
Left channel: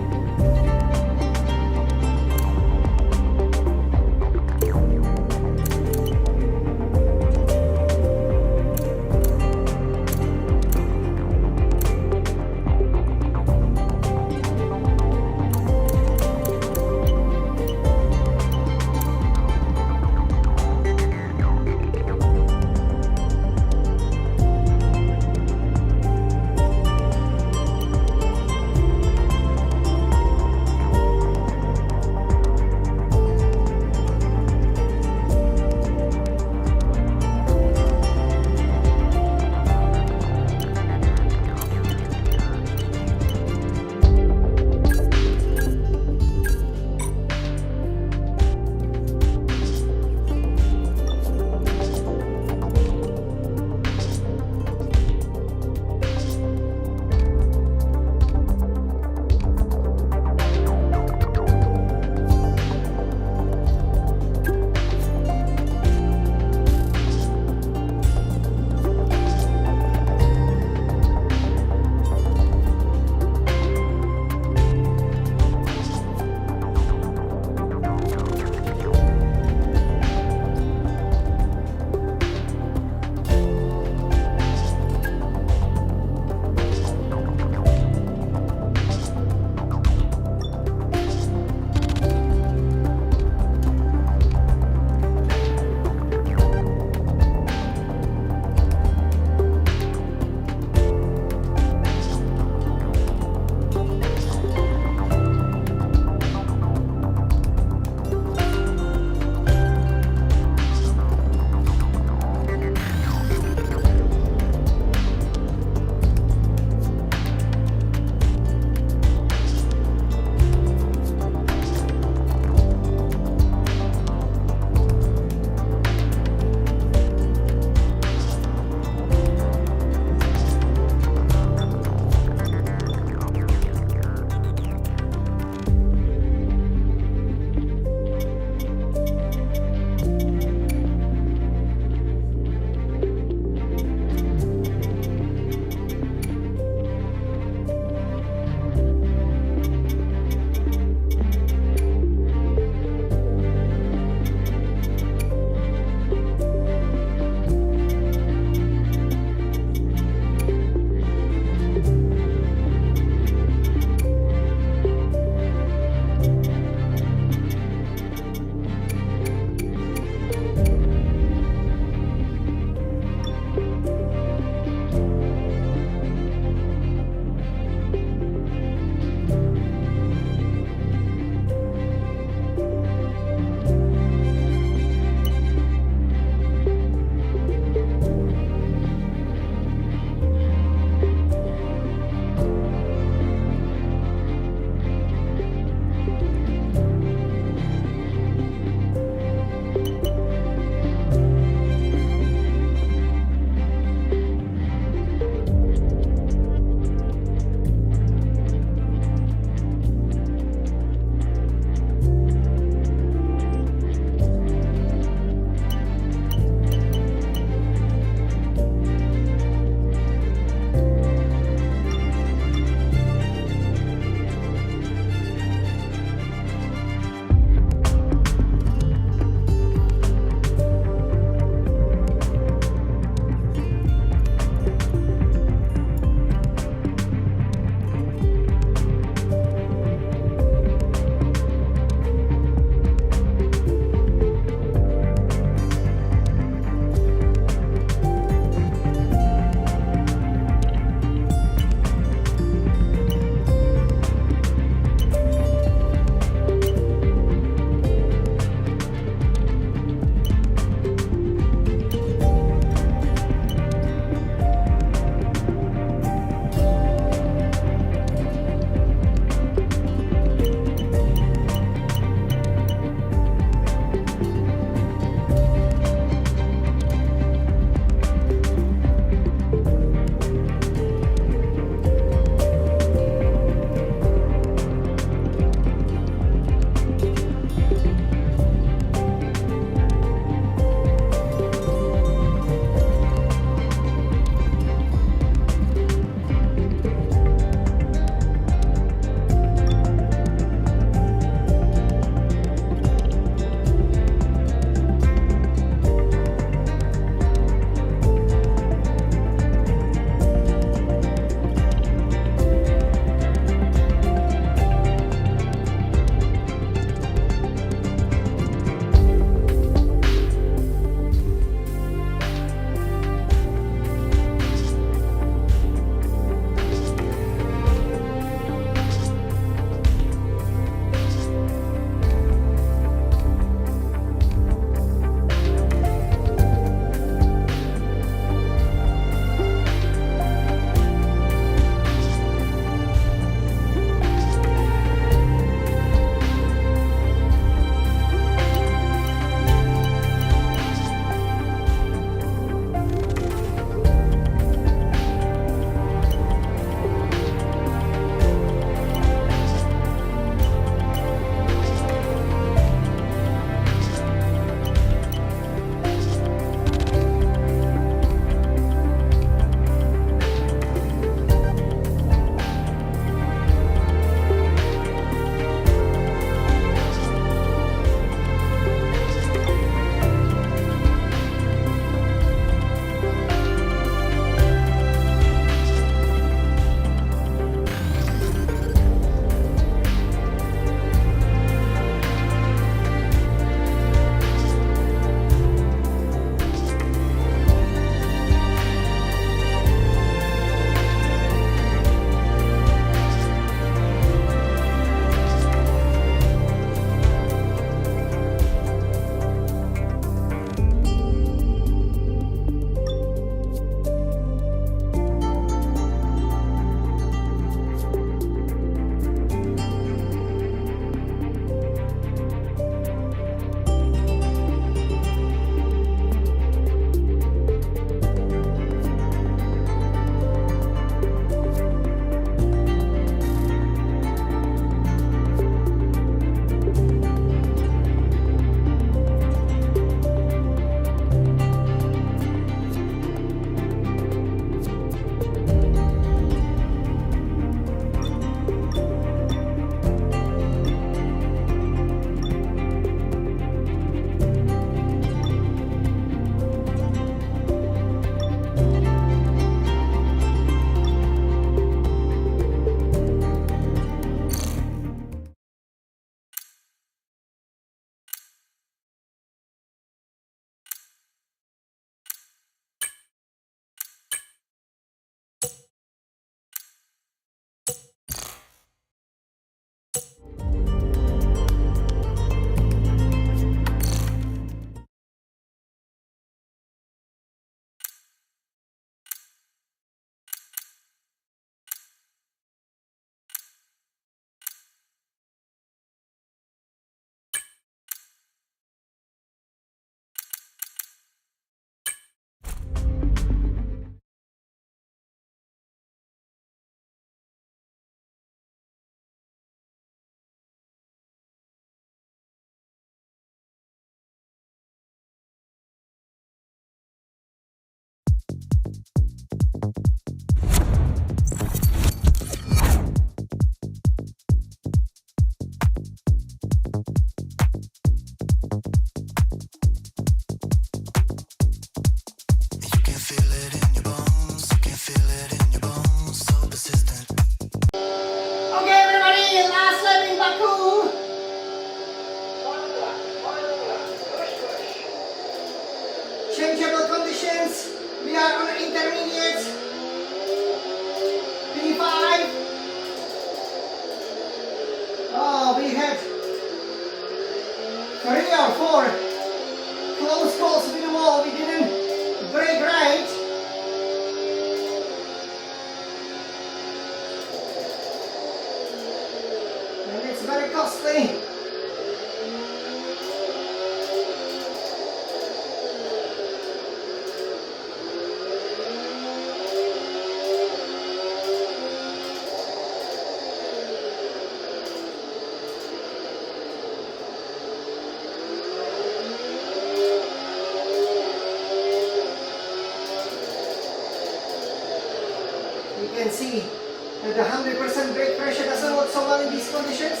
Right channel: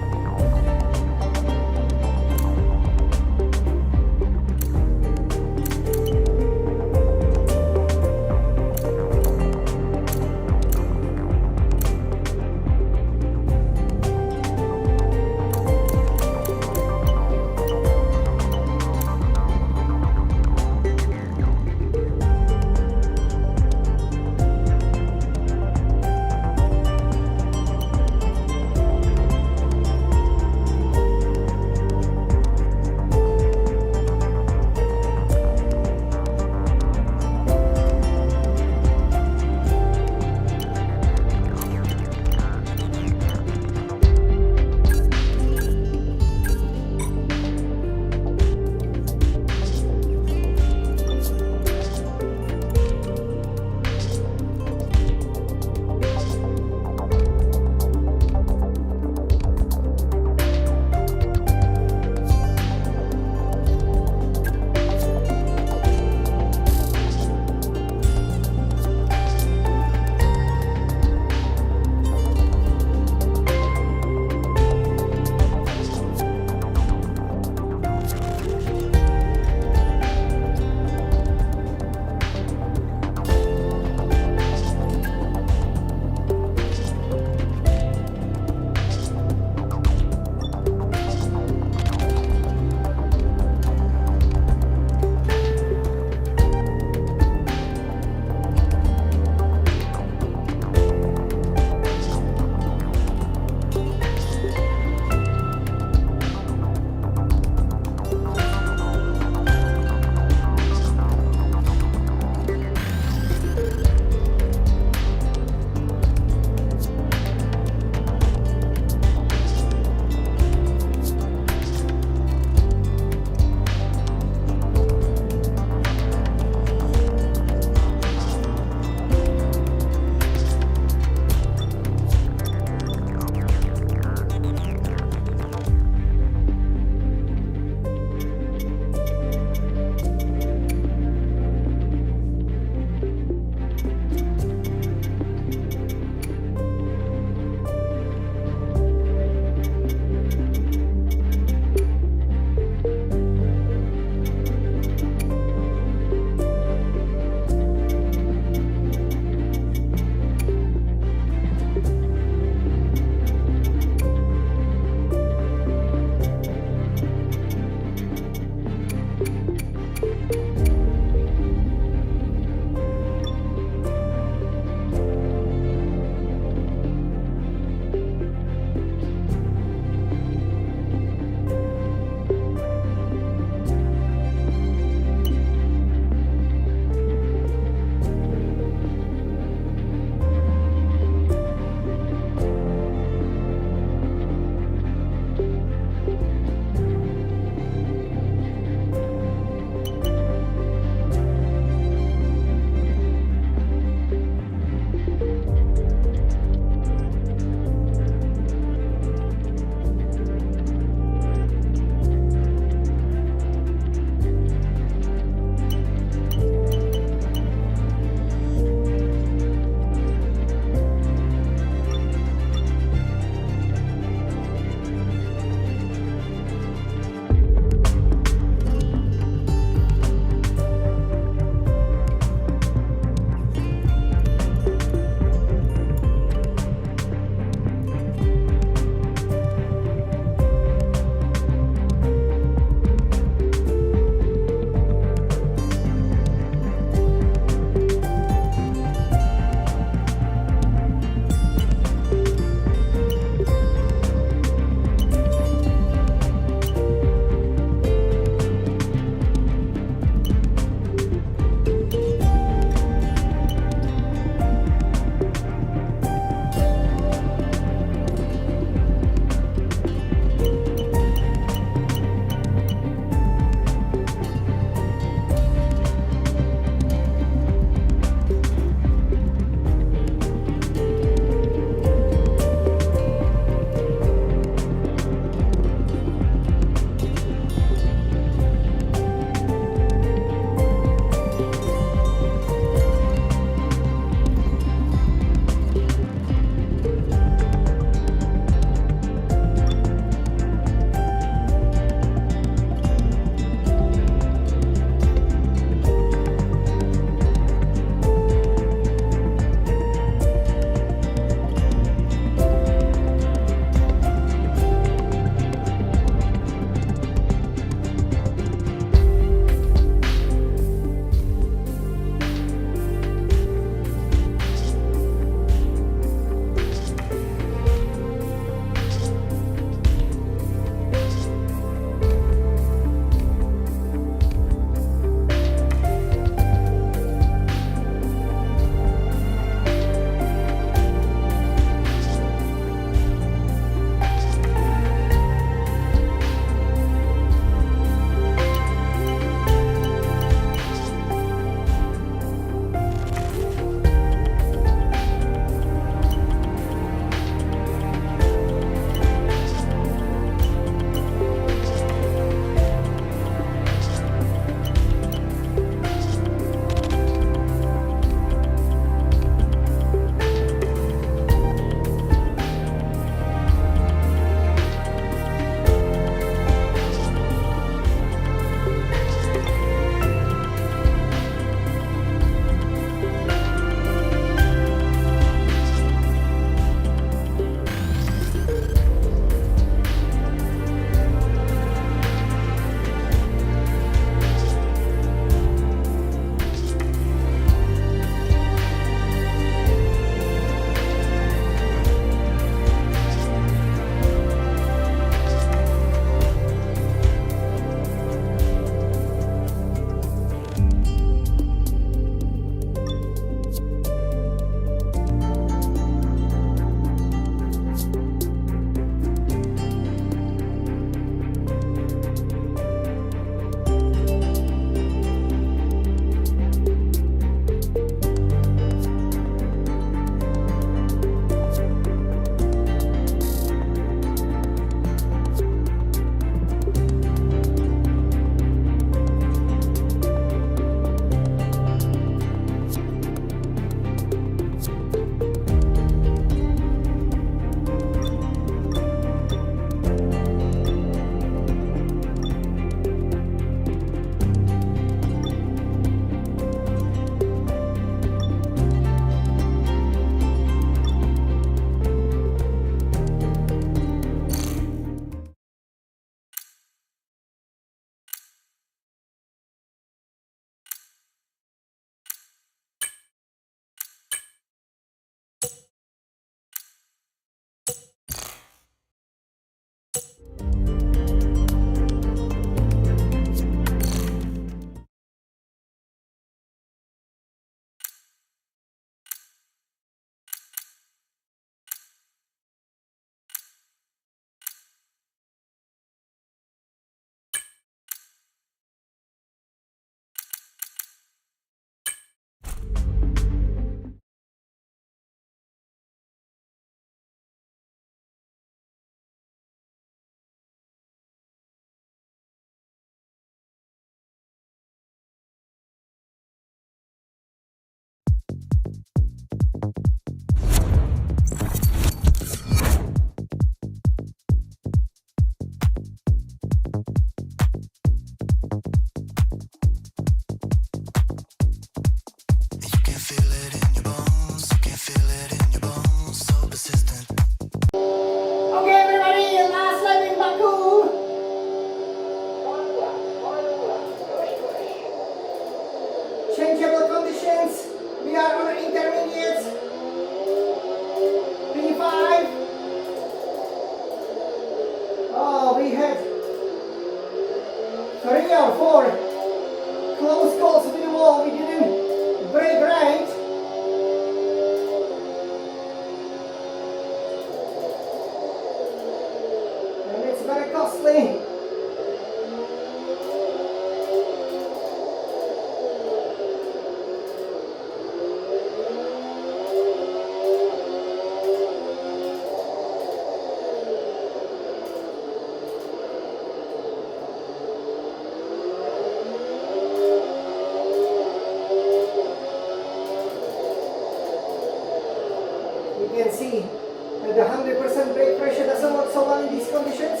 can see that the 100% brake pressure doesn't work so well in these conditions.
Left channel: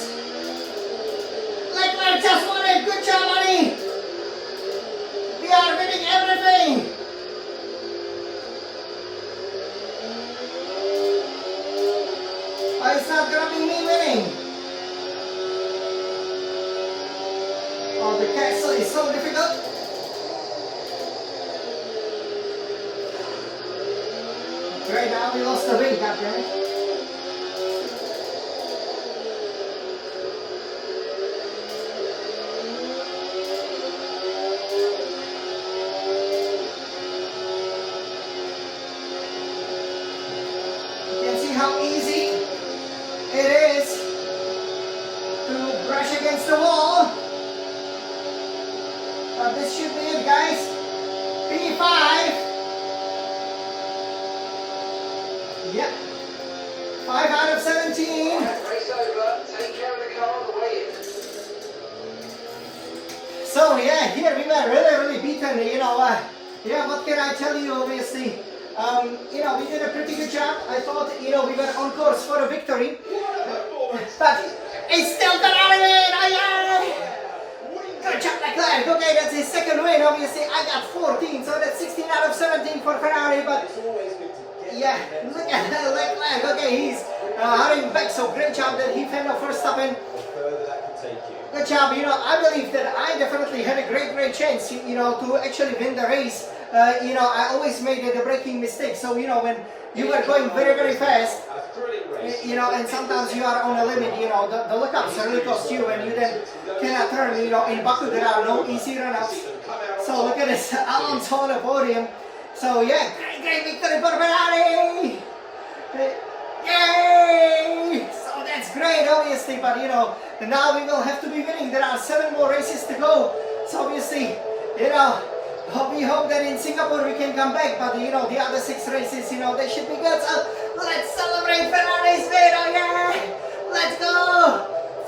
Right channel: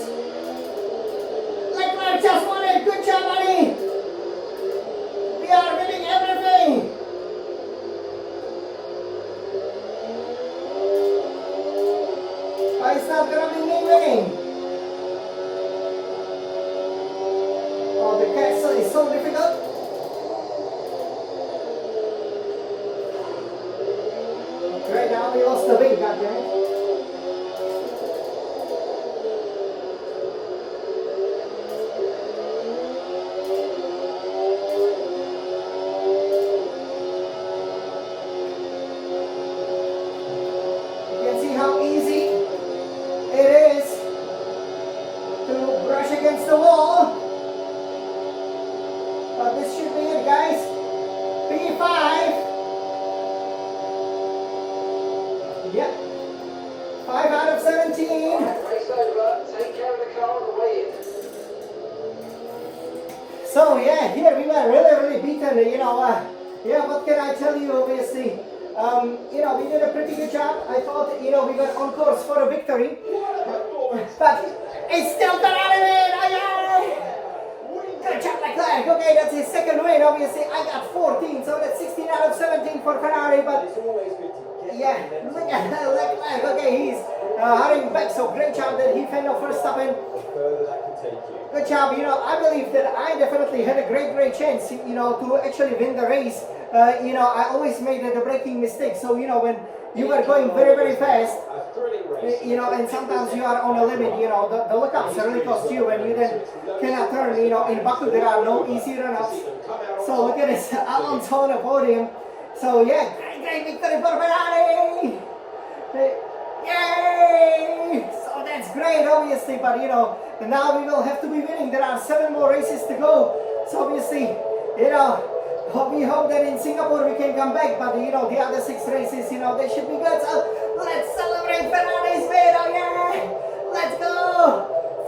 Leclerc just won it. Good job, buddy. We are winning everything. But it's not gonna be me winning. Oh, the castle is so difficult. Okay, now we lost the lead, goddammit. You can see how easy it is to brush against the wall. But this should be it, guys. P5. Yep. 5 out of 17. Race over. Take care of the car on the way in. So yeah, here we were really beaten. Yeah, what can I tell you? Obviously, we did a pretty good job. I thought, we were on course for a victory. But it's still Ferrari win. Good job, Leclerc. Okay, that's his second win. Obviously, I got 14, so that's 16 out of 17 for Ferrari. But yeah, look at Leclerc. Okay, he's hurrying back. So great job that he fended for Verstappen. Good job. I believe that I definitely had a great chance, to actually win the race. I always made the braking mistake. So, when you were going very fast, and sometimes you are on a limit, the lookups really cost you, and you then cannot turn. In Baku there are no easy run-ups. So look at this, Alonso on the podium. So yeah, great victory for Ferrari! Yay! So that's great, obviously, but now we will have to be winning. There are 7 more races to go. So obviously, we hope that in Singapore we can come back, but the other 6 races, they should be good. So let's celebrate Ferrari's win, oh yeah! Let's go!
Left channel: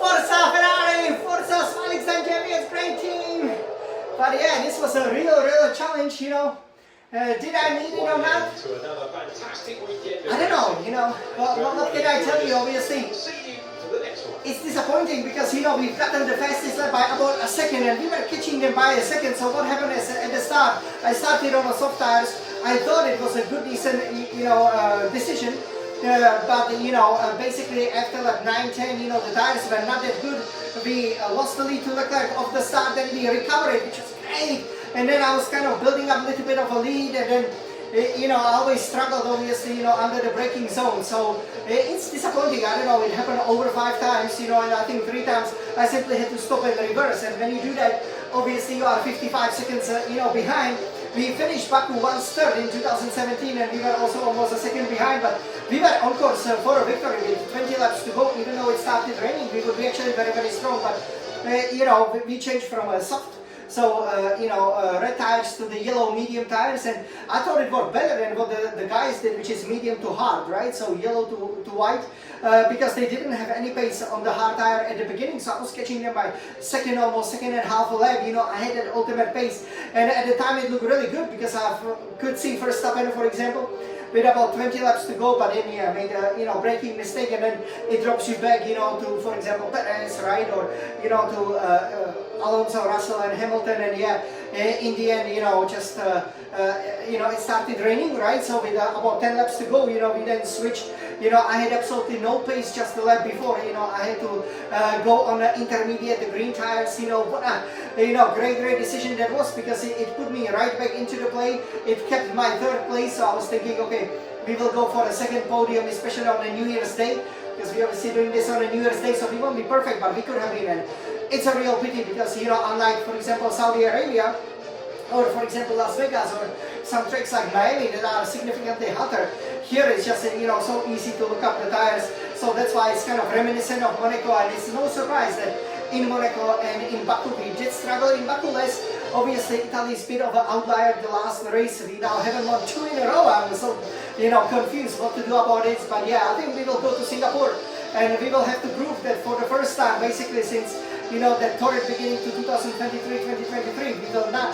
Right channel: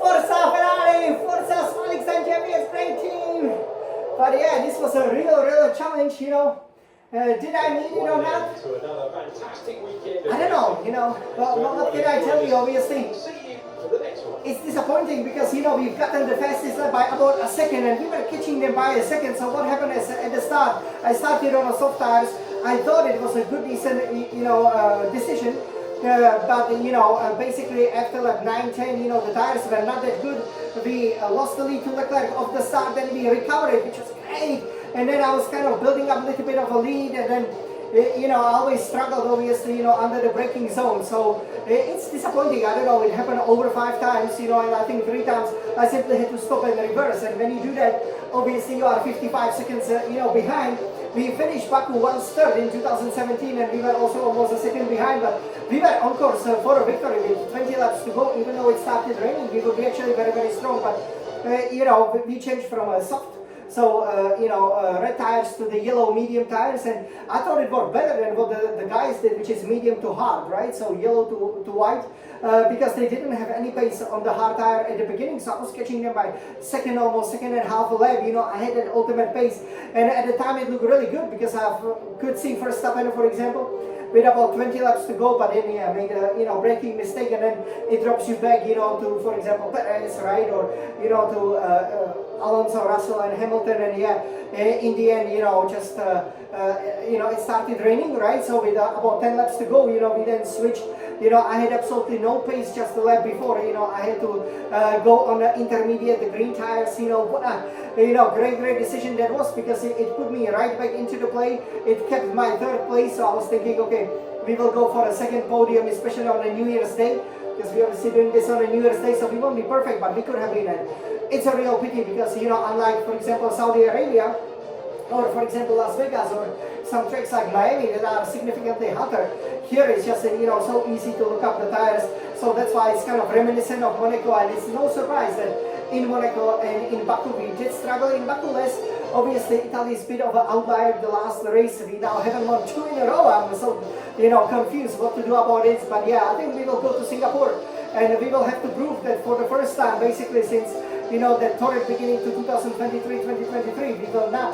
Forza Ferrari! Forza Smiling Time Champions, great team! But yeah, this was a real challenge, did I need it or not? I don't know, well, what can I tell you, obviously? It's disappointing because, we've gotten the fastest lap by about a second and we were catching them by a second. So what happened is at the start, I started on the soft tires. I thought it was a good, decent, decision. But basically after like 9-10, the tires were not that good. We lost the lead to Leclerc off the start, then we recovered, which was great. And then I was kind of building up a little bit of a lead, and then I always struggled, obviously, under the braking zone. So it's disappointing. I don't know, it happened over 5 times, and I think 3 times I simply had to stop and reverse. And when you do that, obviously you are 55 seconds, behind. We finished Baku 1/3 in 2017, and we were also almost a second behind. But we were on course for a victory with 20 laps to go. Even though it started raining, we would be actually very strong. But we changed from a soft. So, red tires to the yellow medium tires, and I thought it worked better than what the guys did, which is medium to hard, right? So yellow to white, because they didn't have any pace on the hard tire at the beginning, so I was catching them by almost second and half a lap. I had that ultimate pace, and at the time it looked really good because I could see Verstappen, for example, with about 20 laps to go, but then I made a braking mistake, and then it drops you back, to, for example, Perez, right, or to Alonso, Russell, and Hamilton, and in the end, just it started raining, right? So with about 10 laps to go, we then switched. I had absolutely no pace just the lap before. I had to go on the intermediate, the green tires. What a great decision that was, because it put me right back into the play. It kept my 3rd place, so I was thinking, okay, we will go for a 2nd podium, especially on a New Year's Day, because we obviously doing this on a New Year's Day, so we won't be perfect, but we could have been. And it's a real pity because, unlike, for example, Saudi Arabia, or for example Las Vegas, or some tracks like Miami that are significantly hotter, here it's just so easy to look up the tires. So that's why it's kind of reminiscent of Monaco, and it's no surprise that in Monaco and in Baku we did struggle. In Baku less, obviously Italy is a bit of an outlier. The last race we now haven't won 2 in a row. I'm so confused what to do about it. But yeah, I think we will go to Singapore and we will have to prove that for the first time, basically since that torrid beginning to 2023-2023, we will not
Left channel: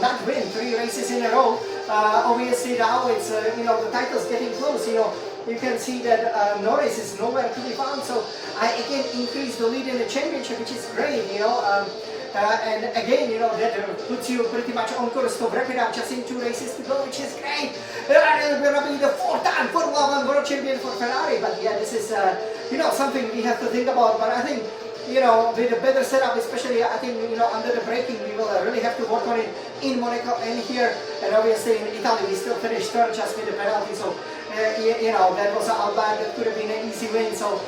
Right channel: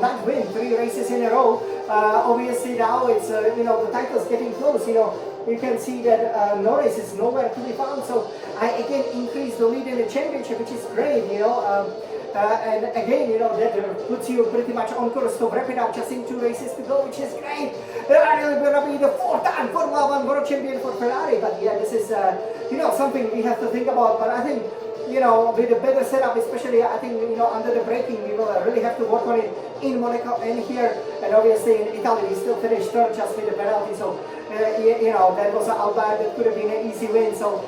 not win 3 races in a row. obviously now it's, you know, the title's getting close, you know. You can see that Norris is nowhere to be found, so I again increased the lead in the championship, which is great, you know. And again, you know, that puts you pretty much on course to wrap it up, just in 2 races to go, which is great. I will be the 4th-time Formula 1 World Champion for Ferrari, but yeah, this is, you know, something we have to think about. But I think, you know, with a better setup, especially, I think, you know, under the braking, we will really have to work on it in Monaco and here. And obviously in Italy, we still finished third just with the penalty, so, you know, that was an outlier that could have been an easy win. So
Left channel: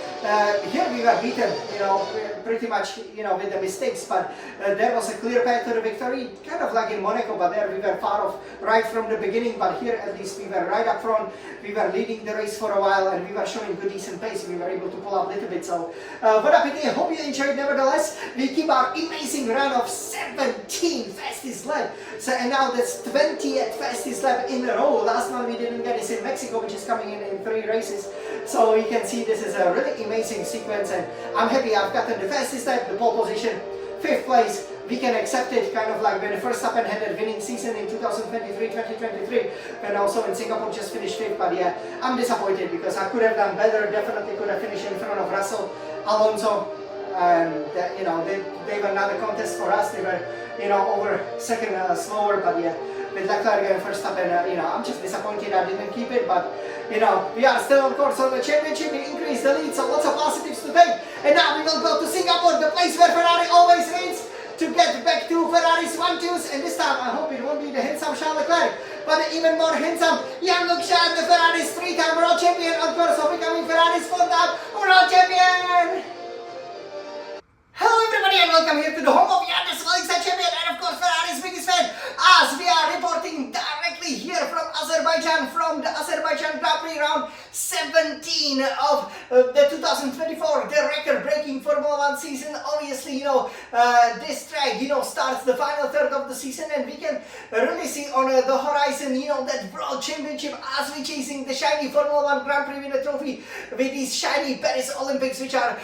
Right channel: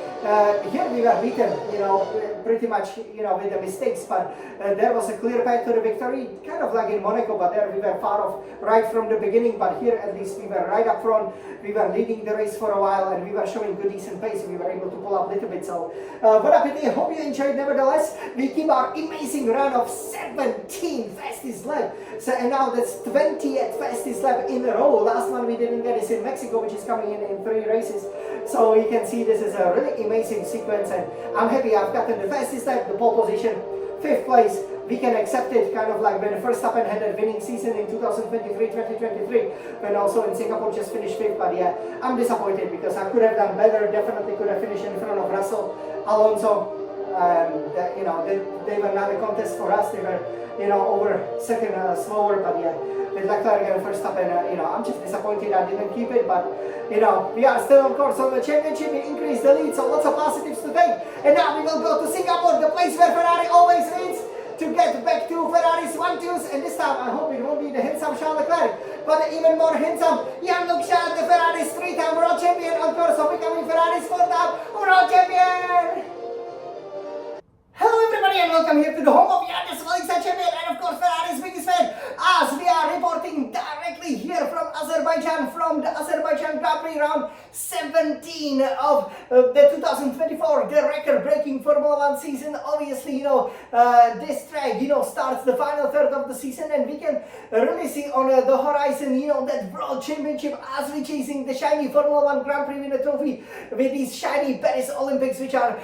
here we were beaten, you know, pretty much, you know, with the mistakes, but there was a clear path to the victory, kind of like in Monaco, but there we were far off right from the beginning. But here at least we were right up front, we were leading the race for a while, and we were showing good decent pace. We were able to pull up a little bit. So what up it is, hope you enjoyed. Nevertheless, we keep our amazing run of 17 fastest lap. So, and now that's 20th fastest lap in a row. Last one we didn't get is in Mexico, which is coming in 3 races. So you can see this is a really amazing sequence, and I'm happy I've gotten the fastest lap, the pole position, 5th place. We can accept it, kind of like when the Verstappen had a winning season in 2023, but also in Singapore just finished 5th. But yeah, I'm disappointed because I could have done better, definitely could have finished in front of Russell, Alonso. You know, they were not a contest for us. They were, you know, over second slower, but yeah, with Leclerc and Verstappen, you know, I'm just disappointed I didn't keep it, but you know, we are still of course on the championship. We increased the lead, so lots of positives to take. And now we will go to Singapore, the place where Ferrari always wins, to get back to Ferrari's 1-2s, and this time I hope it won't be the handsome Charles Leclerc, but the even more handsome Jean-Luc Charles, the Ferrari's 3-time world champion, on course of becoming Ferrari's 4th-time world champion. Hello everybody and welcome here to the home of Jan champion and of course Ferrari's biggest fan, as we are reporting directly here from Azerbaijan, from the Azerbaijan Grand Prix round 17 of the 2024, the record-breaking Formula 1 season. Obviously, you know, this track, you know, starts the final third of the season, and we can really see on the horizon, you know, that world championship as we chasing the shiny Formula 1 Grand Prix winner trophy with these shiny Paris Olympics, which are,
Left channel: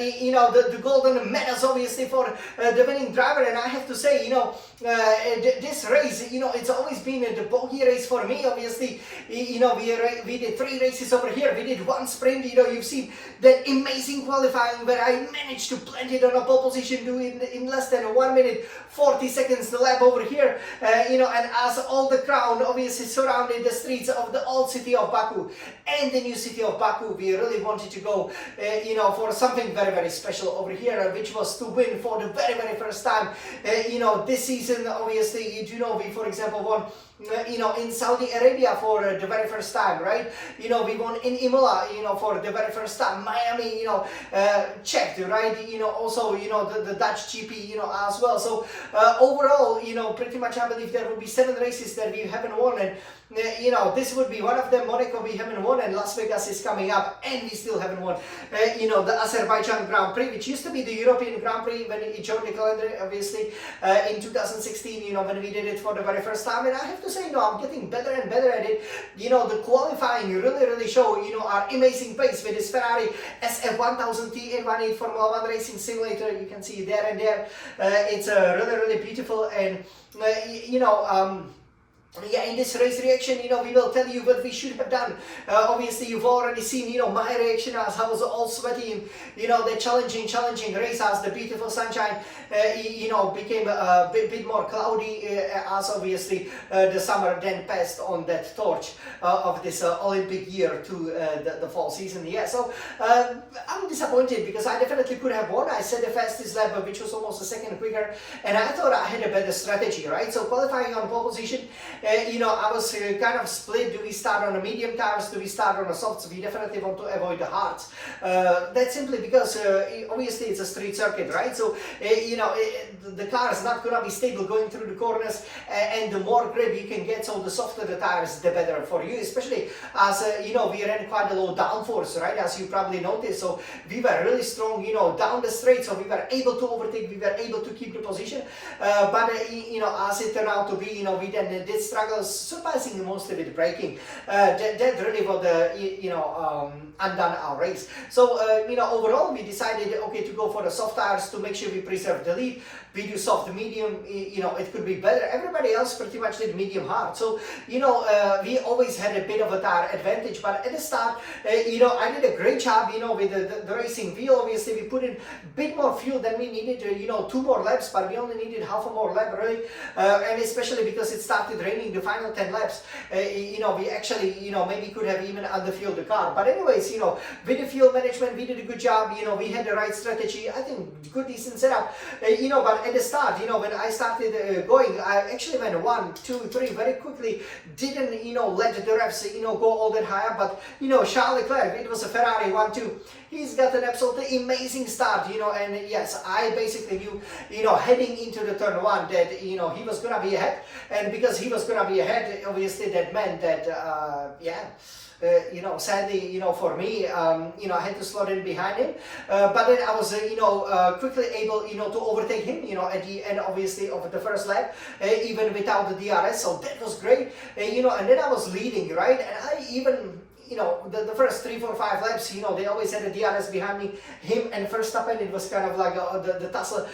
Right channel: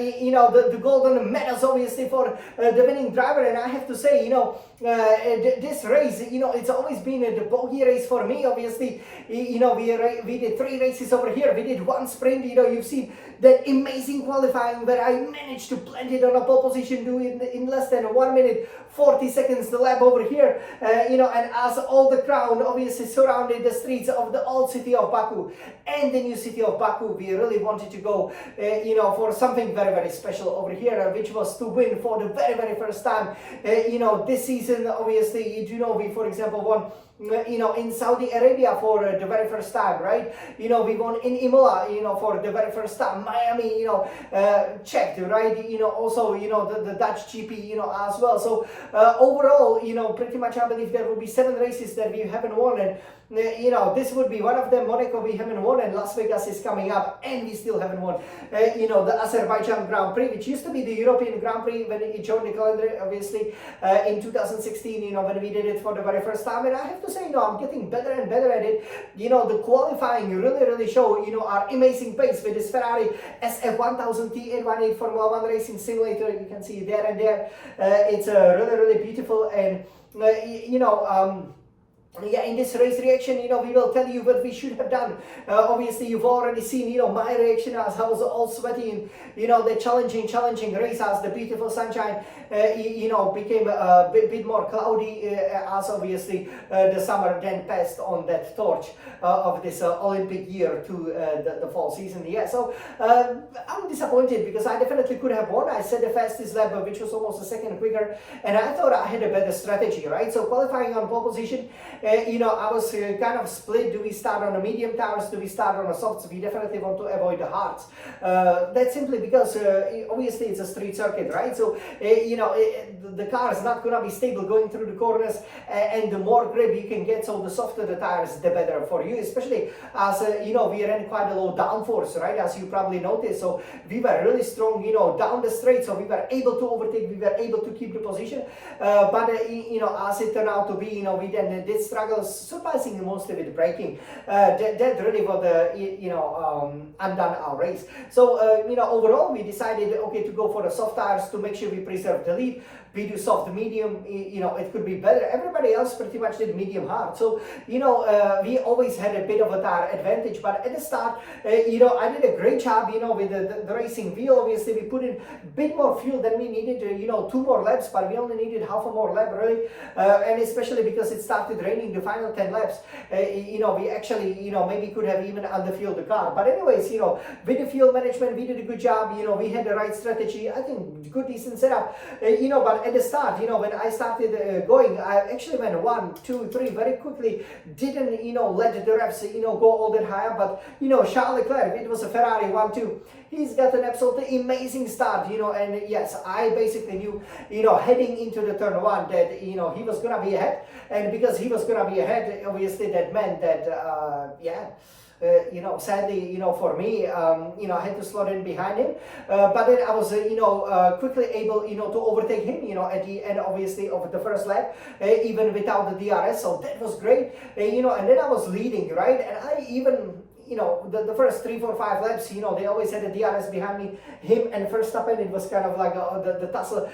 you know, the golden medals, obviously, for the winning driver. And I have to say, you know, this race, you know, it's always been the bogey race for me. Obviously, you know, we did 3 races over here. We did 1 sprint. You know, you've seen that amazing qualifying where I managed to plant it on a pole position, do it in less than 1 minute 40 seconds the lap over here. You know, and as all the crowd obviously surrounded the streets of the old city of Baku and the new city of Baku, we really wanted to go, you know, for something very, very special over here, which was to win for the very, very first time. You know, this season, obviously, you do know, we, for example, won, you know, in Saudi Arabia for the very first time, right? You know, we won in Imola, you know, for the very first time. Miami, you know, checked, right? You know, also, you know, the Dutch GP, you know, as well. So overall, you know, pretty much I believe there will be 7 races that we haven't won, and you know, this would be one of them. Monaco we haven't won, and Las Vegas is coming up, and we still haven't won. You know, the Azerbaijan Grand Prix, which used to be the European Grand Prix when it joined the calendar, obviously, in 2016, you know, when we did it for the very first time. And I have to say, you know, I'm getting better and better at it. You know, the qualifying really show, you know, our amazing pace with this Ferrari SF1000T 818 Formula 1 racing simulator. You can see there and there. It's really beautiful, and you know, yeah, in this race reaction, you know, we will tell you what we should have done. Obviously, you've already seen, you know, my reaction as I was all sweaty in, you know, the challenging race as the beautiful sunshine, you know, became a bit more cloudy as obviously the summer then passed on that torch of this Olympic year to the fall season. Yeah, so I'm disappointed because I definitely could have won. I set the fastest lap, which was almost a second quicker, and I thought I had a better strategy, right? So qualifying on pole position, you know, I was kind of split. Do we start on the medium tires? Do we start on the softs? We definitely want to avoid the hards. That's simply because obviously it's a street circuit, right? So you know, the car is not going to be stable going through the corners, and the more grip you can get, so the softer the tires, the better for you, especially as you know, we ran quite a low downforce, right, as you probably noticed. So we were really strong, you know, down the straight, so we were able to overtake, we were able to keep the position, but you know, as it turned out to be, you know, we then did struggle surprisingly mostly with braking. That really was the, you know, undone our race. So you know, overall we decided, okay, to go for the soft tires to make sure we preserve the lead. we do soft medium, you know, it could be better. Everybody else pretty much did medium hard. So, you know, we always had a bit of a tire advantage, but at the start, you know, I did a great job, you know, with the racing wheel. Obviously, we put in a bit more fuel than we needed, you know, 2 more laps, but we only needed half a more lap, really. And especially because it started raining the final 10 laps, you know, we actually, you know, maybe could have even underfueled the car. But anyways, you know, with the fuel management, we did a good job. You know, we had the right strategy. I think good, decent setup. You know, but at the start, you know, when I started going, I actually went 1, 2, 3 very quickly. Didn't, you know, let the revs, you know, go all that high up. But, you know, Charles Leclerc, it was a Ferrari 1-2. He's got an absolutely amazing start, you know, and yes, I basically knew, you know, heading into the turn 1 that, you know, he was going to be ahead. And because he was going to be ahead, obviously that meant that, you know, sadly, you know, for me, you know, I had to slot in behind him. But then I was, you know, quickly able, you know, to overtake him, you know, at the end, obviously, of the first lap, even without the DRS. So that was great, you know, and then I was leading, right? And I even, you know, the first 3, 4, 5 laps, you know, they always had a DRS behind me. Him and Verstappen, it was kind of like the tussle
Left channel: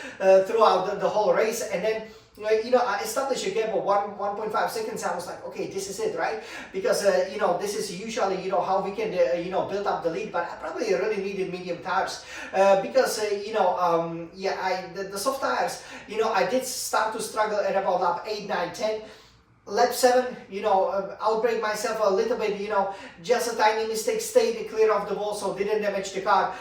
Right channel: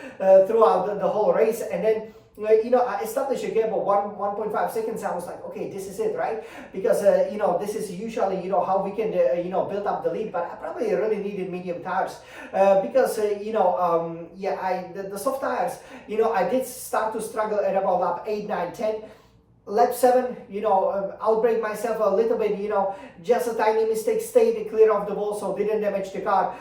throughout the whole race. And then, you know, I established a gap of 1.5 seconds. I was like, okay, this is it, right? Because, you know, this is usually, you know, how we can, you know, build up the lead. But I probably really needed medium tires because, you know, yeah, the soft tires, you know, I did start to struggle at about lap 8, 9, 10. Lap 7, you know, outbrake myself a little bit, you know, just a tiny mistake, stayed clear of the wall, so didn't damage the car,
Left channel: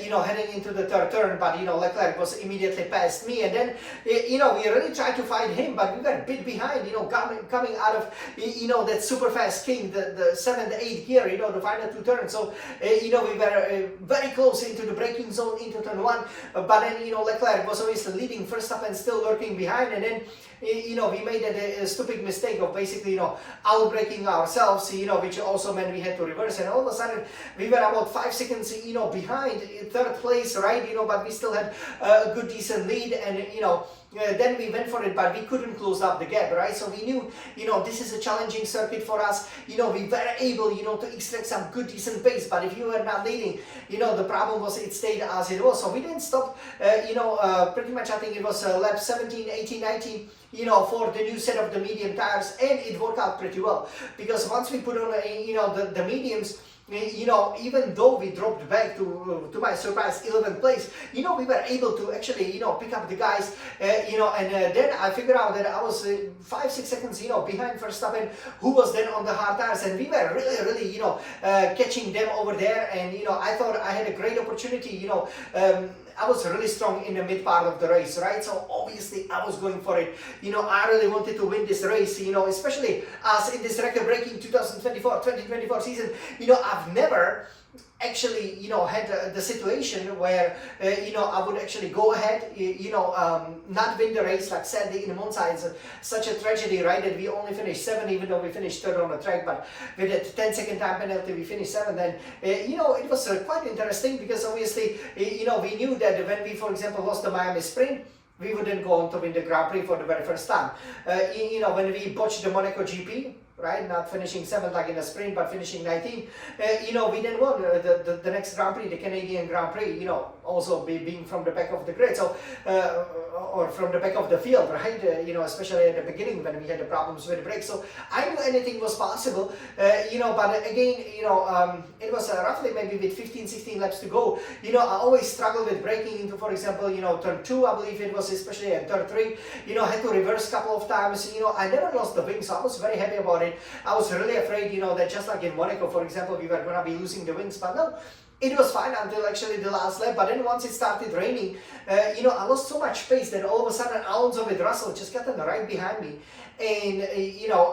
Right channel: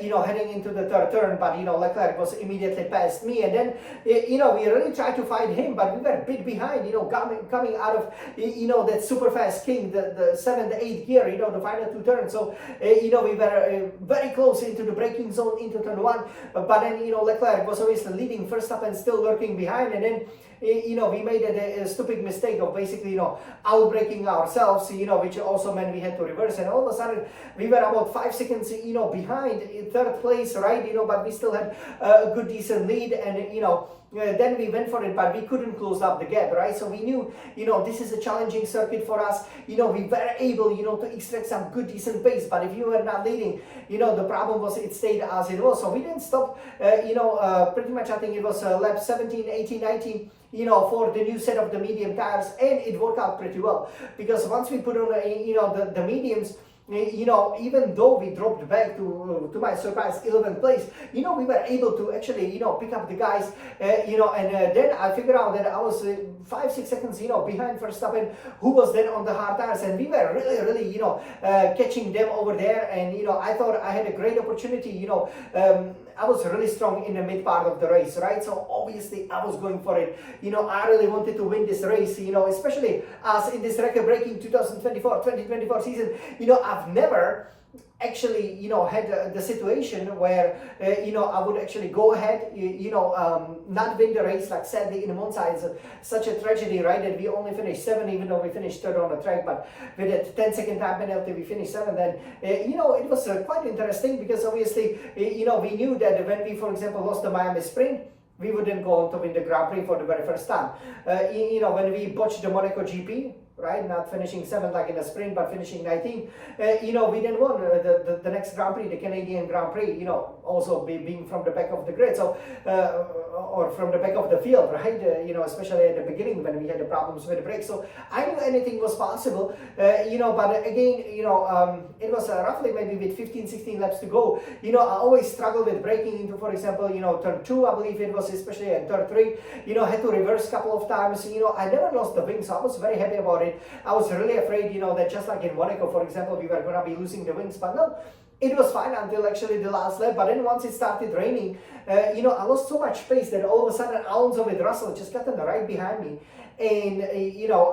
you know, heading into the third turn. But, you know, Leclerc was immediately past me. And then, you know, we really tried to fight him, but we were a bit behind, you know, coming out of, you know, that super fast king, the 7th, 8th gear, you know, the final 2 turns. So, you know, we were very close into the braking zone, into turn 1. But then, you know, Leclerc was obviously leading, Verstappen still lurking behind. And then, you know, we made a stupid mistake of basically, you know, outbraking ourselves, you know, which also meant we had to reverse. And all of a sudden, we were about 5 seconds, you know, behind in 3rd place, right? You know, but we still had a good, decent lead. And, you know, then we went for it, but we couldn't close up the gap, right? So we knew, you know, this is a challenging circuit for us. You know, we were able, you know, to extract some good, decent pace. But if you were not leading, you know, the problem was it stayed as it was. So we didn't stop, you know, pretty much, I think it was lap 17, 18, 19, you know, for the new set of the medium tires. And it worked out pretty well. Because once we put on, you know, the mediums, you know, even though we dropped back to my surprise 11th place, you know, we were able to actually, you know, pick up the guys, you know, and then I figured out that I was 5, 6 seconds, you know, behind Verstappen, who was then on the hard tires, and we were really, you know, catching them over there. And, you know, I thought I had a great opportunity, you know, I was really strong in the mid part of the race, right? So obviously I was going for it. You know, I really wanted to win this race, you know, especially as in this record-breaking 2024 season, you know, I've never actually, you know, had the situation where, you know, I would actually go ahead, you know, not win the race. Like sadly in Monza, it's such a tragedy, right, that we only finished 7th, even though we finished 3rd on the track. But with a 10-second time penalty, we finished 7th. And, you know, it was quite interesting because obviously, you know, we knew that when we, for example, lost the Miami Sprint, we wouldn't go on to win the Grand Prix for the very first time. You know, when we botched the Monaco GP, right, not finishing 7th like in the sprint, but finishing 19th, you know, we then won the next Grand Prix, the Canadian Grand Prix, you know, also being from the back of the grid, so, or from the back of the field, right, you know, especially at the beginning when we had the problems with the brakes. So I knew anything was possible, you know, but again, you know, it was roughly maybe with 15, 16 laps to go. You know, I always struggled with braking into, for example, you know, turn 2, I believe it was, especially at turn 3, you know, I had to reverse a couple of times. You know, I never lost the wing, so I was very happy about it. I was really afraid, you know, that just like in Monaco, for example, we were going to be losing the wings, but no, it was fine until actually the last lap. But then once it started raining, you know, I lost so much pace that all of a sudden Alonso with Russell just got right behind me. And, you know,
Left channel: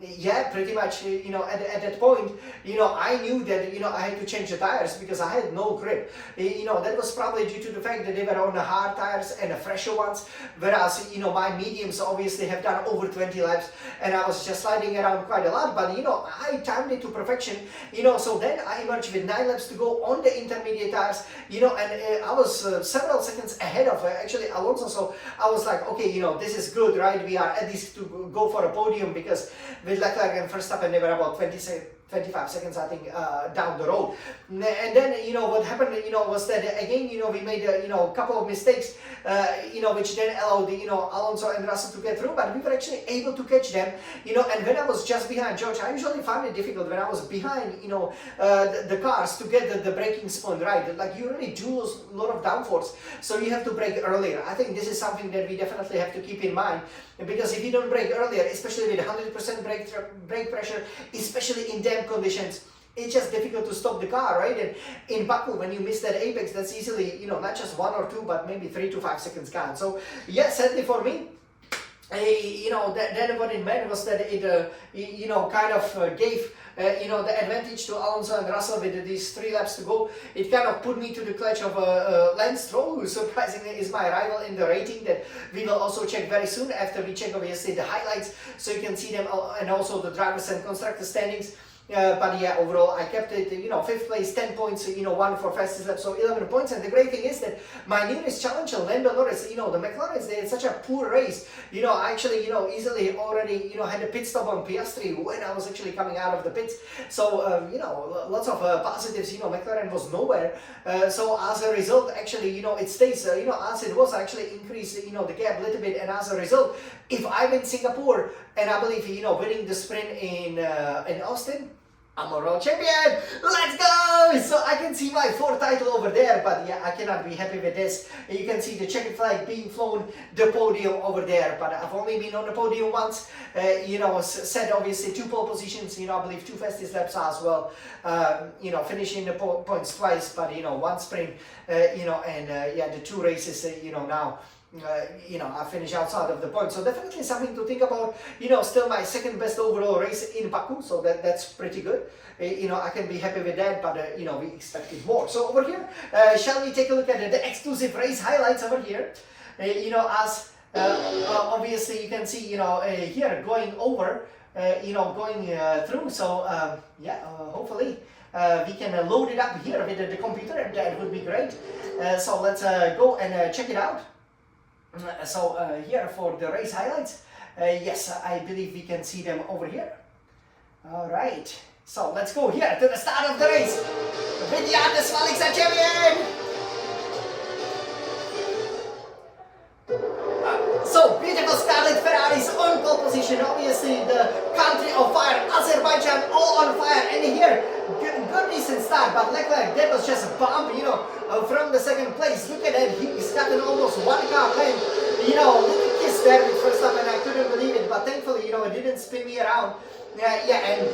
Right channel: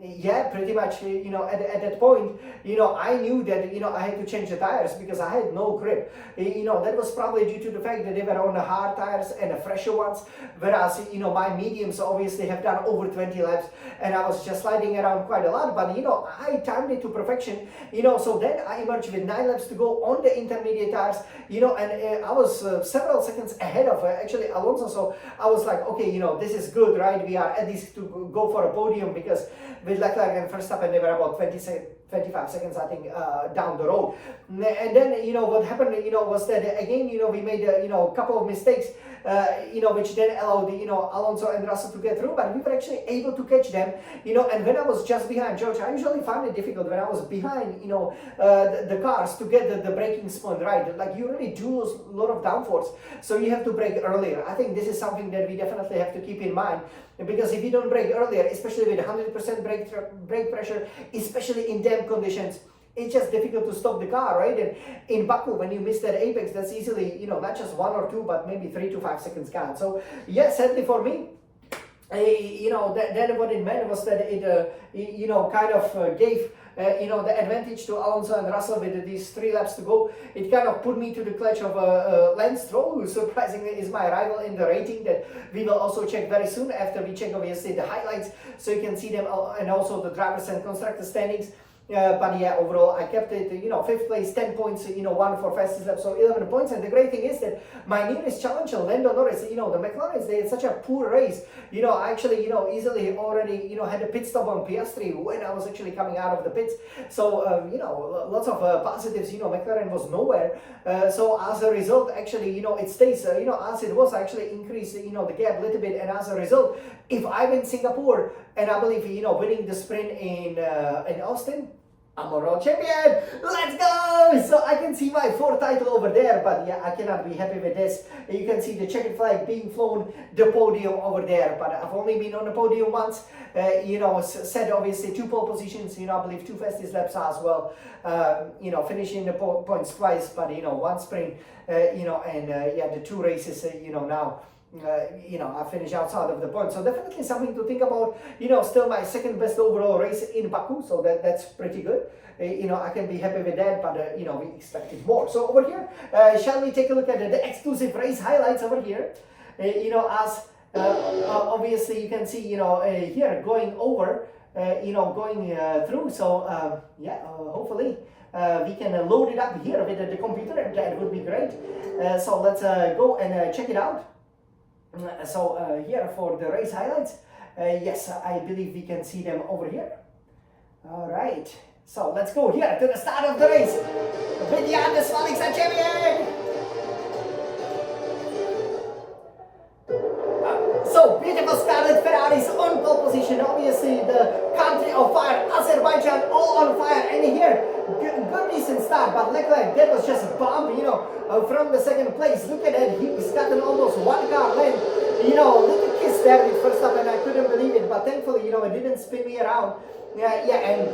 yeah, pretty much, you know, at that point, you know, I knew that, you know, I had to change the tires because I had no grip. You know, that was probably due to the fact that they were on the hard tires and the fresher ones, whereas, you know, my mediums obviously have done over 20 laps and I was just sliding around quite a lot. But, you know, I timed it to perfection, you know, so then I emerged with 9 laps to go on the intermediate tires, you know, and I was several seconds ahead of actually Alonso. So I was like, okay, you know, this is good, right? We are at least to go for a podium because with Leclerc and Verstappen, they were about 25 seconds, I think, down the road. And then, you know, what happened, you know, was that again, you know, we made, you know, a couple of mistakes, you know, which then allowed, you know, Alonso and Russell to get through, but we were actually able to catch them, you know. And when I was just behind George, I usually found it difficult when I was behind, you know, the cars to get the braking spin right. Like, you really do lose a lot of downforce, so you have to brake earlier. I think this is something that we definitely have to keep in mind, because if you don't brake earlier, especially with 100% brake pressure, especially in damp conditions, it's just difficult to stop the car, right? And in Baku, when you miss that apex, that's easily, you know, not just 1 or 2, but maybe 3 to 5 seconds count. So yeah, sadly for me, you know, then what it meant was that it, you know, kind of gave, you know, the advantage to Alonso and Russell with these 3 laps to go. It kind of put me to the clutch of Lance Stroll, who surprisingly is my rival in the rating that we will also check very soon after we check obviously the highlights, so you can see them, and also the drivers and constructor standings. But yeah, overall I kept it, you know, 5th place, 10 points, you know, 1 for fastest lap, so 11 points. And the great thing is that my nearest challenger, Lando Norris, you know, the McLarens, they had such a poor race, you know, I actually, you know, easily already, you know, had a pit stop on Piastri when I was actually coming out of the pits. So, you know, lots of positives, you know, McLaren was nowhere. So as a result, actually, you know, it stays, you know, as it was, actually increased, you know, the gap a little bit. And as a result, if I win Singapore, and I believe, you know, winning the sprint in Austin, I'm a world champion. Let's go! So I can see my 4th title over there, but yeah, I cannot be happy with this. You can see the checkered flag being flown, the podium over there, but I've only been on the podium once. You know, set obviously 2 pole positions, you know, I believe 2 fastest laps as well. You know, finishing the points twice, but you know, 1 sprint, you know, and yeah, the 2 races, you know, now. You know, I finished outside of the point, so definitely something to think about. You know, still my 2nd best overall race in Baku, so that's pretty good. You know, I can be happy with that, but you know, we expected more. So over here, shall we take a look at the exclusive race highlights over here? You know, as obviously you can see, you know, here going over, you know, going through. So yeah, hopefully we can load it up here with the computer, and that would be great. So let's go and check it out. So here for the race highlights, yes, I believe we can see them over here. All right, so let's go here to the start of the race. Vidyan, the Swelling champion! So beautiful Scarlet Ferraris on pole position, obviously the country of fire, Azerbaijan, all on fire. And here, good decent start, but Leclerc, that was just a bomb, you know, from the 2nd place. Look at that, he's gotten almost 1 car win. You know, little kiss there with first up, and I couldn't believe it, but thankfully, you know, it didn't spin me around. Yeah, and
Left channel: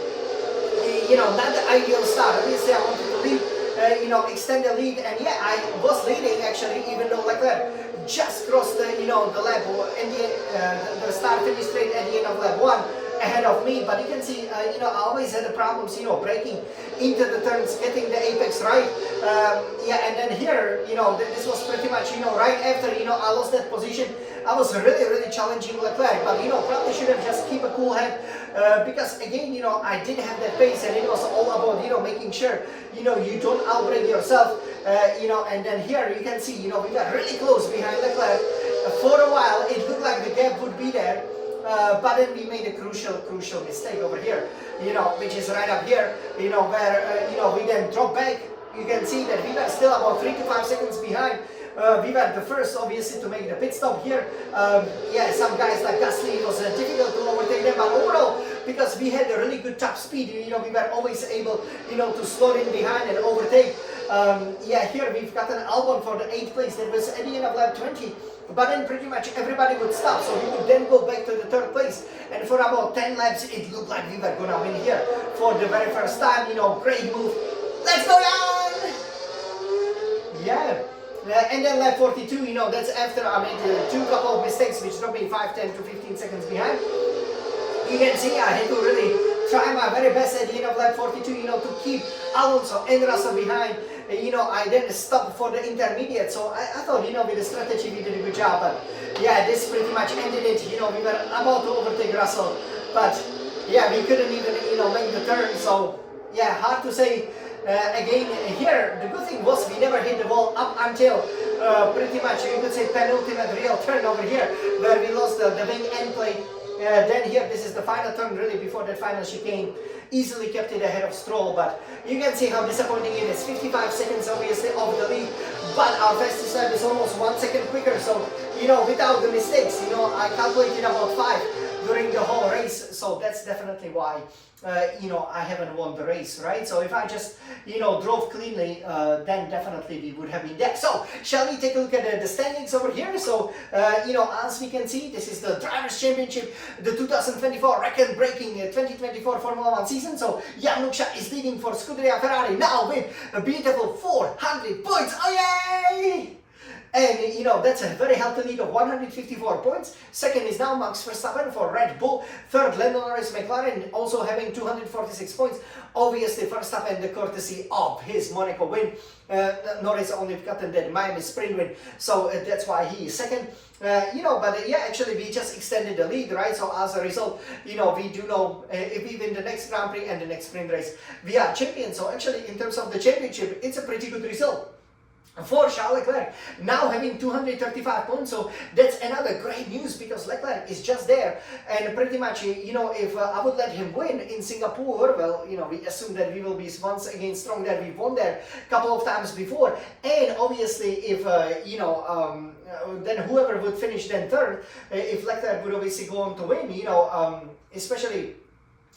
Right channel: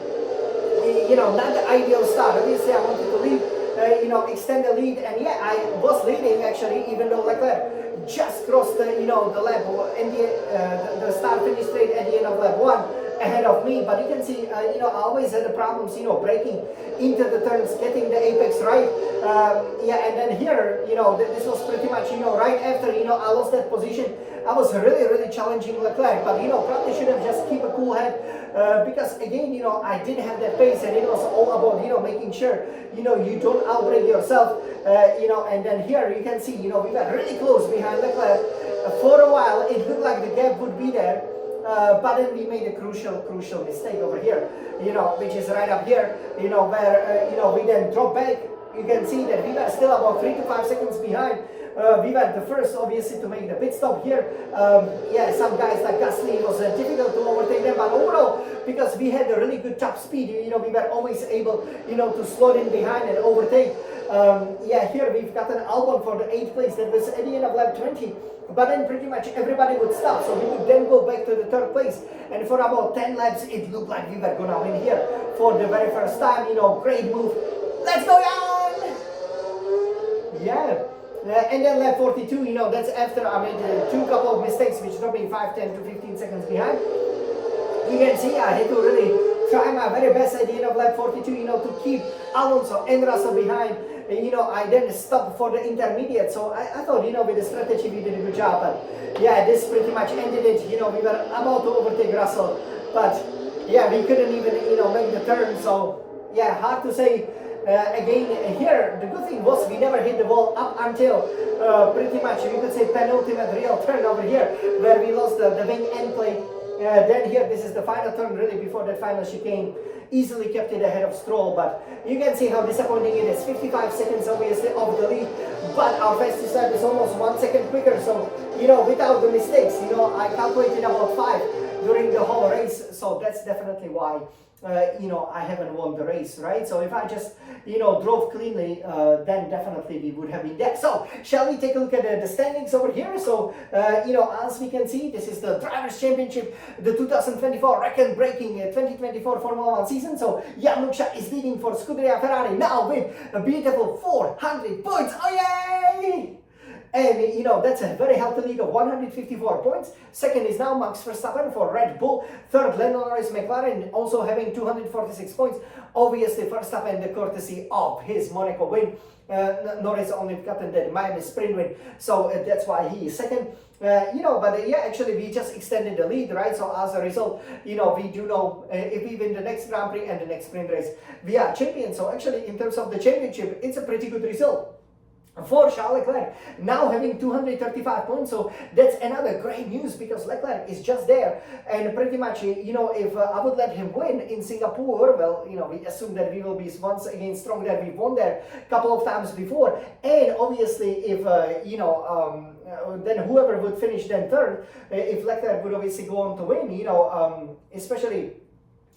you know, not the ideal start. Obviously, I wanted to lead, you know, extend the lead, and yeah, I was leading actually, even though Leclerc just crossed the, you know, the lap, and the start finish straight at the end of lap 1 ahead of me. But you can see, you know, I always had the problems, you know, braking into the turns, getting the apex right. Yeah, and then here, you know, this was pretty much, you know, right after, you know, I lost that position. I was really challenging Leclerc, but you know, probably should have just keep a cool head, because again, you know, I did have that pace, and it was all about, you know, making sure, you know, you don't outbrake yourself, you know. And then here you can see, you know, we got really close behind Leclerc. For a while, it looked like the gap would be there, but then we made a crucial mistake over here, you know, which is right up here, you know, where, you know, we then drop back. You can see that we were still about 3 to 5 seconds behind. We were the first, obviously, to make the pit stop here. Yeah, some guys like Gasly, it was difficult to overtake them, but overall, because we had a really good top speed, you know, we were always able, you know, to slot in behind and overtake. Yeah, here we've got an Albon for the 8th place. That was at the end of lap 20. But then pretty much everybody would stop, so we would then go back to the 3rd place. And for about 10 laps, it looked like we were gonna win here for the very first time. You know, great move. Let's go down! Yeah. And then lap 42, you know, that's after I made 2 couple of mistakes, which dropped me 5, 10 to 15 seconds behind. You can see I had to really try my very best at the end of lap 42, you know, to keep Alonso and Russell behind. You know, I then stopped for the intermediate, so I thought, you know, with the strategy we did a good job. But yeah, this pretty much ended it. You know, we were about to overtake Russell, but yeah, we couldn't even, you know, make the turn. So yeah, hard to say. Again, here, the good thing was we never hit the wall up until pretty much, you could say, penultimate real turn over here, where we lost the wing end plate. Then here, this is the final turn, really, before that final chicane. Easily kept it ahead of Stroll, but you can see how disappointing it is. 55 seconds, obviously, of the lead, but our fastest lap is almost 1 second quicker. So, you know, without the mistakes, you know, I calculated about 5 during the whole race. So that's definitely why, you know, I haven't won the race, right? So if I just, you know, drove cleanly, then definitely we would have been there. So shall we take a look at the standings over here? So, you know, as we can see, this is the Drivers' Championship, the 2024 record-breaking 2024 Formula 1 season. So Jan Lukša is leading for Scuderia Ferrari now with a beautiful 400 points. Oh, yay! And, you know, that's a very healthy lead of 154 points. Second is now Max Verstappen for Red Bull. Third, Lando Norris McLaren, also having 246 points. Obviously, Verstappen, the courtesy of his Monaco win. Norris only gotten that Miami sprint win, so that's why he is second. You know, but yeah, actually we just extended the lead, right? So as a result, you know, we do know if we win the next Grand Prix and the next sprint race, we are champions. So actually, in terms of the championship, it's a pretty good result for Charles Leclerc, now having 235 points. So that's another great news, because Leclerc is just there, and pretty much, you know, if I would let him win in Singapore, well, you know, we assume that we will be once again strong there. We've won there a couple of times before, and obviously if you know, then whoever would finish then third, if Leclerc would obviously go on to win, you know, especially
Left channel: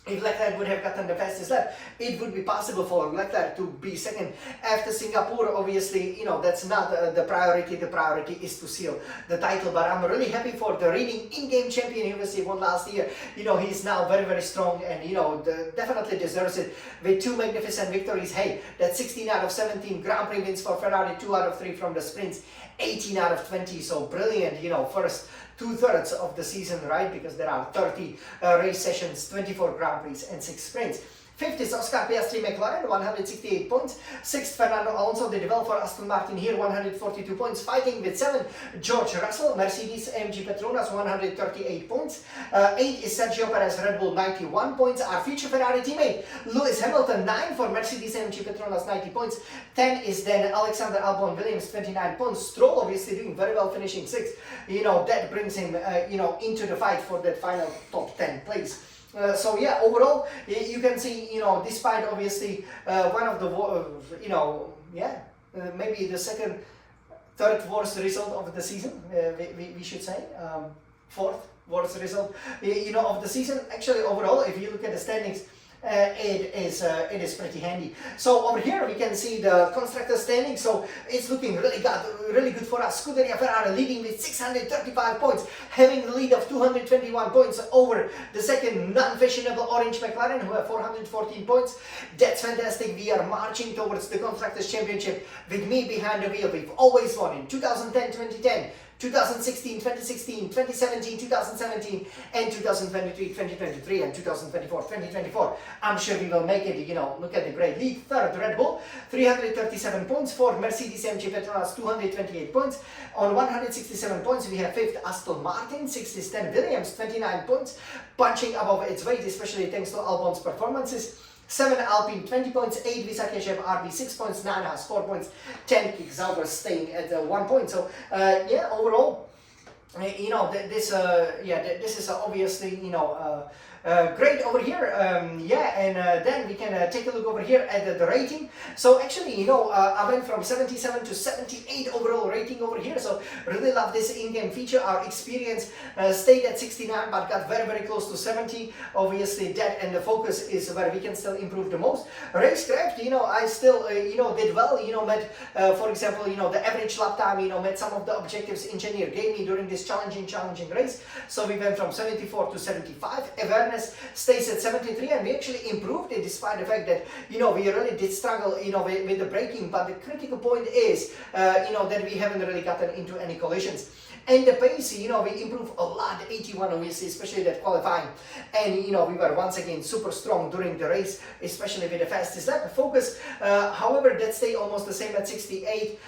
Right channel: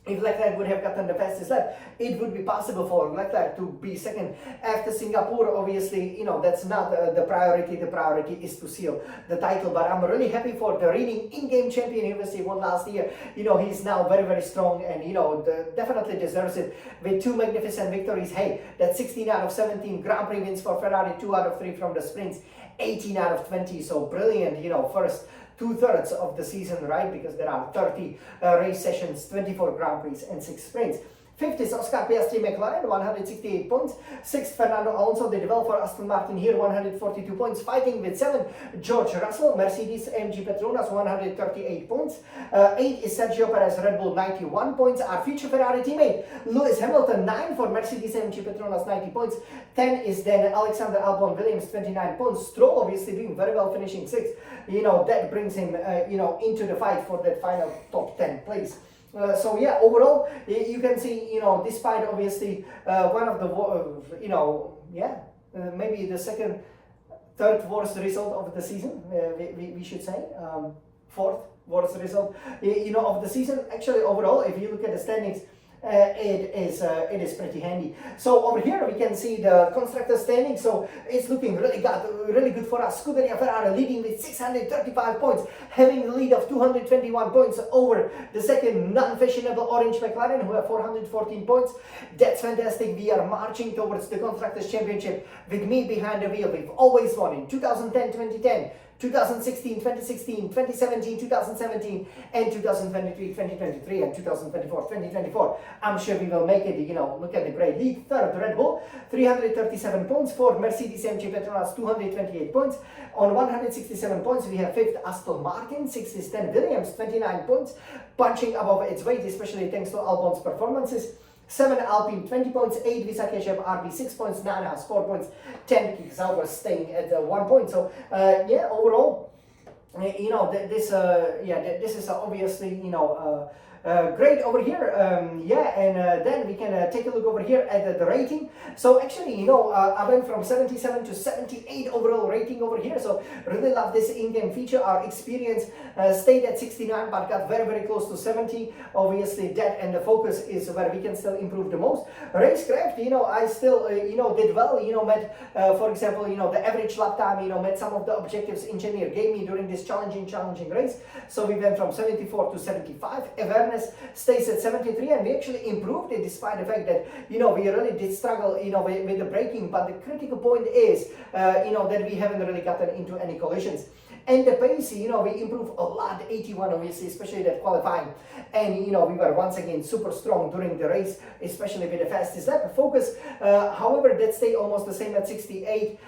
if Leclerc would have gotten the fastest lap, it would be possible for Leclerc to be second after Singapore. Obviously, you know, that's not the priority. The priority is to seal the title. But I'm really happy for the reigning in-game champion. He obviously won last year. You know, he's now very, very strong, and, you know, definitely deserves it with 2 magnificent victories. Hey, that's 16 out of 17 Grand Prix wins for Ferrari, 2 out of 3 from the sprints, 18 out of 20. So brilliant, you know, first 2/3 of the season, right? Because there are 30 race sessions, 24 Grand Prix and 6 sprints. Fifth is Oscar Piastri McLaren, 168 points. Sixth, Fernando Alonso, the developer Aston Martin here, 142 points. Fighting with 7, George Russell, Mercedes AMG Petronas, 138 points. 8 is Sergio Perez, Red Bull, 91 points. Our future Ferrari teammate, Lewis Hamilton, 9 for Mercedes AMG Petronas, 90 points. 10 is then Alexander Albon Williams, 29 points. Stroll obviously doing very well, finishing 6th. You know, that brings him, you know, into the fight for that final top 10 place. So yeah, overall, you can see, you know, despite obviously one of the, you know, yeah, maybe the third worst result of the season, we should say, 4th worst result, you know, of the season. Actually, overall, if you look at the standings, it is pretty handy. So over here we can see the constructor standing. So it's looking really good for us. Scuderia Ferrari leading with 635 points, having the lead of 221 points over the second non-fashionable orange McLaren, who have 414 points. That's fantastic. We are marching towards the Constructors' Championship with me behind the wheel. We've always won in 2010, 2010. 2016, 2016, 2017, 2017, and 2023, 2023, and 2024, 2024. I'm sure we will make it. You know, look at the great lead. Third, Red Bull, 337 points. Fourth, Mercedes AMG Petronas, 228 points. On 167 points, we have 5th, Aston Martin. 6th is then Williams, 29 points, punching above its weight, especially thanks to Albon's performances. 7 Alpine, 20 points. 8 Visa Keshev RB, 6 points. 9 Haas, 4 points. 10 Kick Sauber staying at 1 point. So yeah, overall, you know, this is obviously, you know, great over here. Yeah, and then we can take a look over here at the rating. So actually, you know, I went from 77 to 78 overall rating over here. So really love this in-game feature. Our experience stayed at 69, but got very, very close to 70. Obviously, that and the focus is where we can still improve the most. Racecraft, you know, I still, you know, did well. You know, met, for example, you know, the average lap time, you know, met some of the objectives engineer gave me during this challenging race. So we went from 74 to 75. Awareness stays at 73, and we actually improved it despite the fact that, you know, we really did struggle, you know, with the braking. But the critical point is, you know, that we haven't really gotten into any collisions. And the pace, you know, we improved a lot, 81 obviously, especially that qualifying. And, you know, we were once again super strong during the race, especially with the fastest lap. Focus, however, that stayed almost the same at 68,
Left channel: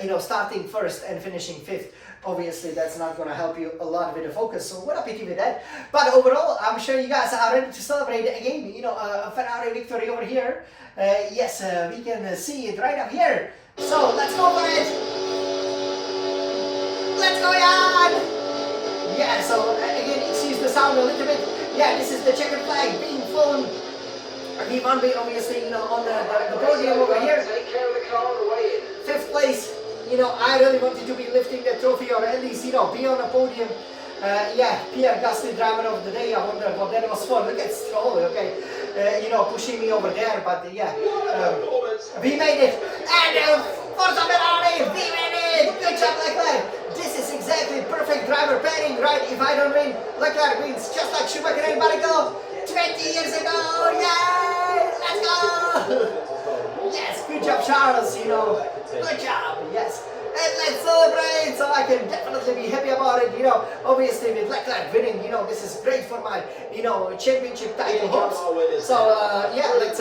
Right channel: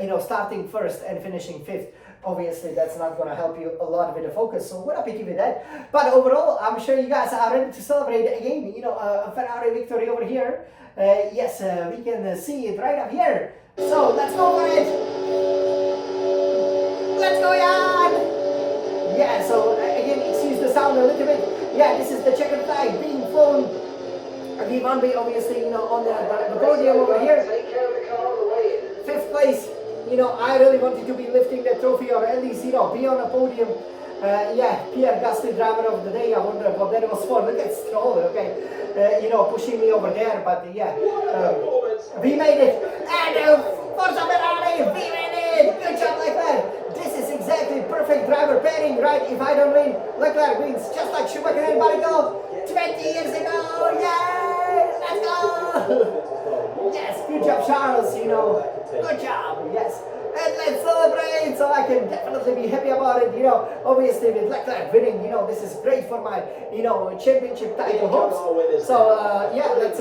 you know, starting first and finishing 5th. Obviously, that's not going to help you a lot with the focus, so what a pity with that. But overall, I'm sure you guys are ready to celebrate again, you know, a Ferrari victory over here. Yes, we can see it right up here. So let's go for it. Let's go, Jan! Yeah, so again, excuse the sound around a little bit. Yeah, this is the checkered flag being flown. We won by obviously, you know, on the podium over here. 5th place. You know, I really wanted to be lifting the trophy, or at least, you know, be on a podium. Yeah, Pierre Gasly, driver of the day. I wonder what that was for. Look at Stroll, okay, you know, pushing me over there. But yeah, we made it. And Forza Ferrari, we made it. Good job, Leclerc. This is exactly perfect driver pairing, right? If I don't win, Leclerc wins, just like Schumacher and Barrichello 20 years ago. Yeah, let's go. Yes, good job, Charles. You know, good job. Yes. And let's celebrate, so I can definitely be happy about it, you know, obviously with Leclerc winning, you know, this is great for my, you know, championship title hopes. So, yeah, let's,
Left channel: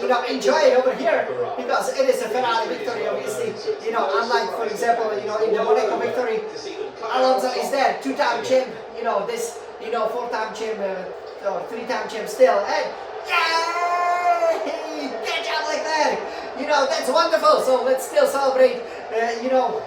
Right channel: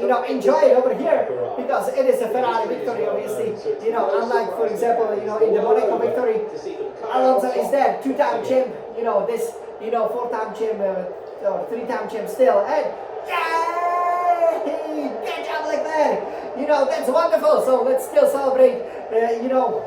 you know, enjoy it over here, because it is a Ferrari victory, obviously, you know, unlike, for example, you know, in the Monaco victory, Alonso is there, 2-time champ, you know, this, you know, 4-time champ, or 3-time champ still, and yay! Good job, Leclerc! You know, that's wonderful, so let's still celebrate, you know,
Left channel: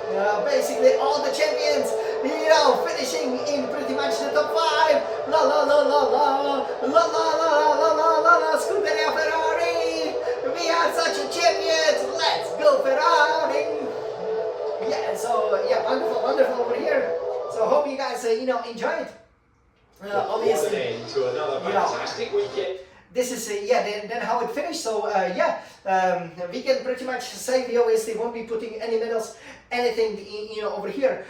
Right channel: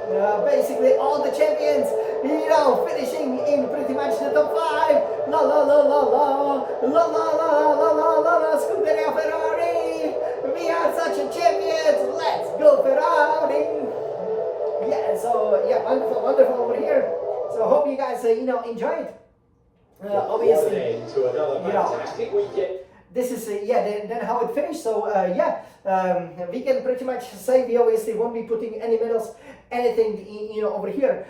basically all the champions, you know, finishing in pretty much the top 5. La la la la la, la la la la la la la la, Scuderia Ferrari, we are such a champions, let's go Ferrari. Yeah, so, yeah, wonderful, wonderful over here. So hope you guys, you know, enjoy it. Obviously, to another fantastic weekend. This is, yeah, then how it finished. So, yeah, we can pretty much say we obviously won't be putting any medals, anything, you know, over here,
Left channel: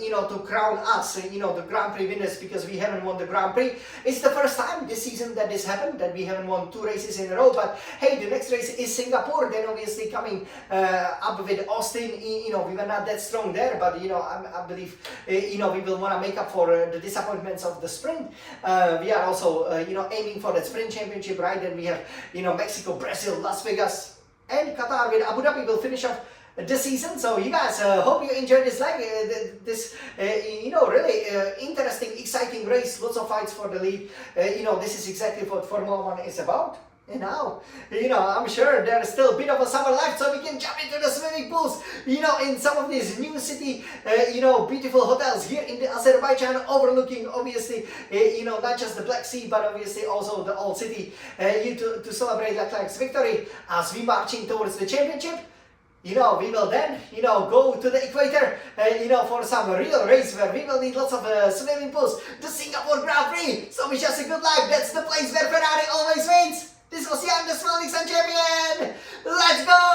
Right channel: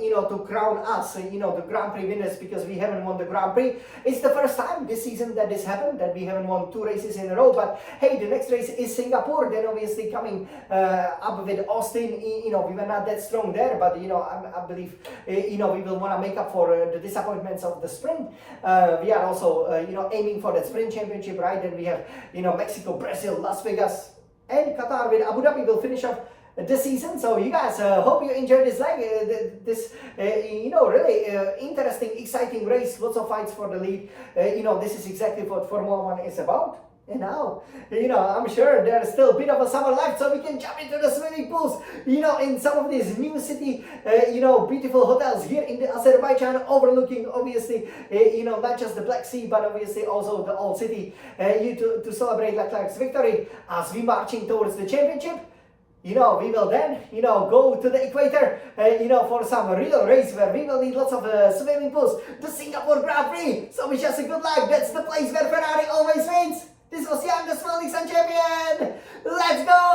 you know, to crown us, you know, the Grand Prix winners, because we haven't won the Grand Prix. It's the first time this season that this happened, that we haven't won 2 races in a row. But hey, the next race is Singapore, then obviously coming up with Austin. You know, we were not that strong there, but, you know, I believe, you know, we will want to make up for the disappointments of the sprint. We are also, you know, aiming for that sprint championship, right? Then we have, you know, Mexico, Brazil, Las Vegas, and Qatar with Abu Dhabi will finish off the season. So you guys, hope you enjoyed this you know, really interesting, exciting race. Lots of fights for the lead. You know, this is exactly what Formula 1 is about. And now, you know, I'm sure there's still a bit of a summer left, so we can jump into the swimming pools, you know, in some of these new city, you know, beautiful hotels here in the Azerbaijan, overlooking, obviously, you know, not just the Black Sea, but obviously also the old city, to celebrate Leclerc's victory as we marching towards the championship. You know, we will then, you know, go to the equator, you know, for some real race where we will need lots of swimming pools, the Singapore Grand Prix. So wish us a good luck. That's the place where Ferrari always wins. This was Jan, the Small Nixon champion. Let's go!